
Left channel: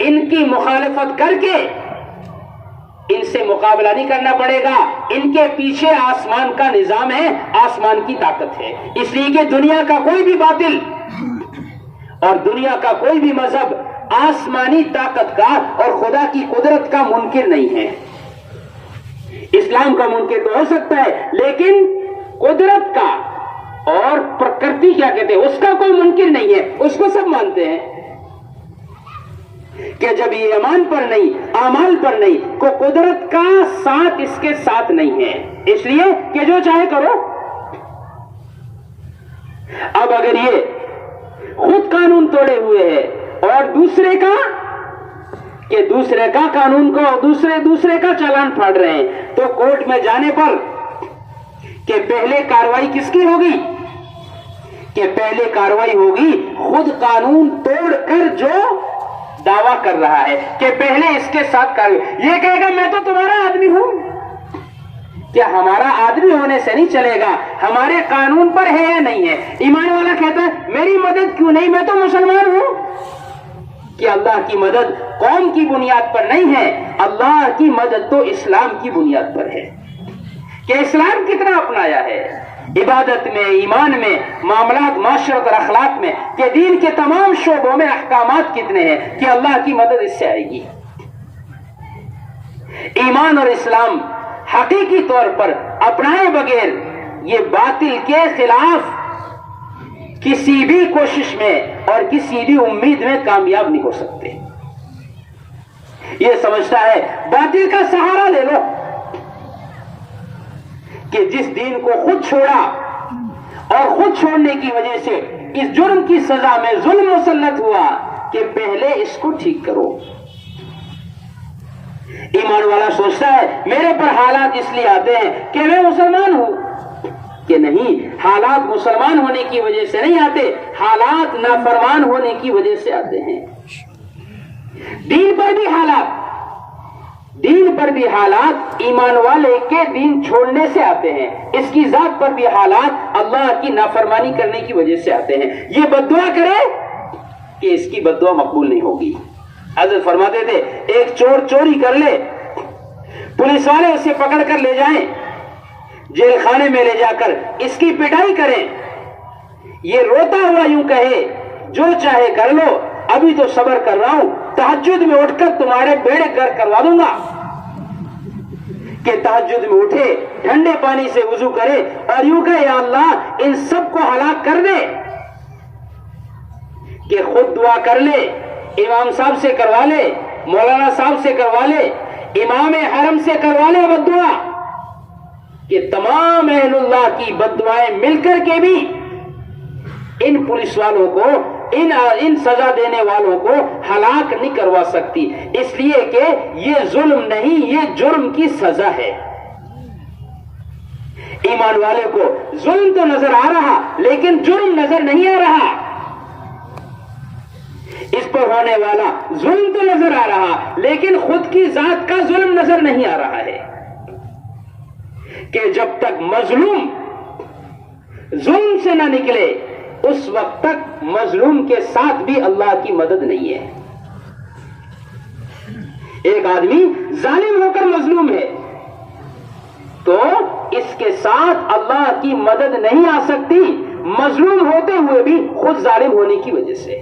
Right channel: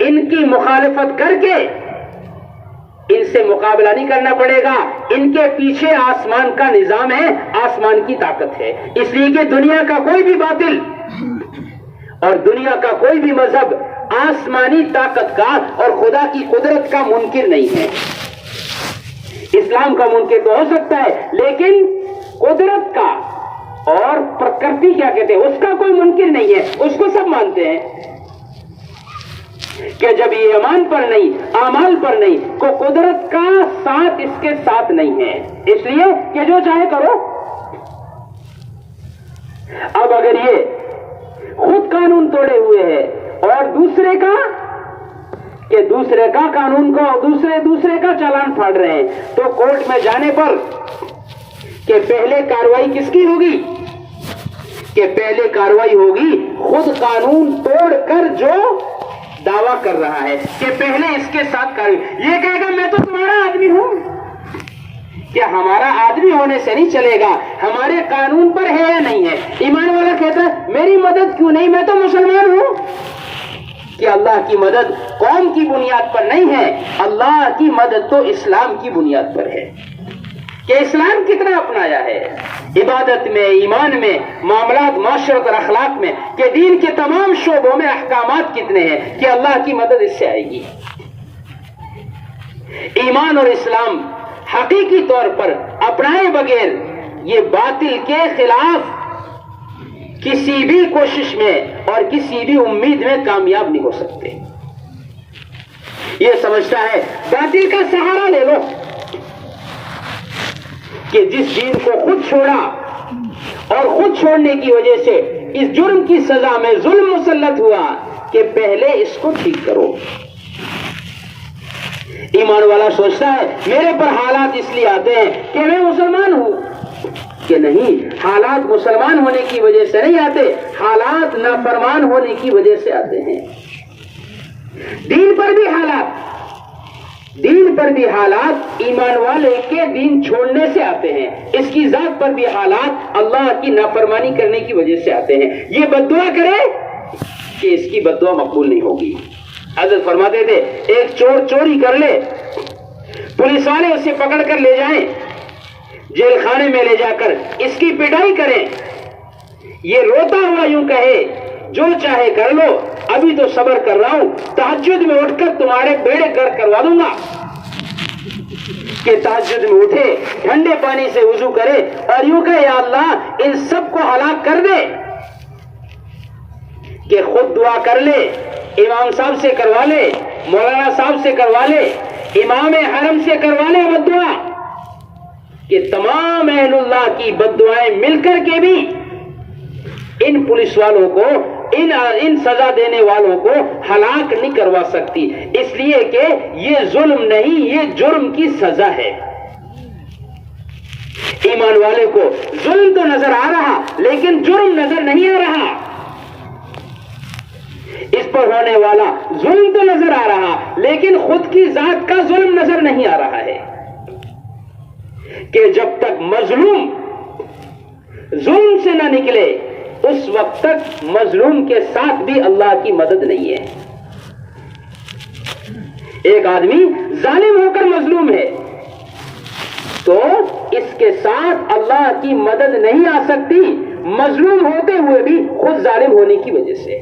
ان کی مخالفت کر کے ان سے مقابلہ نہیں کرنا پڑے گا، ان کے پیچھے آسمان کا نظام ہے، آسمان کی طاقت ہے، اس لیے کہ دنیا کا کوئی بھی باطل اور دنیا کا کوئی بھی مذہب آسمانی طاقت کا اور خدا کی قدرت کا منکر نہیں ہے۔ اسلام کا منکر تو ہو سکتا ہے لیکن قدرت کا اور پرکرتی کیا کہتے ہیں اس کا کوئی منکر نہیں ہے، اس کو سب مانتے ہیں کہ جب یہ ایمان پر نہیں، اعمال پر نہیں، کو قدرت کا ساتھ اس کے ساتھ نہیں ہے، اس لیے کہ جو چاہے کرو۔ اب اگر یہ خود قانون توڑے ہوئے ہے اور دوسرے کا قانون کو دوسرے کا چالان پھاڑ رہے ہیں تو کورٹ میں جانے پر کہ پہلے کاروائی کس کی ہوگی؟ کہ پہلے کاروائی ہوگی خود قانون توڑ کر جو دعویٰ کر رہا ہے کہ پہلے اس کے ساتھ کاروائی۔ یہ کہے گا میں تو تمہارا آدمی ہوں، کیا ہمارا آدمی ہونے سے نہیں چلے گا، ہمارے قانون پر ہے یا نہیں ہے؟ ایمان والا کہتا ہے میری مدد کیوں نہیں، میں تو مسلمان ہوں۔ کہ اللہ کی مدد قوم کی بنیاد پر نہیں ہے، اللہ کی مدد تو اسلام کی بنیاد پر ہے کہ اسلام کتنا اپنایا ہے عبادت میں، ایمان میں، معاملات، معاشرت اور اخلاق میں، کہ دین کے تمام شعبوں میں احکامات کتنے ہیں کہ اللہ کی مدد اس سے آئے گی۔ ایمان اور اسلام حقیقی طور پر اپنائے بغیر یہ باطل کے خلاف کسی بھی کوشش میں اور کسی بھی امید میں کامیاب نہیں ہو سکتے۔ یہ سمجھتا ہے باطل کا سہارا لے لو کہ جس دین کو خود چھوڑا اور خود چھوڑنے کی وجہ سے اس جرم کی سزا میں ظلم مسلط ہوا کہ پہلے اس کو ٹھیک کرو۔ ایمان والا سوچتا ہے میرے پر حالات اس لیے آتے ہیں کہ میں مسلمان ہوں، کہ نہیں، حالات مسلمان ہونے کی وجہ سے نہیں آتے، حالات نافرمان ہونے کی وجہ سے آتے ہیں۔ دین پر بھی حالات ایمان والے کے دین چھوڑنے سے آتے ہیں، اس کی ذات پر بھی حالات اللہ کی نافرمانی کرنے کی وجہ سے آتے ہیں۔ یہ بددعا کرے کہ اس کی بددعا مقبول نہیں ہوگی۔ حضرت فرماتے تھے ایک چور چوری کر لے، پولیس والے اسے پکڑ کر لے جائیں، جیل خانے میں لے جا کر اس کی پٹائی کریں، یہ روتا ہوا یوں کہے جو چاہے کر لو، ابھی تو صبر کر رہا ہوں، تہجد میں اٹھ کر تمہارے بیڑے گر کروا دوں گا۔ کہ تہجد میں اٹھے، ٹھنڈے پانی سے وضو کرے اور یوں کہے یا اللہ ان سب کو ہلاک کر دے، کہ خود دعا کر لے، امام صاحب سے کروا لے، مولانا صاحب سے کروا لے، امام حرم سے کروا لے بددعا، کہ تمام اہل اللہ کی بددعائیں مل کر کے بھی ان پولیس والوں کو، ان سزا دینے والوں کو ہلاک نہیں کروا سکتی، اس لیے کہ یہ ظلم نہیں، یہ جرم کی سزا ہے۔ ایمان والے کو ظلم تو نظر آ رہا لیکن جرم نظر نہیں آ رہا، اس پر ہونے والا ظلم تو نظر آ رہا لیکن خود کی ذات کا ظلم نظر نہیں آ رہا ہے۔ کہ جب تک مظلوم ظلم سے نہ نکلے اس وقت تک مظلوم کے ساتھ بھی اللہ کی مدد نہیں ہے. ایک آدمی ظالم ہو کر مظلوم ہے تو اس کے ساتھ اللہ کی مدد نہیں آ سکتی، مظلوم ہوتے ہوئے بھی خود ظالم ہونے کی وجہ سے.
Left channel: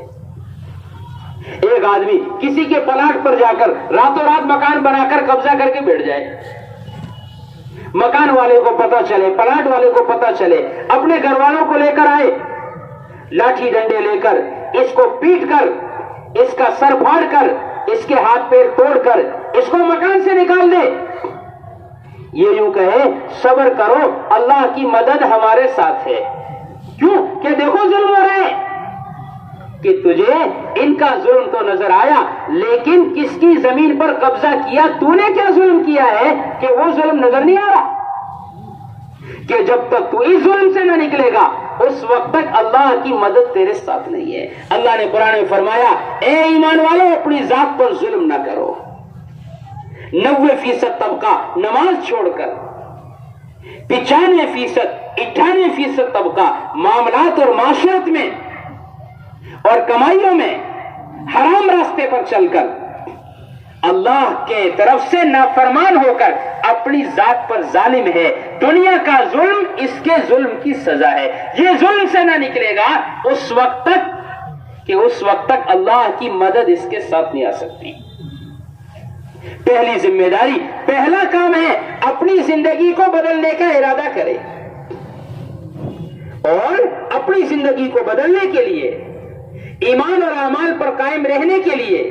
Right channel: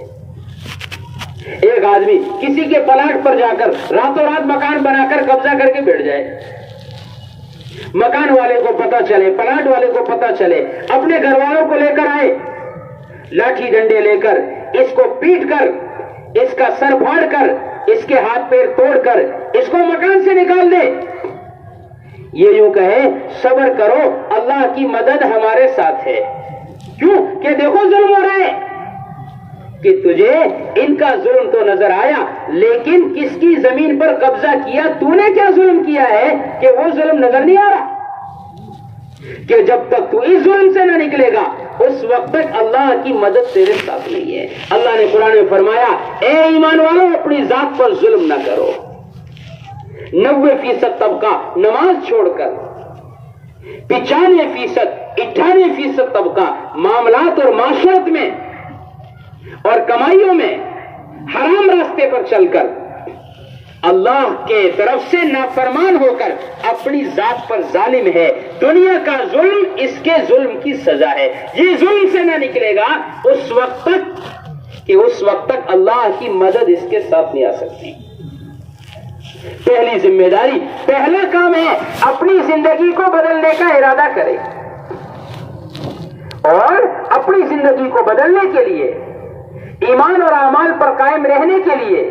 ایک آدمی کسی کے پلاٹ پر جا کر راتوں رات مکان بنا کر قبضہ کر کے بیٹھ جائے، مکان والے کو پتا چلے، پلاٹ والے کو پتا چلے، اپنے گھر والوں کو لے کر آئے، لاٹھی ڈنڈے لے کر اس کو پیٹ کر، اس کا سر پھاڑ کر، اس کے ہاتھ پیر توڑ کر اس کو مکان سے نکال دے. یہ یوں کہے صبر کرو اللہ کی مدد ہمارے ساتھ ہے. کیوں کہ دیکھو ظلم ہو رہے کہ تجھے ان کا ظلم تو نظر آیا، لیکن کس کی زمین پر قبضہ کیا، تو نے کیا ظلم کیا ہے کہ وہ ظلم نظر نہیں آ رہا. کہ جب تک تو اس ظلم سے نہ نکلے گا اس وقت تک اللہ کی مدد تیرے ساتھ نہیں ہے. اللہ نے قرآن میں فرمایا اے ایمان والو اپنی ذات پر ظلم نہ کرو. 90% طبقہ نماز چھوڑ کر 95% 98% طبقہ معاملات اور معاشرت میں اور کمائیوں میں حرام راستے پر چل کر اللہ کے طرف سے نافرمان ہو کر اپنی ذات پر ظالم ہے. دنیا کا ظلم اس کے ظلم کی سزا ہے. یہ ظلم سے نہ نکلے گا اس وقت تک اللہ کی مدد اس کے ساتھ نہیں آ سکتی. پہلی ذمہ داری، پہلا کام ہے اپنی زندگی کو بدلنے کا ارادہ کرے، اور اپنی زندگی کو بدلنے کے لیے، ایمان اور اعمال پر قائم رہنے کے لیے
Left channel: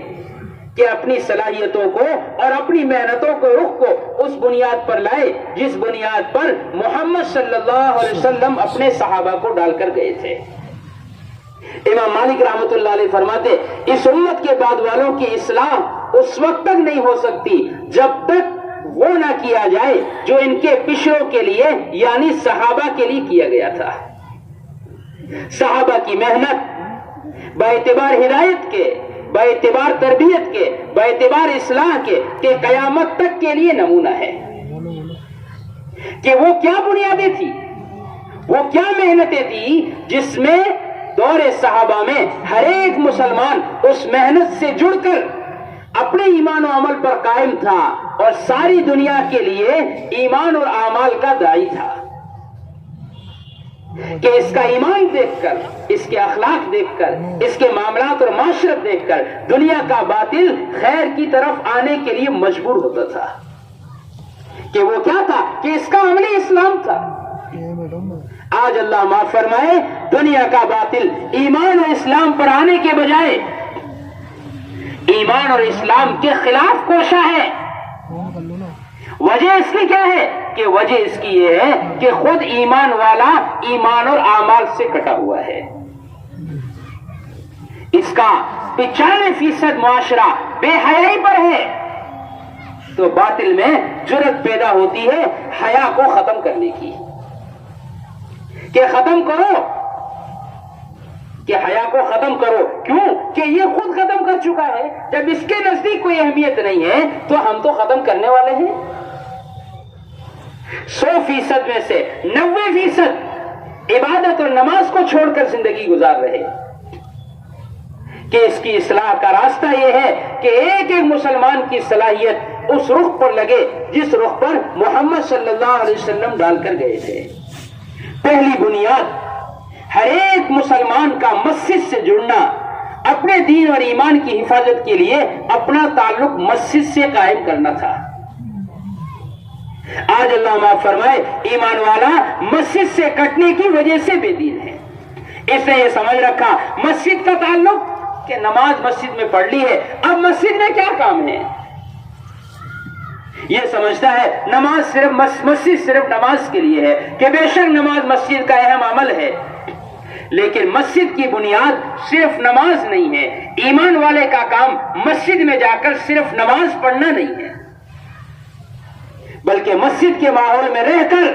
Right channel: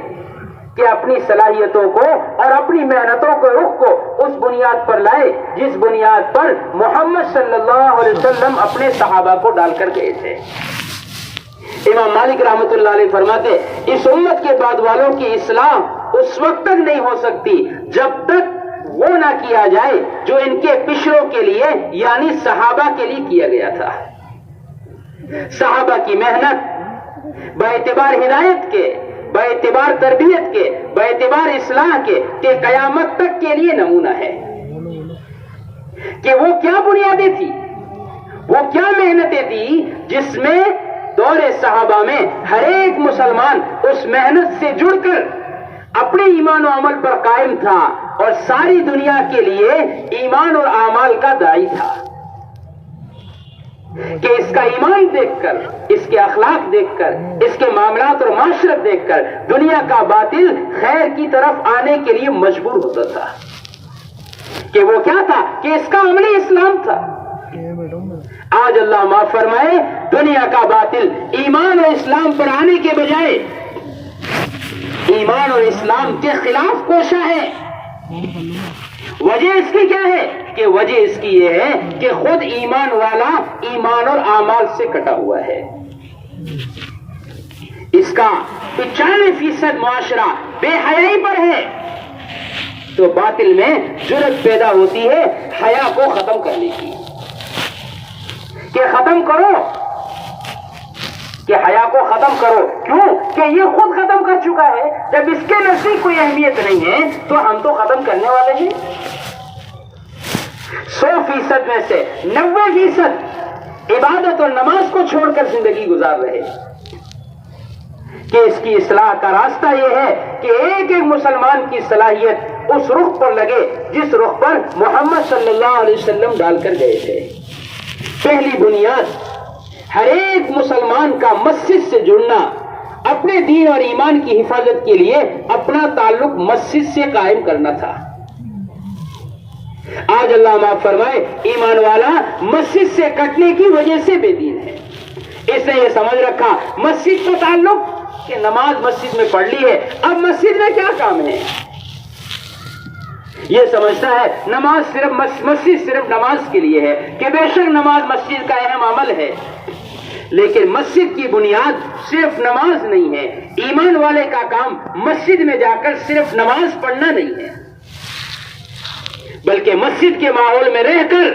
کہ اپنی صلاحیتوں کو اور اپنی محنتوں کو رخ کو اس بنیاد پر لائے جس بنیاد پر محمد صلی اللہ علیہ وسلم اپنے صحابہ کو ڈال کر گئے تھے. امام مالک رحمۃ اللہ علیہ فرماتے اس امت کے بعد والوں کی اصلاح اس وقت تک نہیں ہو سکتی جب تک وہ نہ کیا جائے جو ان کے پچھلوں کے لیے یعنی صحابہ کے لیے کیا گیا تھا. صحابہ کی محنت باعتبار ہدایت کے، باعتبار تربیت کے، باعتبار اصلاح کے کہ قیامت تک کے لیے نمونہ ہے کہ وہ کیا بنیادیں تھی، وہ کیا محنتیں تھی جس میں دور صحابہ میں ہر ایک مسلمان اس محنت سے جڑ کر اپنے ایمان و عمل پر قائم تھا اور ساری دنیا کے لیے ایمان اور اعمال کا داعی تھا کہ اس کا ایمان دیکھ کر، اس کے اخلاق دیکھ کر، اس کے معاملات اور معاشرت دیکھ کر دنیا کا باطل خیر کی طرف آنے کے لیے مجبور ہوتا تھا. کہ وہ کیا تھا کہ اس کا عملی اسلام تھا. آج اللہ معاف فرمائے دنیا کا باطل ایمان اور اسلام پر آنے کے بجائے ایمان اور اسلام کے خلاف کوشاں ہے. وجہ اس کی کیا ہے کہ وجہ اس کی یہ ہے کہ خود ایمان والا ایمان اور اعمال سے کٹا ہوا ہے. اس کا 95% معاشرہ بے حیائی پر ہے تو باطل میں جرأت پیدا ہوتی ہے حیا کو ختم کرنے کی کہ ختم کرو، کہ حیا کو ختم کرو. کیوں کہ یہ خود ختم کر چکا ہے. جب اس کے نزدیک کوئی اہمیت نہیں ہے تو ہم تو ختم کرنے والے ہیں. 100% میں سے 90% عبادت اور نماز کو چھوڑ کر زندگی گزار رہے کہ اس کی اصلاح کا راستہ یہ ہے کہ ایک ایک مسلمان کی صلاحیت اس رخ پر لگے جس رخ پر محمد صلی اللہ علیہ وسلم ڈال کر گئے تھے. پہلی بنیاد ہر ایک مسلمان کا مسجد سے جڑنا، اپنے دین اور ایمان کی حفاظت کے لیے اپنا تعلق مسجد سے قائم کرنا تھا. آج اللہ معاف فرمائے ایمان والا مسجد سے کٹنے کی وجہ سے بے دین ہے. اس نے یہ سمجھ رکھا مسجد کا تعلق کہ نماز مسجد میں پڑھ لی ہے، اب مسجد میں کیا کام ہے. یہ سمجھتا ہے نماز صرف مسجد صرف نماز کے لیے ہے کہ بے شک نماز مسجد کا اہم عمل ہے، لیکن مسجد کی بنیاد صرف نماز نہیں ہے. ایمان والے کا کام مسجد میں جا کر صرف نماز پڑھنا نہیں ہے، بلکہ مسجد کے ماحول میں رہ کر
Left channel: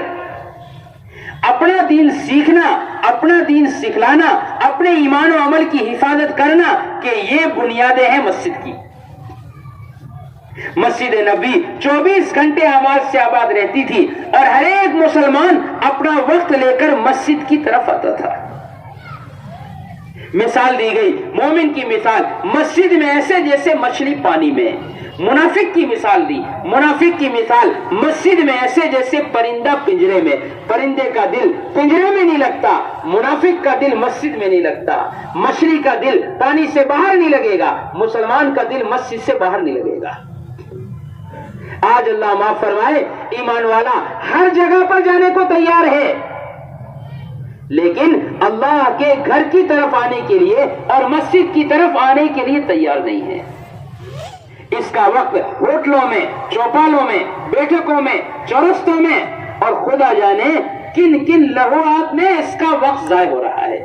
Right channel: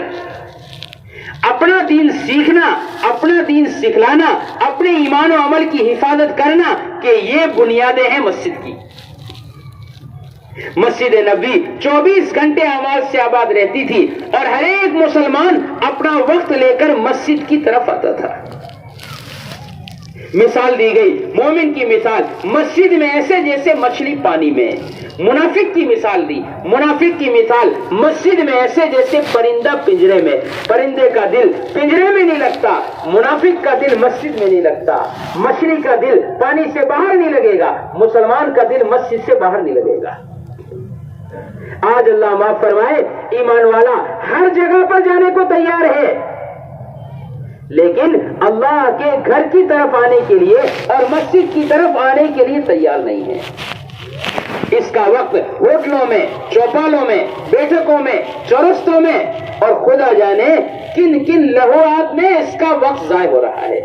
اپنا دین سیکھنا، اپنا دین سکھلانا، اپنے ایمان و عمل کی حفاظت کرنا کہ یہ بنیادیں ہیں مسجد کی. مسجد نبی 24 گھنٹے آواز سے آباد رہتی تھی اور ہر ایک مسلمان اپنا وقت لے کر مسجد کی طرف آتا تھا. مثال دی گئی مومن کی مثال مسجد میں ایسے جیسے مچھلی پانی میں. منافق کی مثال دی, منافق کی مثال مسجد میں ایسے جیسے پرندہ پنجرے میں. پرندے کا دل پنجرے میں نہیں لگتا, منافق کا دل مسجد میں نہیں لگتا. مچھلی کا دل پانی سے باہر نہیں لگے گا, مسلمان کا دل مسجد سے باہر نہیں لگے گا. آج اللہ معاف فرمائے, ایمان والا ہر جگہ پر جانے کو تیار ہے, لیکن اللہ کے گھر کی طرف آنے کے لیے اور مسجد کی طرف آنے کے لیے تیار نہیں ہے. اس کا وقت ہوٹلوں میں, چوپالوں میں, بیٹھکوں میں, چورستوں میں اور خدا جانے کن کن لہوات میں اس کا وقت ضائع ہو رہا ہے.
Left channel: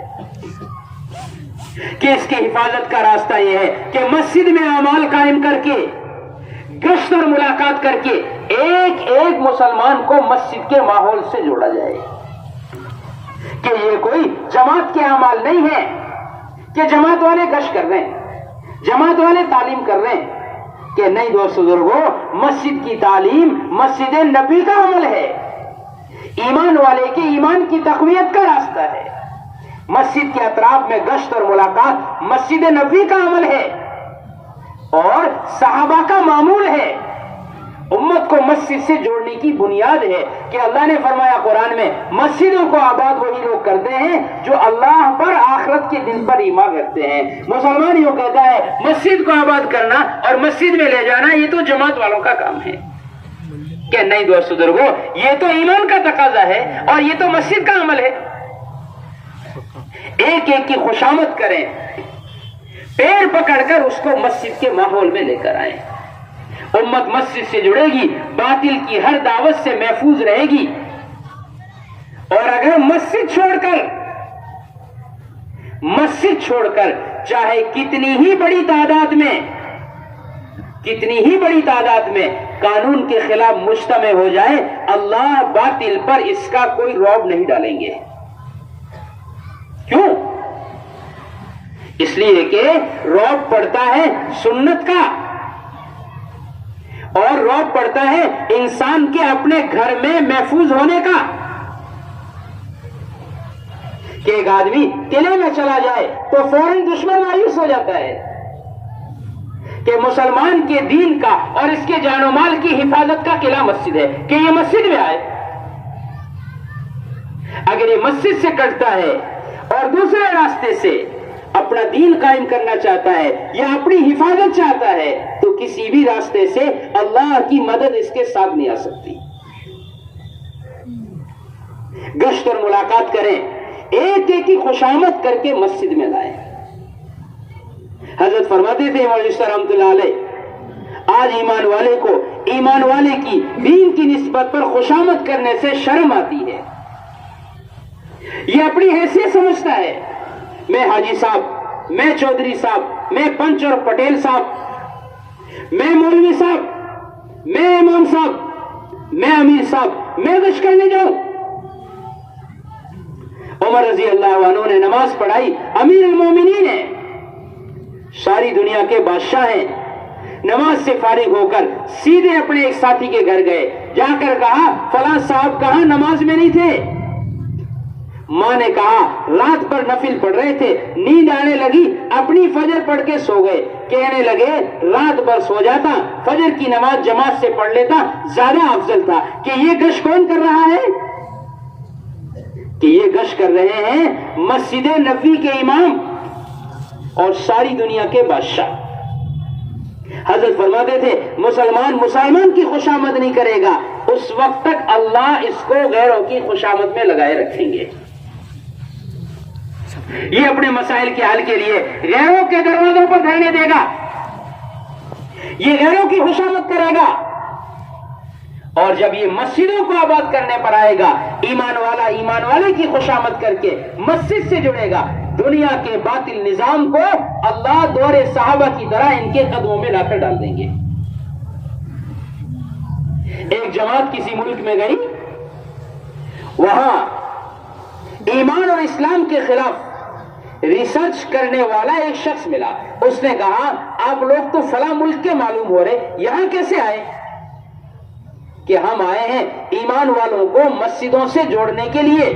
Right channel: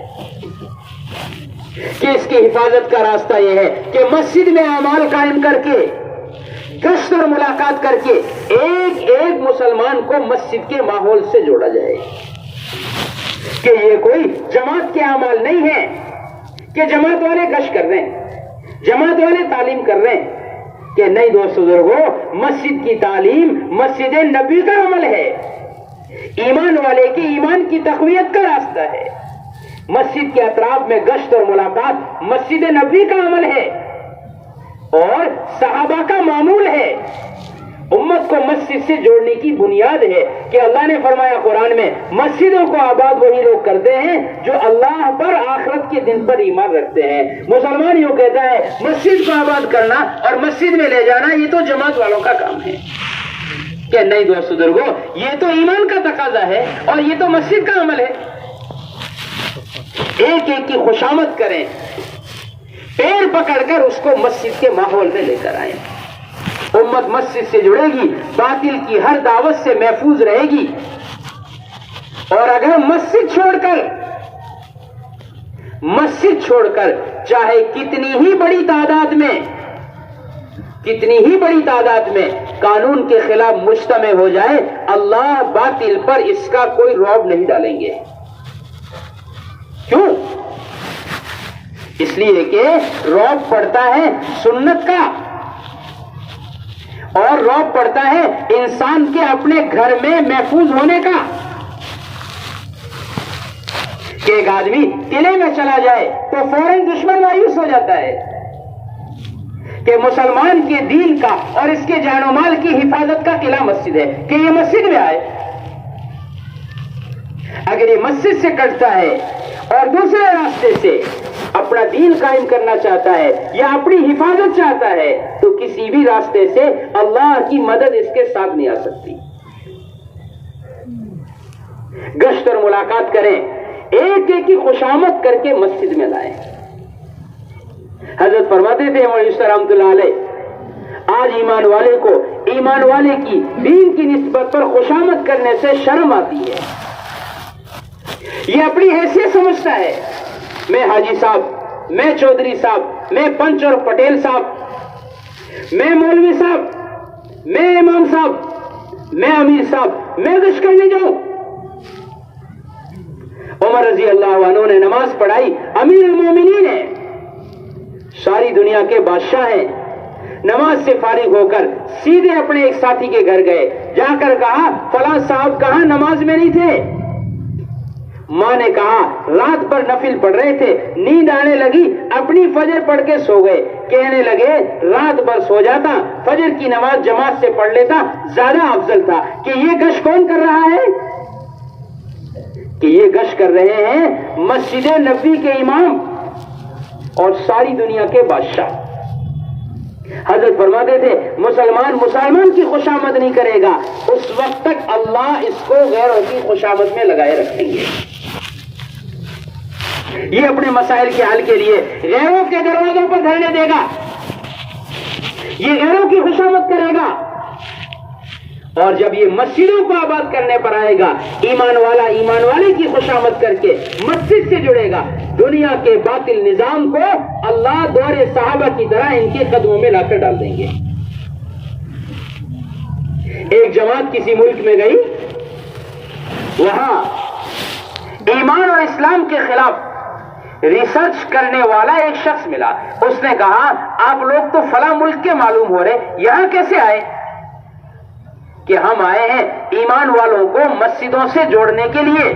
کہ اس کی حفاظت کا راستہ یہ ہے کہ مسجد میں اعمال قائم کر کے, گشت اور ملاقات کر کے ایک ایک مسلمان کو مسجد کے ماحول سے جوڑا جائے. کہ یہ کوئی جماعت کے اعمال نہیں ہے کہ جماعت والے گشت کر رہے ہیں, جماعت والے تعلیم کر رہے ہیں. کہ نہیں دوست بزرگوں, مسجد کی تعلیم مسجد نبی کا عمل ہے, ایمان والے کے ایمان کی تقویت کا راستہ ہے. مسجد کے اطراف میں گشت اور ملاقات مسجد نبی کا عمل ہے اور صحابہ کا معمول ہے. امت کو مسجد سے جوڑنے کی بنیاد ہے کہ اللہ نے فرمایا قرآن میں, مسجدوں کو آباد وہی لوگ کرتے ہیں جو اللہ پر آخرت کے دن پر ایمان رکھتے ہیں. مسلمان یوں کہتا ہے مسجد کو آباد کرنا اور مسجد میں لے جانا یہ تو جماعت والوں کا کام ہے. کہ نہیں دوست بزرگوں, یہ تو ایمان کا تقاضا ہے اور یہ تو مسجد کا عمل ہے. ایک ایک کی خوشامد کریں, پیر پکڑ کر اس کو مسجد کے ماحول میں لے کر آئیں. امت مسجد سے جڑے گی, باطل کی ہر دعوت سے محفوظ رہے گی. اور اگر مسجد چھوڑ کر چاہے کتنی ہی بڑی تعداد میں قانون کے خلاف مجتمع ہو جائے, اللہ باطل پر اس کا کوئی رعب نہیں ڈالیں گے. کیوں؟ اس لیے کہ رعب پڑتا ہے سنت کا اور رعب پڑتا ہے انسان کے اپنے گھر میں محفوظ ہونے کا. کہ ایک آدمی قلعے میں چلا جائے تو فوراً دشمن مایوس ہو جاتا ہے کہ مسلمان کے دین کا اور اس کے جان و مال کی حفاظت کا قلعہ مسجد ہے, کہ یہ مسجد میں آئے. اگر یہ مسجد سے کٹتا ہے اور دوسرے راستے سے اپنا دین قائم کرنا چاہتا ہے یا اپنی حفاظت چاہتا ہے تو کسی بھی راستے سے اللہ کی مدد اس کے ساتھ نہیں آ سکتی. گشت اور ملاقات کریں, ایک ایک کی خوشامد کر کے مسجد میں لائیں. حضرت فرماتے تھے مولانا رحمۃ اللہ علیہ, آج ایمان والے کو ایمان والے کی دین کی نسبت پر خوشامد کرنے سے شرم آتی ہے. یہ اپنی حیثیت سمجھتا ہے, میں حاجی صاحب, میں چودھری صاحب, میں پنچ اور پٹیل صاحب, میں مولوی صاحب, میں امام صاحب, میں امیر صاحب, میں گشت کرنے جاؤں. عمر رضی اللہ عنہ نے نماز پڑھائی, امیر المومنین ہیں, ساری دنیا کے بادشاہ ہیں. نماز سے فارغ ہو کر سیدھے اپنے ایک ساتھی کے گھر گئے, جا کر کہا فلاں صاحب کہاں نماز میں نہیں تھے. ماں نے کہا رات پر نفل پڑھ رہے تھے, نیند آنے لگی, اپنی فجر پڑھ کے سو گئے. کہنے لگے رات بھر سو جاتا, فجر کی نماز جماعت سے پڑھ لیتا, زیادہ افضل تھا. کہ یہ گشت کون کر رہا ہے؟ کہ یہ گشت کر رہے ہیں مسجد نبی کے امام اور ساری دنیا کے بادشاہ. حضرت فرماتے تھے مسلمان کی خوشامد نہیں کرے گا, اس وقت تک اللہ اس کو غیروں کی خوشامد میں لگائے رکھیں گے. یہ اپنے مسائل کے حل کے لیے غیروں کے دروازوں پر دھرنے دے گا, یہ غیروں کی خوشامد کرے گا. اور جب یہ مسجدوں کو آباد کرنے پر آئے گا, ایمان والے کی خوشامد کر کے مسجد سے جڑے گا, دنیا کے باطل نظام کو اللہ دور صحابہ کی طرح ان کے قدموں میں لا کر ڈال دیں گے. ایک جماعت کسی ملک میں گئی, وہاں ایمان اور اسلام کے خلاف ریسرچ کرنے والا ایک شخص ملا. اس نے کہا آپ لوگ تو فلاں ملک کے معلوم ہو رہے, یہاں کیسے آئے؟ کہ ہم آئے ہیں ایمان والوں کو مسجدوں سے جوڑنے کے لیے.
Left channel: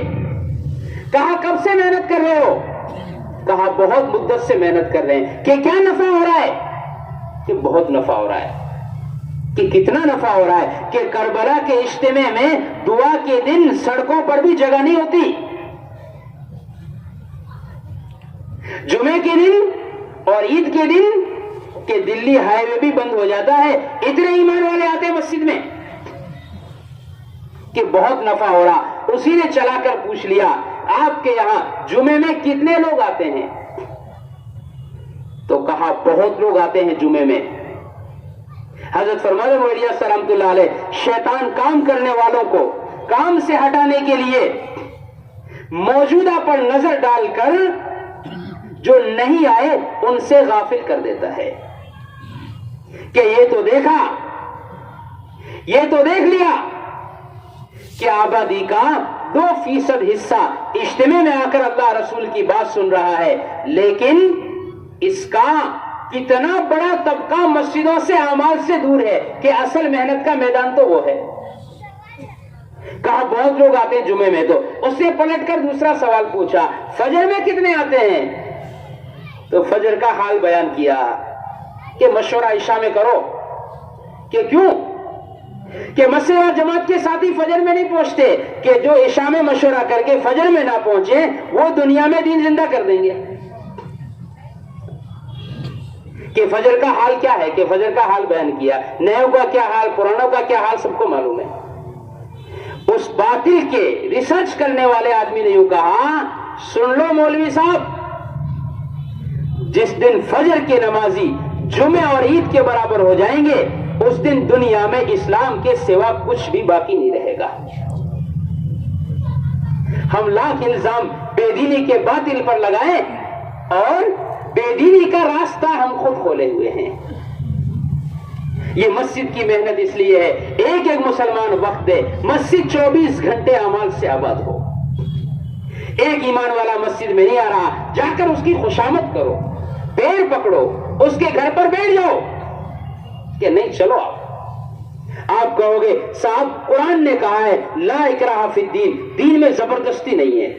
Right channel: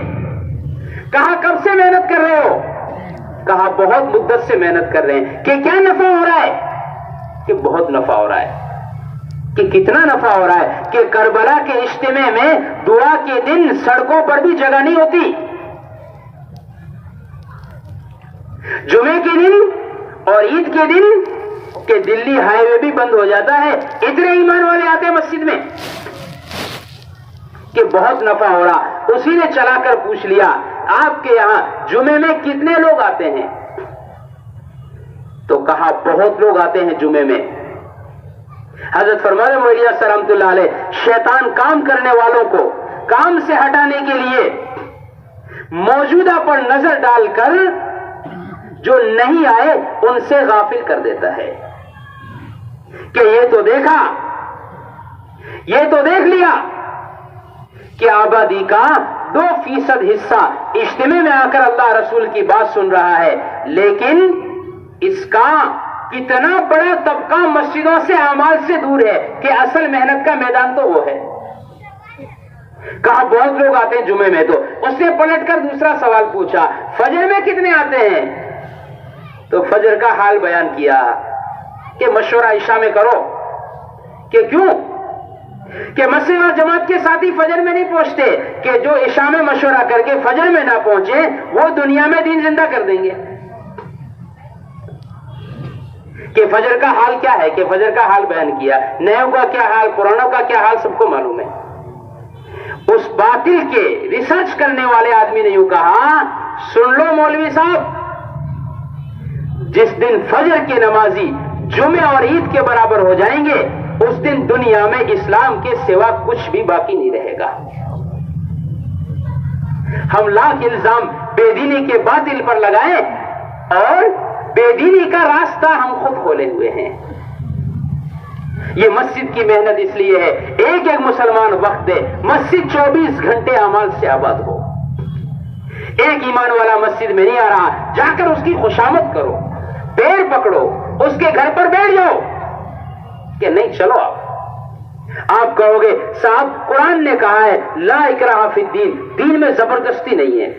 کہا کب سے محنت کر رہے ہو؟ کہا بہت مدت سے محنت کر رہے ہیں. کہ کیا نفع ہو رہا ہے؟ کہ بہت نفع ہو رہا ہے. کہ کتنا نفع ہو رہا ہے؟ کہ کربلا کے اجتماع میں دعا کے دن سڑکوں پر بھی جگہ نہیں ہوتی. جمعے کے دن اور عید کے دن کہ دلی ہائی وے بھی بند ہو جاتا ہے. اتنے ایمان والے آتے ہیں مسجد میں کہ بہت نفع ہو رہا. اسی نے چلا کر پوچھ لیا آپ کے یہاں جمعے میں کتنے لوگ آتے ہیں؟ تو کہا بہت لوگ آتے ہیں جمعے میں. حضرت فرمانے مولانا الیاس رحمۃ اللہ علیہ شیطان کام کرنے والوں کو کام سے ہٹانے کے لیے موجودہ پر نظر ڈال کر جو نہیں آئے ان سے غافل کر دیتا ہے کہ یہ تو دیکھا، یہ تو دیکھ لیا کہ آبادی کا 2% حصہ اجتماع میں آ کر اللہ رسول کی بات سن رہا ہے، لیکن اس کا کتنا بڑا طبقہ مسجدوں سے اعمال سے دور ہے کہ اصل محنت کا میدان تو وہ ہے. کہا بہت لوگ آتے ہیں جمعے میں. تو اس نے پلٹ کر دوسرا سوال پوچھا فجر میں کتنے آتے ہیں؟ تو فجر کا حال بیان کیا کہ مشورہ عشاء میں کرو. کہ کیوں؟ کہ مسجد اور جماعت کے ساتھی فجر میں نہیں پہنچتے، کہ جو عشاء میں مشورہ کر کے فجر میں نہ پہنچے وہ دنیا میں دین زندہ کر دیں گے. کہ فجر کا حال کیا ہے؟ کہ فجر کا حال بیان کیا. نیوں کا کیا حال، پرانوں کا کیا حال سب کو معلوم ہے. اس باطل کے ریسرچ کرنے والے آدمی نے یوں کہا سن لو مولوی صاحب، جس دن فجر کے نمازی جمعہ اور عید کے برابر ہو جائیں گے اس دن دنیا میں اسلام کے سوا کچھ بھی باقی نہیں رہے گا. ہم لاکھ الزام بے دینی کے باطل پر لگائیں اور بے دینی کا راستہ ہم خود کھولے ہوئے ہیں. یہ مسجد کی محنت اس لیے ہے ایک ایک مسلمان وقت دے، مسجد 24 گھنٹے اعمال سے آباد ہو. ایک ایمان والا مسجد میں نہیں آ رہا، جا کر اس کی خوشامد کرو، پیر پکڑو، اس کے گھر پر بیٹھ جاؤ. کہ نہیں چلو آپ کہو گے صاحب قرآن نے کہا ہے لا اکراہ فی الدین، دین میں زبردستی نہیں ہے.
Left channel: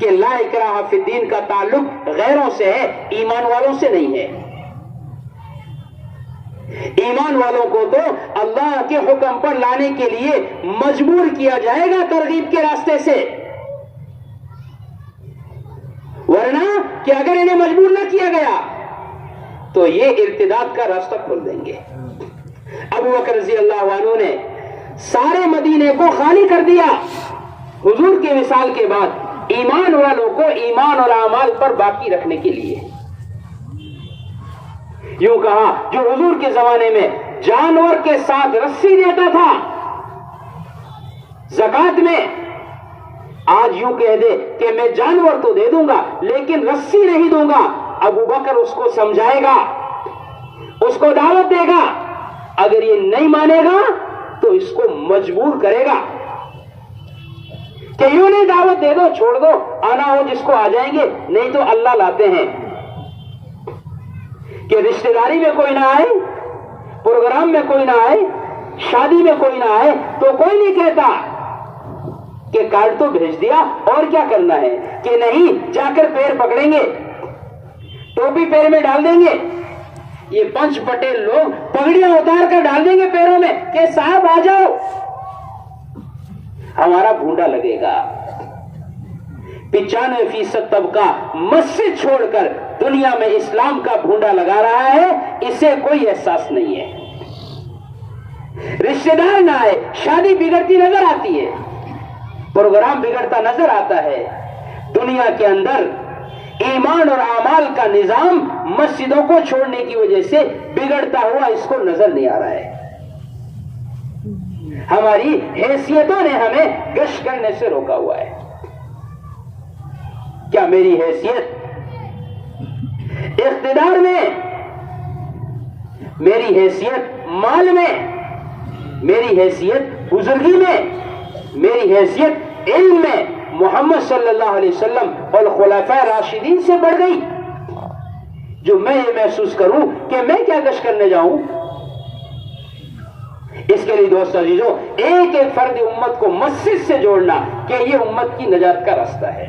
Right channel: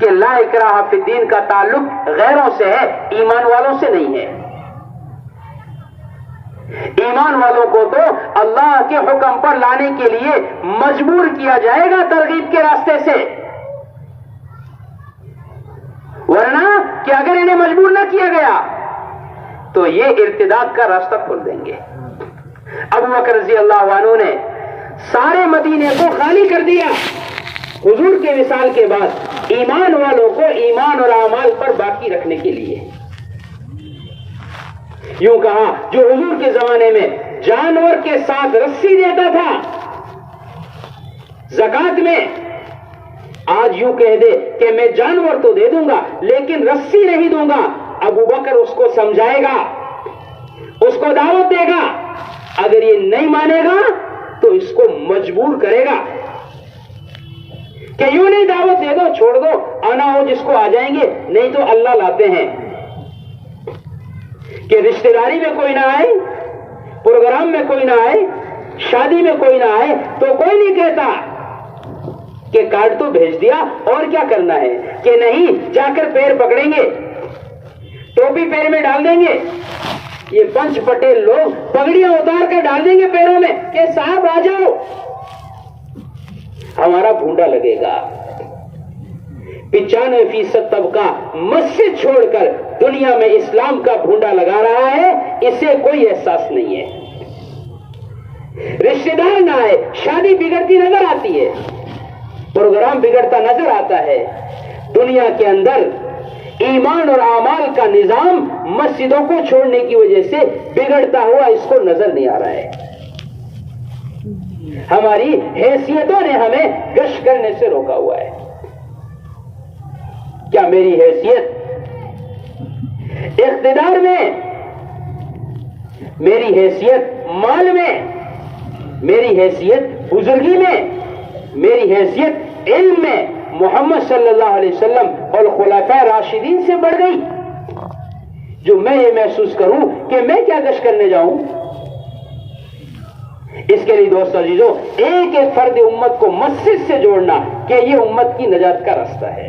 کہ لا اکراہ فی الدین کا تعلق غیروں سے ہے، ایمان والوں سے نہیں ہے. ایمان والوں کو تو اللہ کے حکم پر لانے کے لیے مجبور کیا جائے گا ترغیب کے راستے سے، ورنہ کہ اگر انہیں مجبور نہ کیا گیا تو یہ ارتداد کا راستہ کھول دیں گے. ابو بکر رضی اللہ عنہ نے سارے مدینے کو خالی کر دیا حضور کے وصال کے بعد ایمان والوں کو ایمان اور اعمال پر باقی رکھنے کے لیے. یوں کہا جو حضور کے زمانے میں جانور کے ساتھ رسی دیتا تھا زکات میں، آج یوں کہہ دے کہ میں جانور تو دے دوں گا لیکن رسی نہیں دوں گا. ابو بکر اس کو سمجھائے گا، اس کو دعوت دے گا. اگر یہ نہیں مانے گا تو اس کو مجبور کرے گا کہ یوں نہیں دعوت دے دو چھوڑ دو، آنا ہو جس کو آ جائیں گے، نہیں تو اللہ لاتے ہیں. کہ رشتہ داری میں کوئی نہ آئے، پروگرام میں کوئی نہ آئے، شادی میں کوئی نہ آئے تو کوئی نہیں کہتا کہ کارڈ تو بھیج دیا اور کیا کرنا ہے. کہ نہیں جا کر پیر پکڑیں گے، ٹوپی پیر میں ڈال دیں گے. یہ پنچ پٹیل لوگ پگڑیاں اتار کر ڈال دیں گے پیروں میں کہ صاحب آ جاؤ، ہمارا بھونڈا لگے گا. 95% طبقہ مسجد چھوڑ کر دنیا میں اسلام کا بھونڈا لگا رہا ہے، اسے کوئی احساس نہیں ہے. رشتہ دار نہ آئے، شادی بگڑتی نظر آتی ہے، پروگرام بگڑتا نظر آتا ہے. دنیا کے اندر ایمان اور اعمال کا نظام مسجدوں کو چھوڑنے کی وجہ سے بگڑتا ہوا اس کو نظر نہیں آ رہا ہے. ہماری حیثیتوں نے ہمیں گشت کرنے سے روکا ہوا ہے. کیا میری حیثیت اقتدار میں، میری حیثیت مال میں، میری حیثیت بزرگی میں، میری حیثیت علم میں محمد صلی اللہ علیہ وسلم اور خلفاء راشدین سے بڑھ گئی جو میں یہ محسوس کروں کہ میں کیا گشت کرنے جاؤں؟ اس کے لیے دوست عزیزوں ایک ایک فرد امت کو مسجد سے جوڑنا کہ یہ امت کی نجات کا راستہ ہے.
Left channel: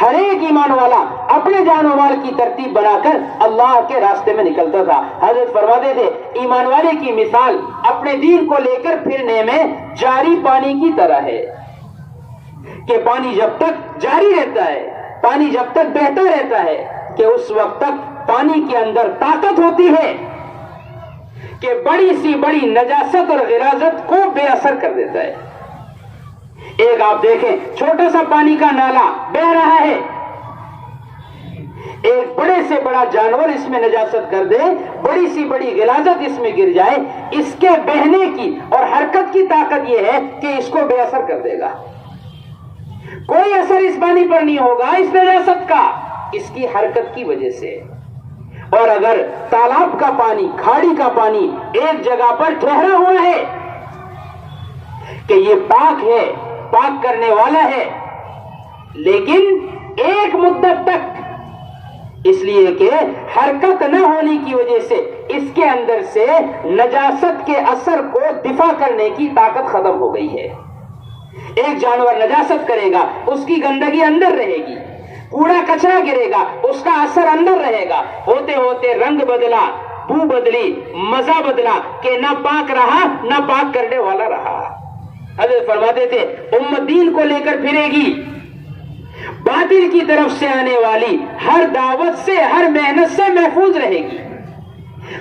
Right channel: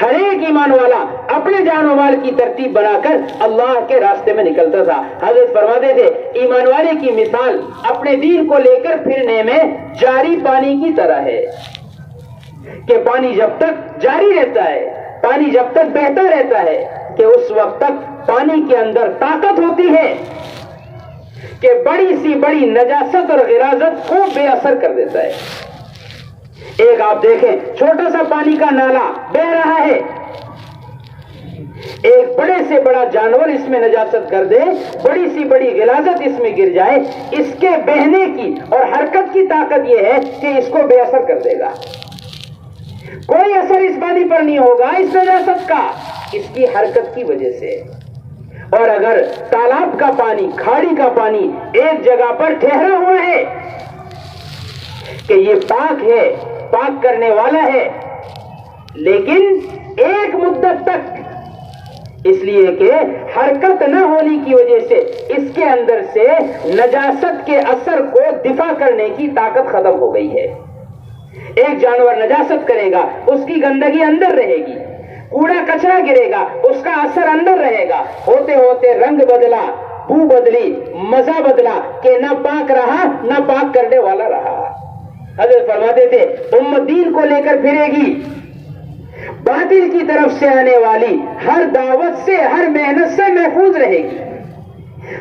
ہر ایک ایمان والا اپنے جان و مال کی ترتیب بنا کر اللہ کے راستے میں نکلتا تھا. حضرت فرماتے تھے ایمان والے کی مثال اپنے دین کو لے کر پھرنے میں جاری پانی کی طرح ہے کہ پانی جب تک جاری رہتا ہے, پانی جب تک بہتا رہتا ہے کہ اس وقت تک پانی کے اندر طاقت ہوتی ہے کہ بڑی سی بڑی نجاست اور غلاظت کو بے اثر کر دیتا ہے. ایک آپ دیکھیں چھوٹا سا پانی کا نالا بہ رہا ہے, ایک بڑے سے بڑا جانور اس میں نجاست کر دے, بڑی سی بڑی غلاظت اس میں گر جائے, اس کے بہنے کی اور حرکت کی طاقت یہ ہے کہ اس کو بے اثر کر دے گا. کوئی اثر اس پانی پر نہیں ہوگا اس نجاست کا, اس کی حرکت کی وجہ سے. اور اگر تالاب کا پانی, کھاڑی کا پانی ایک جگہ پر ٹھہرا ہوا ہے کہ یہ پاک ہے, پاک کرنے والا ہے, لیکن ایک مدت تک اس لیے کہ حرکت نہ ہونے کی وجہ سے اس کے اندر سے نجاست کے اثر کو دفاع کرنے کی طاقت ختم ہو گئی ہے. ایک جانور نجاست کرے گا, اس کی گندگی اندر رہے گی, کوڑا کچرا گرے گا, اس کا اثر اندر رہے گا, ہوتے ہوتے رنگ بدلا, بو بدلی, مزہ بدلا کہ نہ پاک رہا نہ پاک کرنے والا رہا. حضرت فرماتے تھے امت دین کو لے کر پھرے گی, باطل کی طرف سے آنے والی ہر دعوت سے, ہر محنت سے محفوظ رہے گی,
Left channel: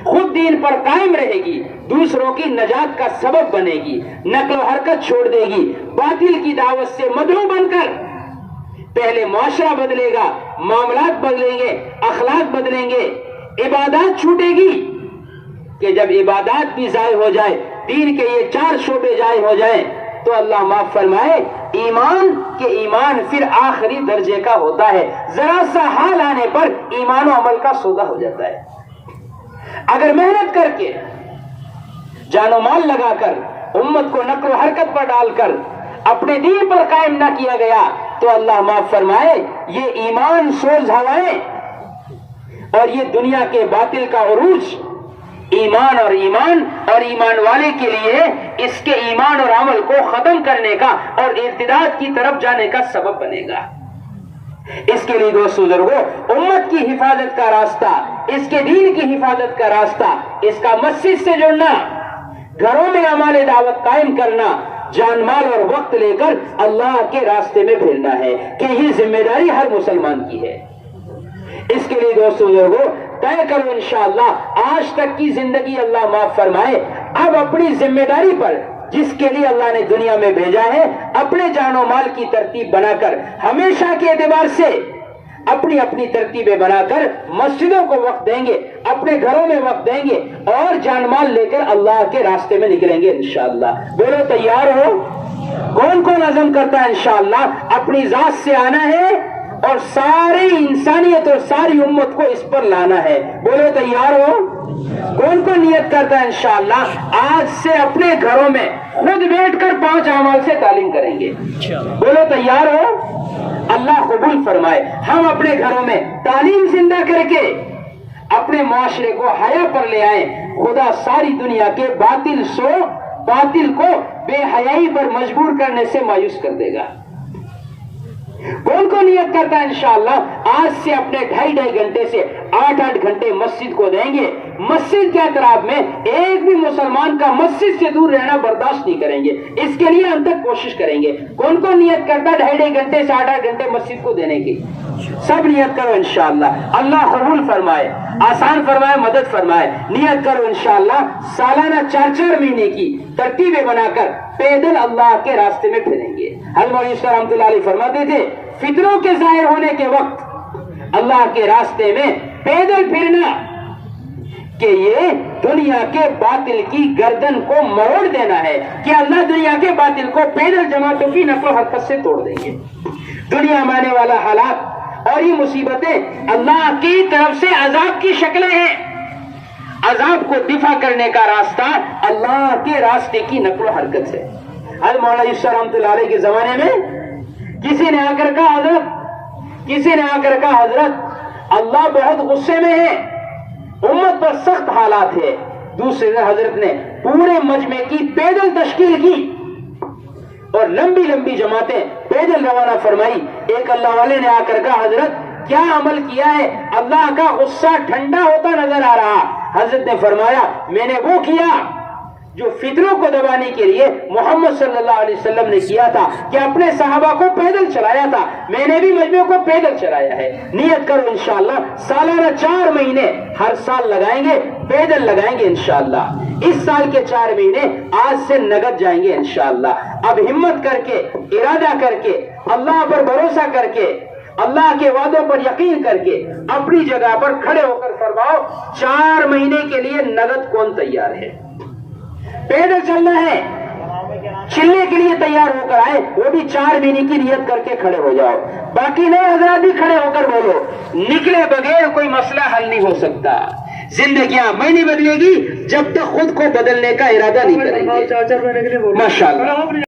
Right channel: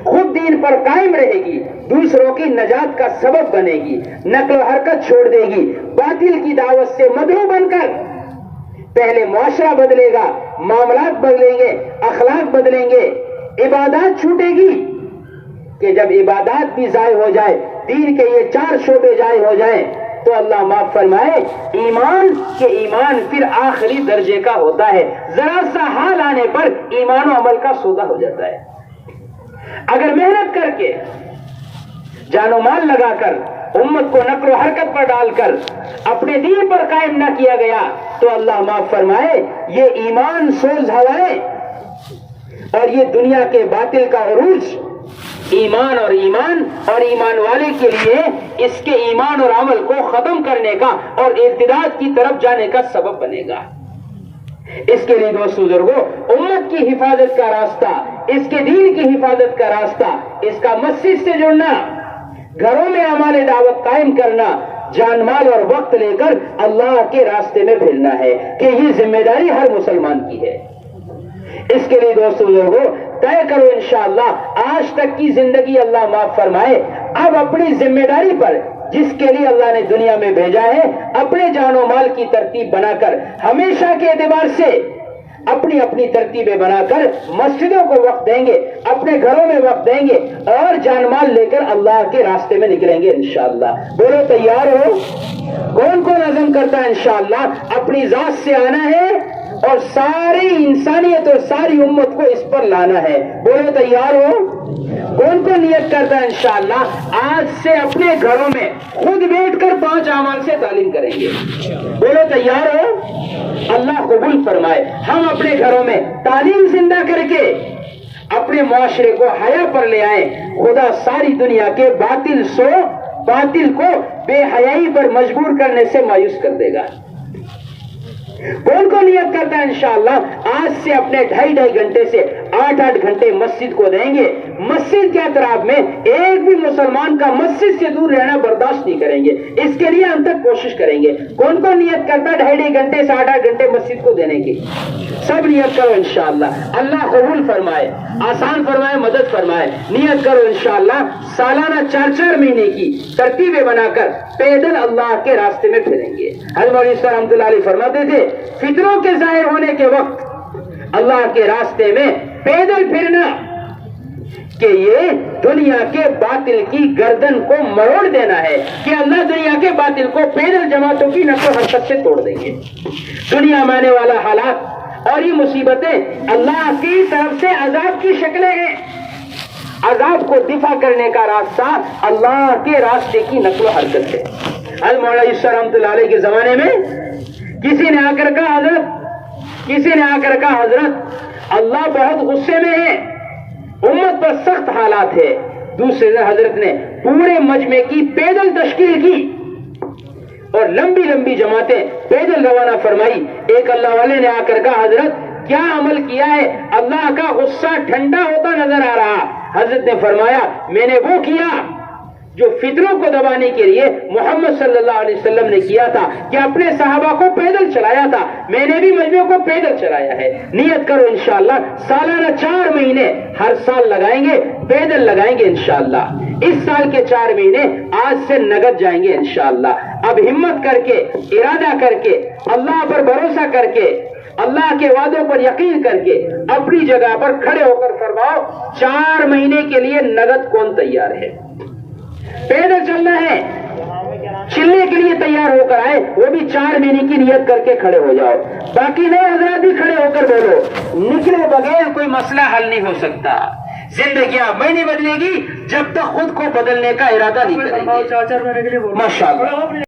خود دین پر قائم رہے گی, دوسروں کی نجات کا سبب بنے گی, نقل و حرکت چھوڑ دے گی, باطل کی دعوت سے مدعو بن کر پہلے معاشرہ بدلے گا, معاملات بدلیں گے, اخلاق بدلیں گے, عبادات چھوٹے گی کہ جب عبادات بھی ضائع ہو جائے, دین کے یہ 4 شعبے ضائع ہو جائیں تو اللہ معاف فرمائے ایمان کے ایمان پھر آخری درجے کا ہوتا ہے, ذرا سا حال آنے پر ایمان و عمل کا سودا ہو جاتا ہے. اگر محنت کر کے جان و مال لگا کر امت کو نقل و حرکت پر ڈال کر اپنے دین پر قائم نہ کیا گیا تو اللہ معاف فرمائے یہ ایمان سوز ہوائیں اور یہ دنیا کے باطل کا عروج ایمان اور ایمان والے کے لیے اس کے ایمان اور عمل کو ختم کرنے کا اور ارتداد کی طرف جانے کا سبب بنے گا. اس کے لیے دوست بزرگوں امت کی حفاظت کا راستہ, اس کے دین کی حفاظت کا راستہ, اس کا مسجد سے جڑنا, گھروں میں اعمال دعوت قائم کرنا, جان مال اور وقت لے کر اللہ کے راستے میں پھرنا ہے کہ یہ ذمہ داری ہر مسلمان کی ہے. اس کے لیے دوست بزرگوں طے کرو انشاءاللہ آج تک کی زندگی اللہ معاف فرمائے, اب اپنی ذمہ داری پر جس کے لیے اللہ نے دنیا میں بھیجا ہے اپنے جان و مال کی ترتیب بنا کر ہمیشہ کے اعتبار سے اپنی اپنی ترتیبیں بنا کر مسجدوں کو وقت دیں گے, اپنے گھروں میں وقت دیں گے اور جان مال لے کر اللہ کے راستے میں نکلیں گے انشاءاللہ. بولو تیار ہو؟ کون کون عزم کرتا ہے انشاءاللہ اپنی ذات سے آنا ہے اور ساری انسانیت اور ساری امت کو اس پر لانا ہے؟ بولو تیار ہو؟ کون کون نیت کرتا ہے انشاءاللہ آج سے اپنے گھروں میں خود بیٹھ کر 5 اعمال سے تعلیم کریں گے؟ بولو تیار ہو؟ اللہ قبول فرمائے. ہم اپنے گھروں میں تعلیم زندہ کر کے اپنے معاشرے کو حیا پر لے آئیں. خدا ساری دنیا کے باطل کو بے حیائی پر مجبور کرنے سے مایوس کر دے گا. کون کو نیت کرتا ہے انشاءاللہ آج سے اپنے 2.5 گھنٹے سے 8 گھنٹے مسجد کو دیں گے؟ مسجد کے اطراف میں ایک بھی مسلمان کا مسجد سے دور رہنا برداشت نہیں کریں گے, اس کے لیے ہم تک کوشش کریں گے. کون کو نیت کرتا ہے 2.5 گھنٹے سے 8 گھنٹے مسجد کو دینے کی؟ سب نیت کرو انشاءاللہ. اللہ قبول فرمائے, آسان فرمائے, مدد فرمائے. نیت کرو انشاءاللہ سالانہ 4 مہینے کی ترتیبیں بنا کر پیدل اللہ کے راستے میں پھریں گے. حضرت مولوی صاحب رحمۃ اللہ علیہ فرماتے تھے فتنوں کے ظاہر ہونے کے وقت اللہ کے راستے میں پیدل پھرنا کہ یہ دنیا کے باطل کی گردن کو مروڑ دینا ہے کہ اللہ دنیا کے باطل کو پیدل جماعتوں کی نقل و حرکت سے توڑ دیں گے. دنیا میں آنے والا حالات اور یہ مصیبتیں اللہ کی طرف سے عذاب کی شکلیں ہیں. عذاب کو دفاع کرنے کا راستہ اللہ کے راستے کی نقل و حرکت ہے. حضرت مولانا عیسیٰ رحمۃ اللہ علیہ کے زمانے میں کسی نے آ کر کہا حضرت اللہ بہت غصے میں ہے, امت پر سخت حالات ہے. دوسرے حضرت نے پورے مجمع کی پیدل تشکیل کی, اور لمبی لمبی جماعتیں پیدل روانہ فرمائی. ایک اللہ والے نے آ کر کہا حضرت کیا عمل کیا ہے؟ اللہ کا غصہ ٹھنڈا ہوتا نظر آ رہا. حضرت نے فرمایا میں نے وہ کیا جو فطروں کو دبانے کے لیے محمد صلی اللہ علیہ وسلم نے کیا تھا کہ اپنے صحابہ کو پیدل چلایا تھا. میں نے بھی مجمع کو پیدل چلایا ہے. نیت کرو انشاءاللہ سالانہ 4 مہینے ہر سال لگائیں گے، پیدل لگائیں گے انشاءاللہ. اس سال کے 4 مہینے آج سے نگد جائیں گے انشاءاللہ. اب ہمت کر کے، ارادہ کر کے، اللہ پر بھروسہ کر کے، اللہ کے وعدوں پر یقین کر کے اپنی جگہ پر کھڑے ہو کر فرماؤ 4 مہینے کے لیے نگد کون تیار ہے؟ پیدل چلنا ہے، چلنے کے لیے تیار ہو کر آئے، وہ بھی 4 مہینے کی نیت کر کے کھڑے ہو جاؤ. باقی نئے حضرات بھی کھڑے ہو کر بولو. نکلے بغیر کوئی مسئلہ حل نہیں ہو سکتا. زندگیاں میں نہیں بدلے گی جب تک خود کو بدلنے کا ارادہ نہیں کریں گے. ماشاءاللہ.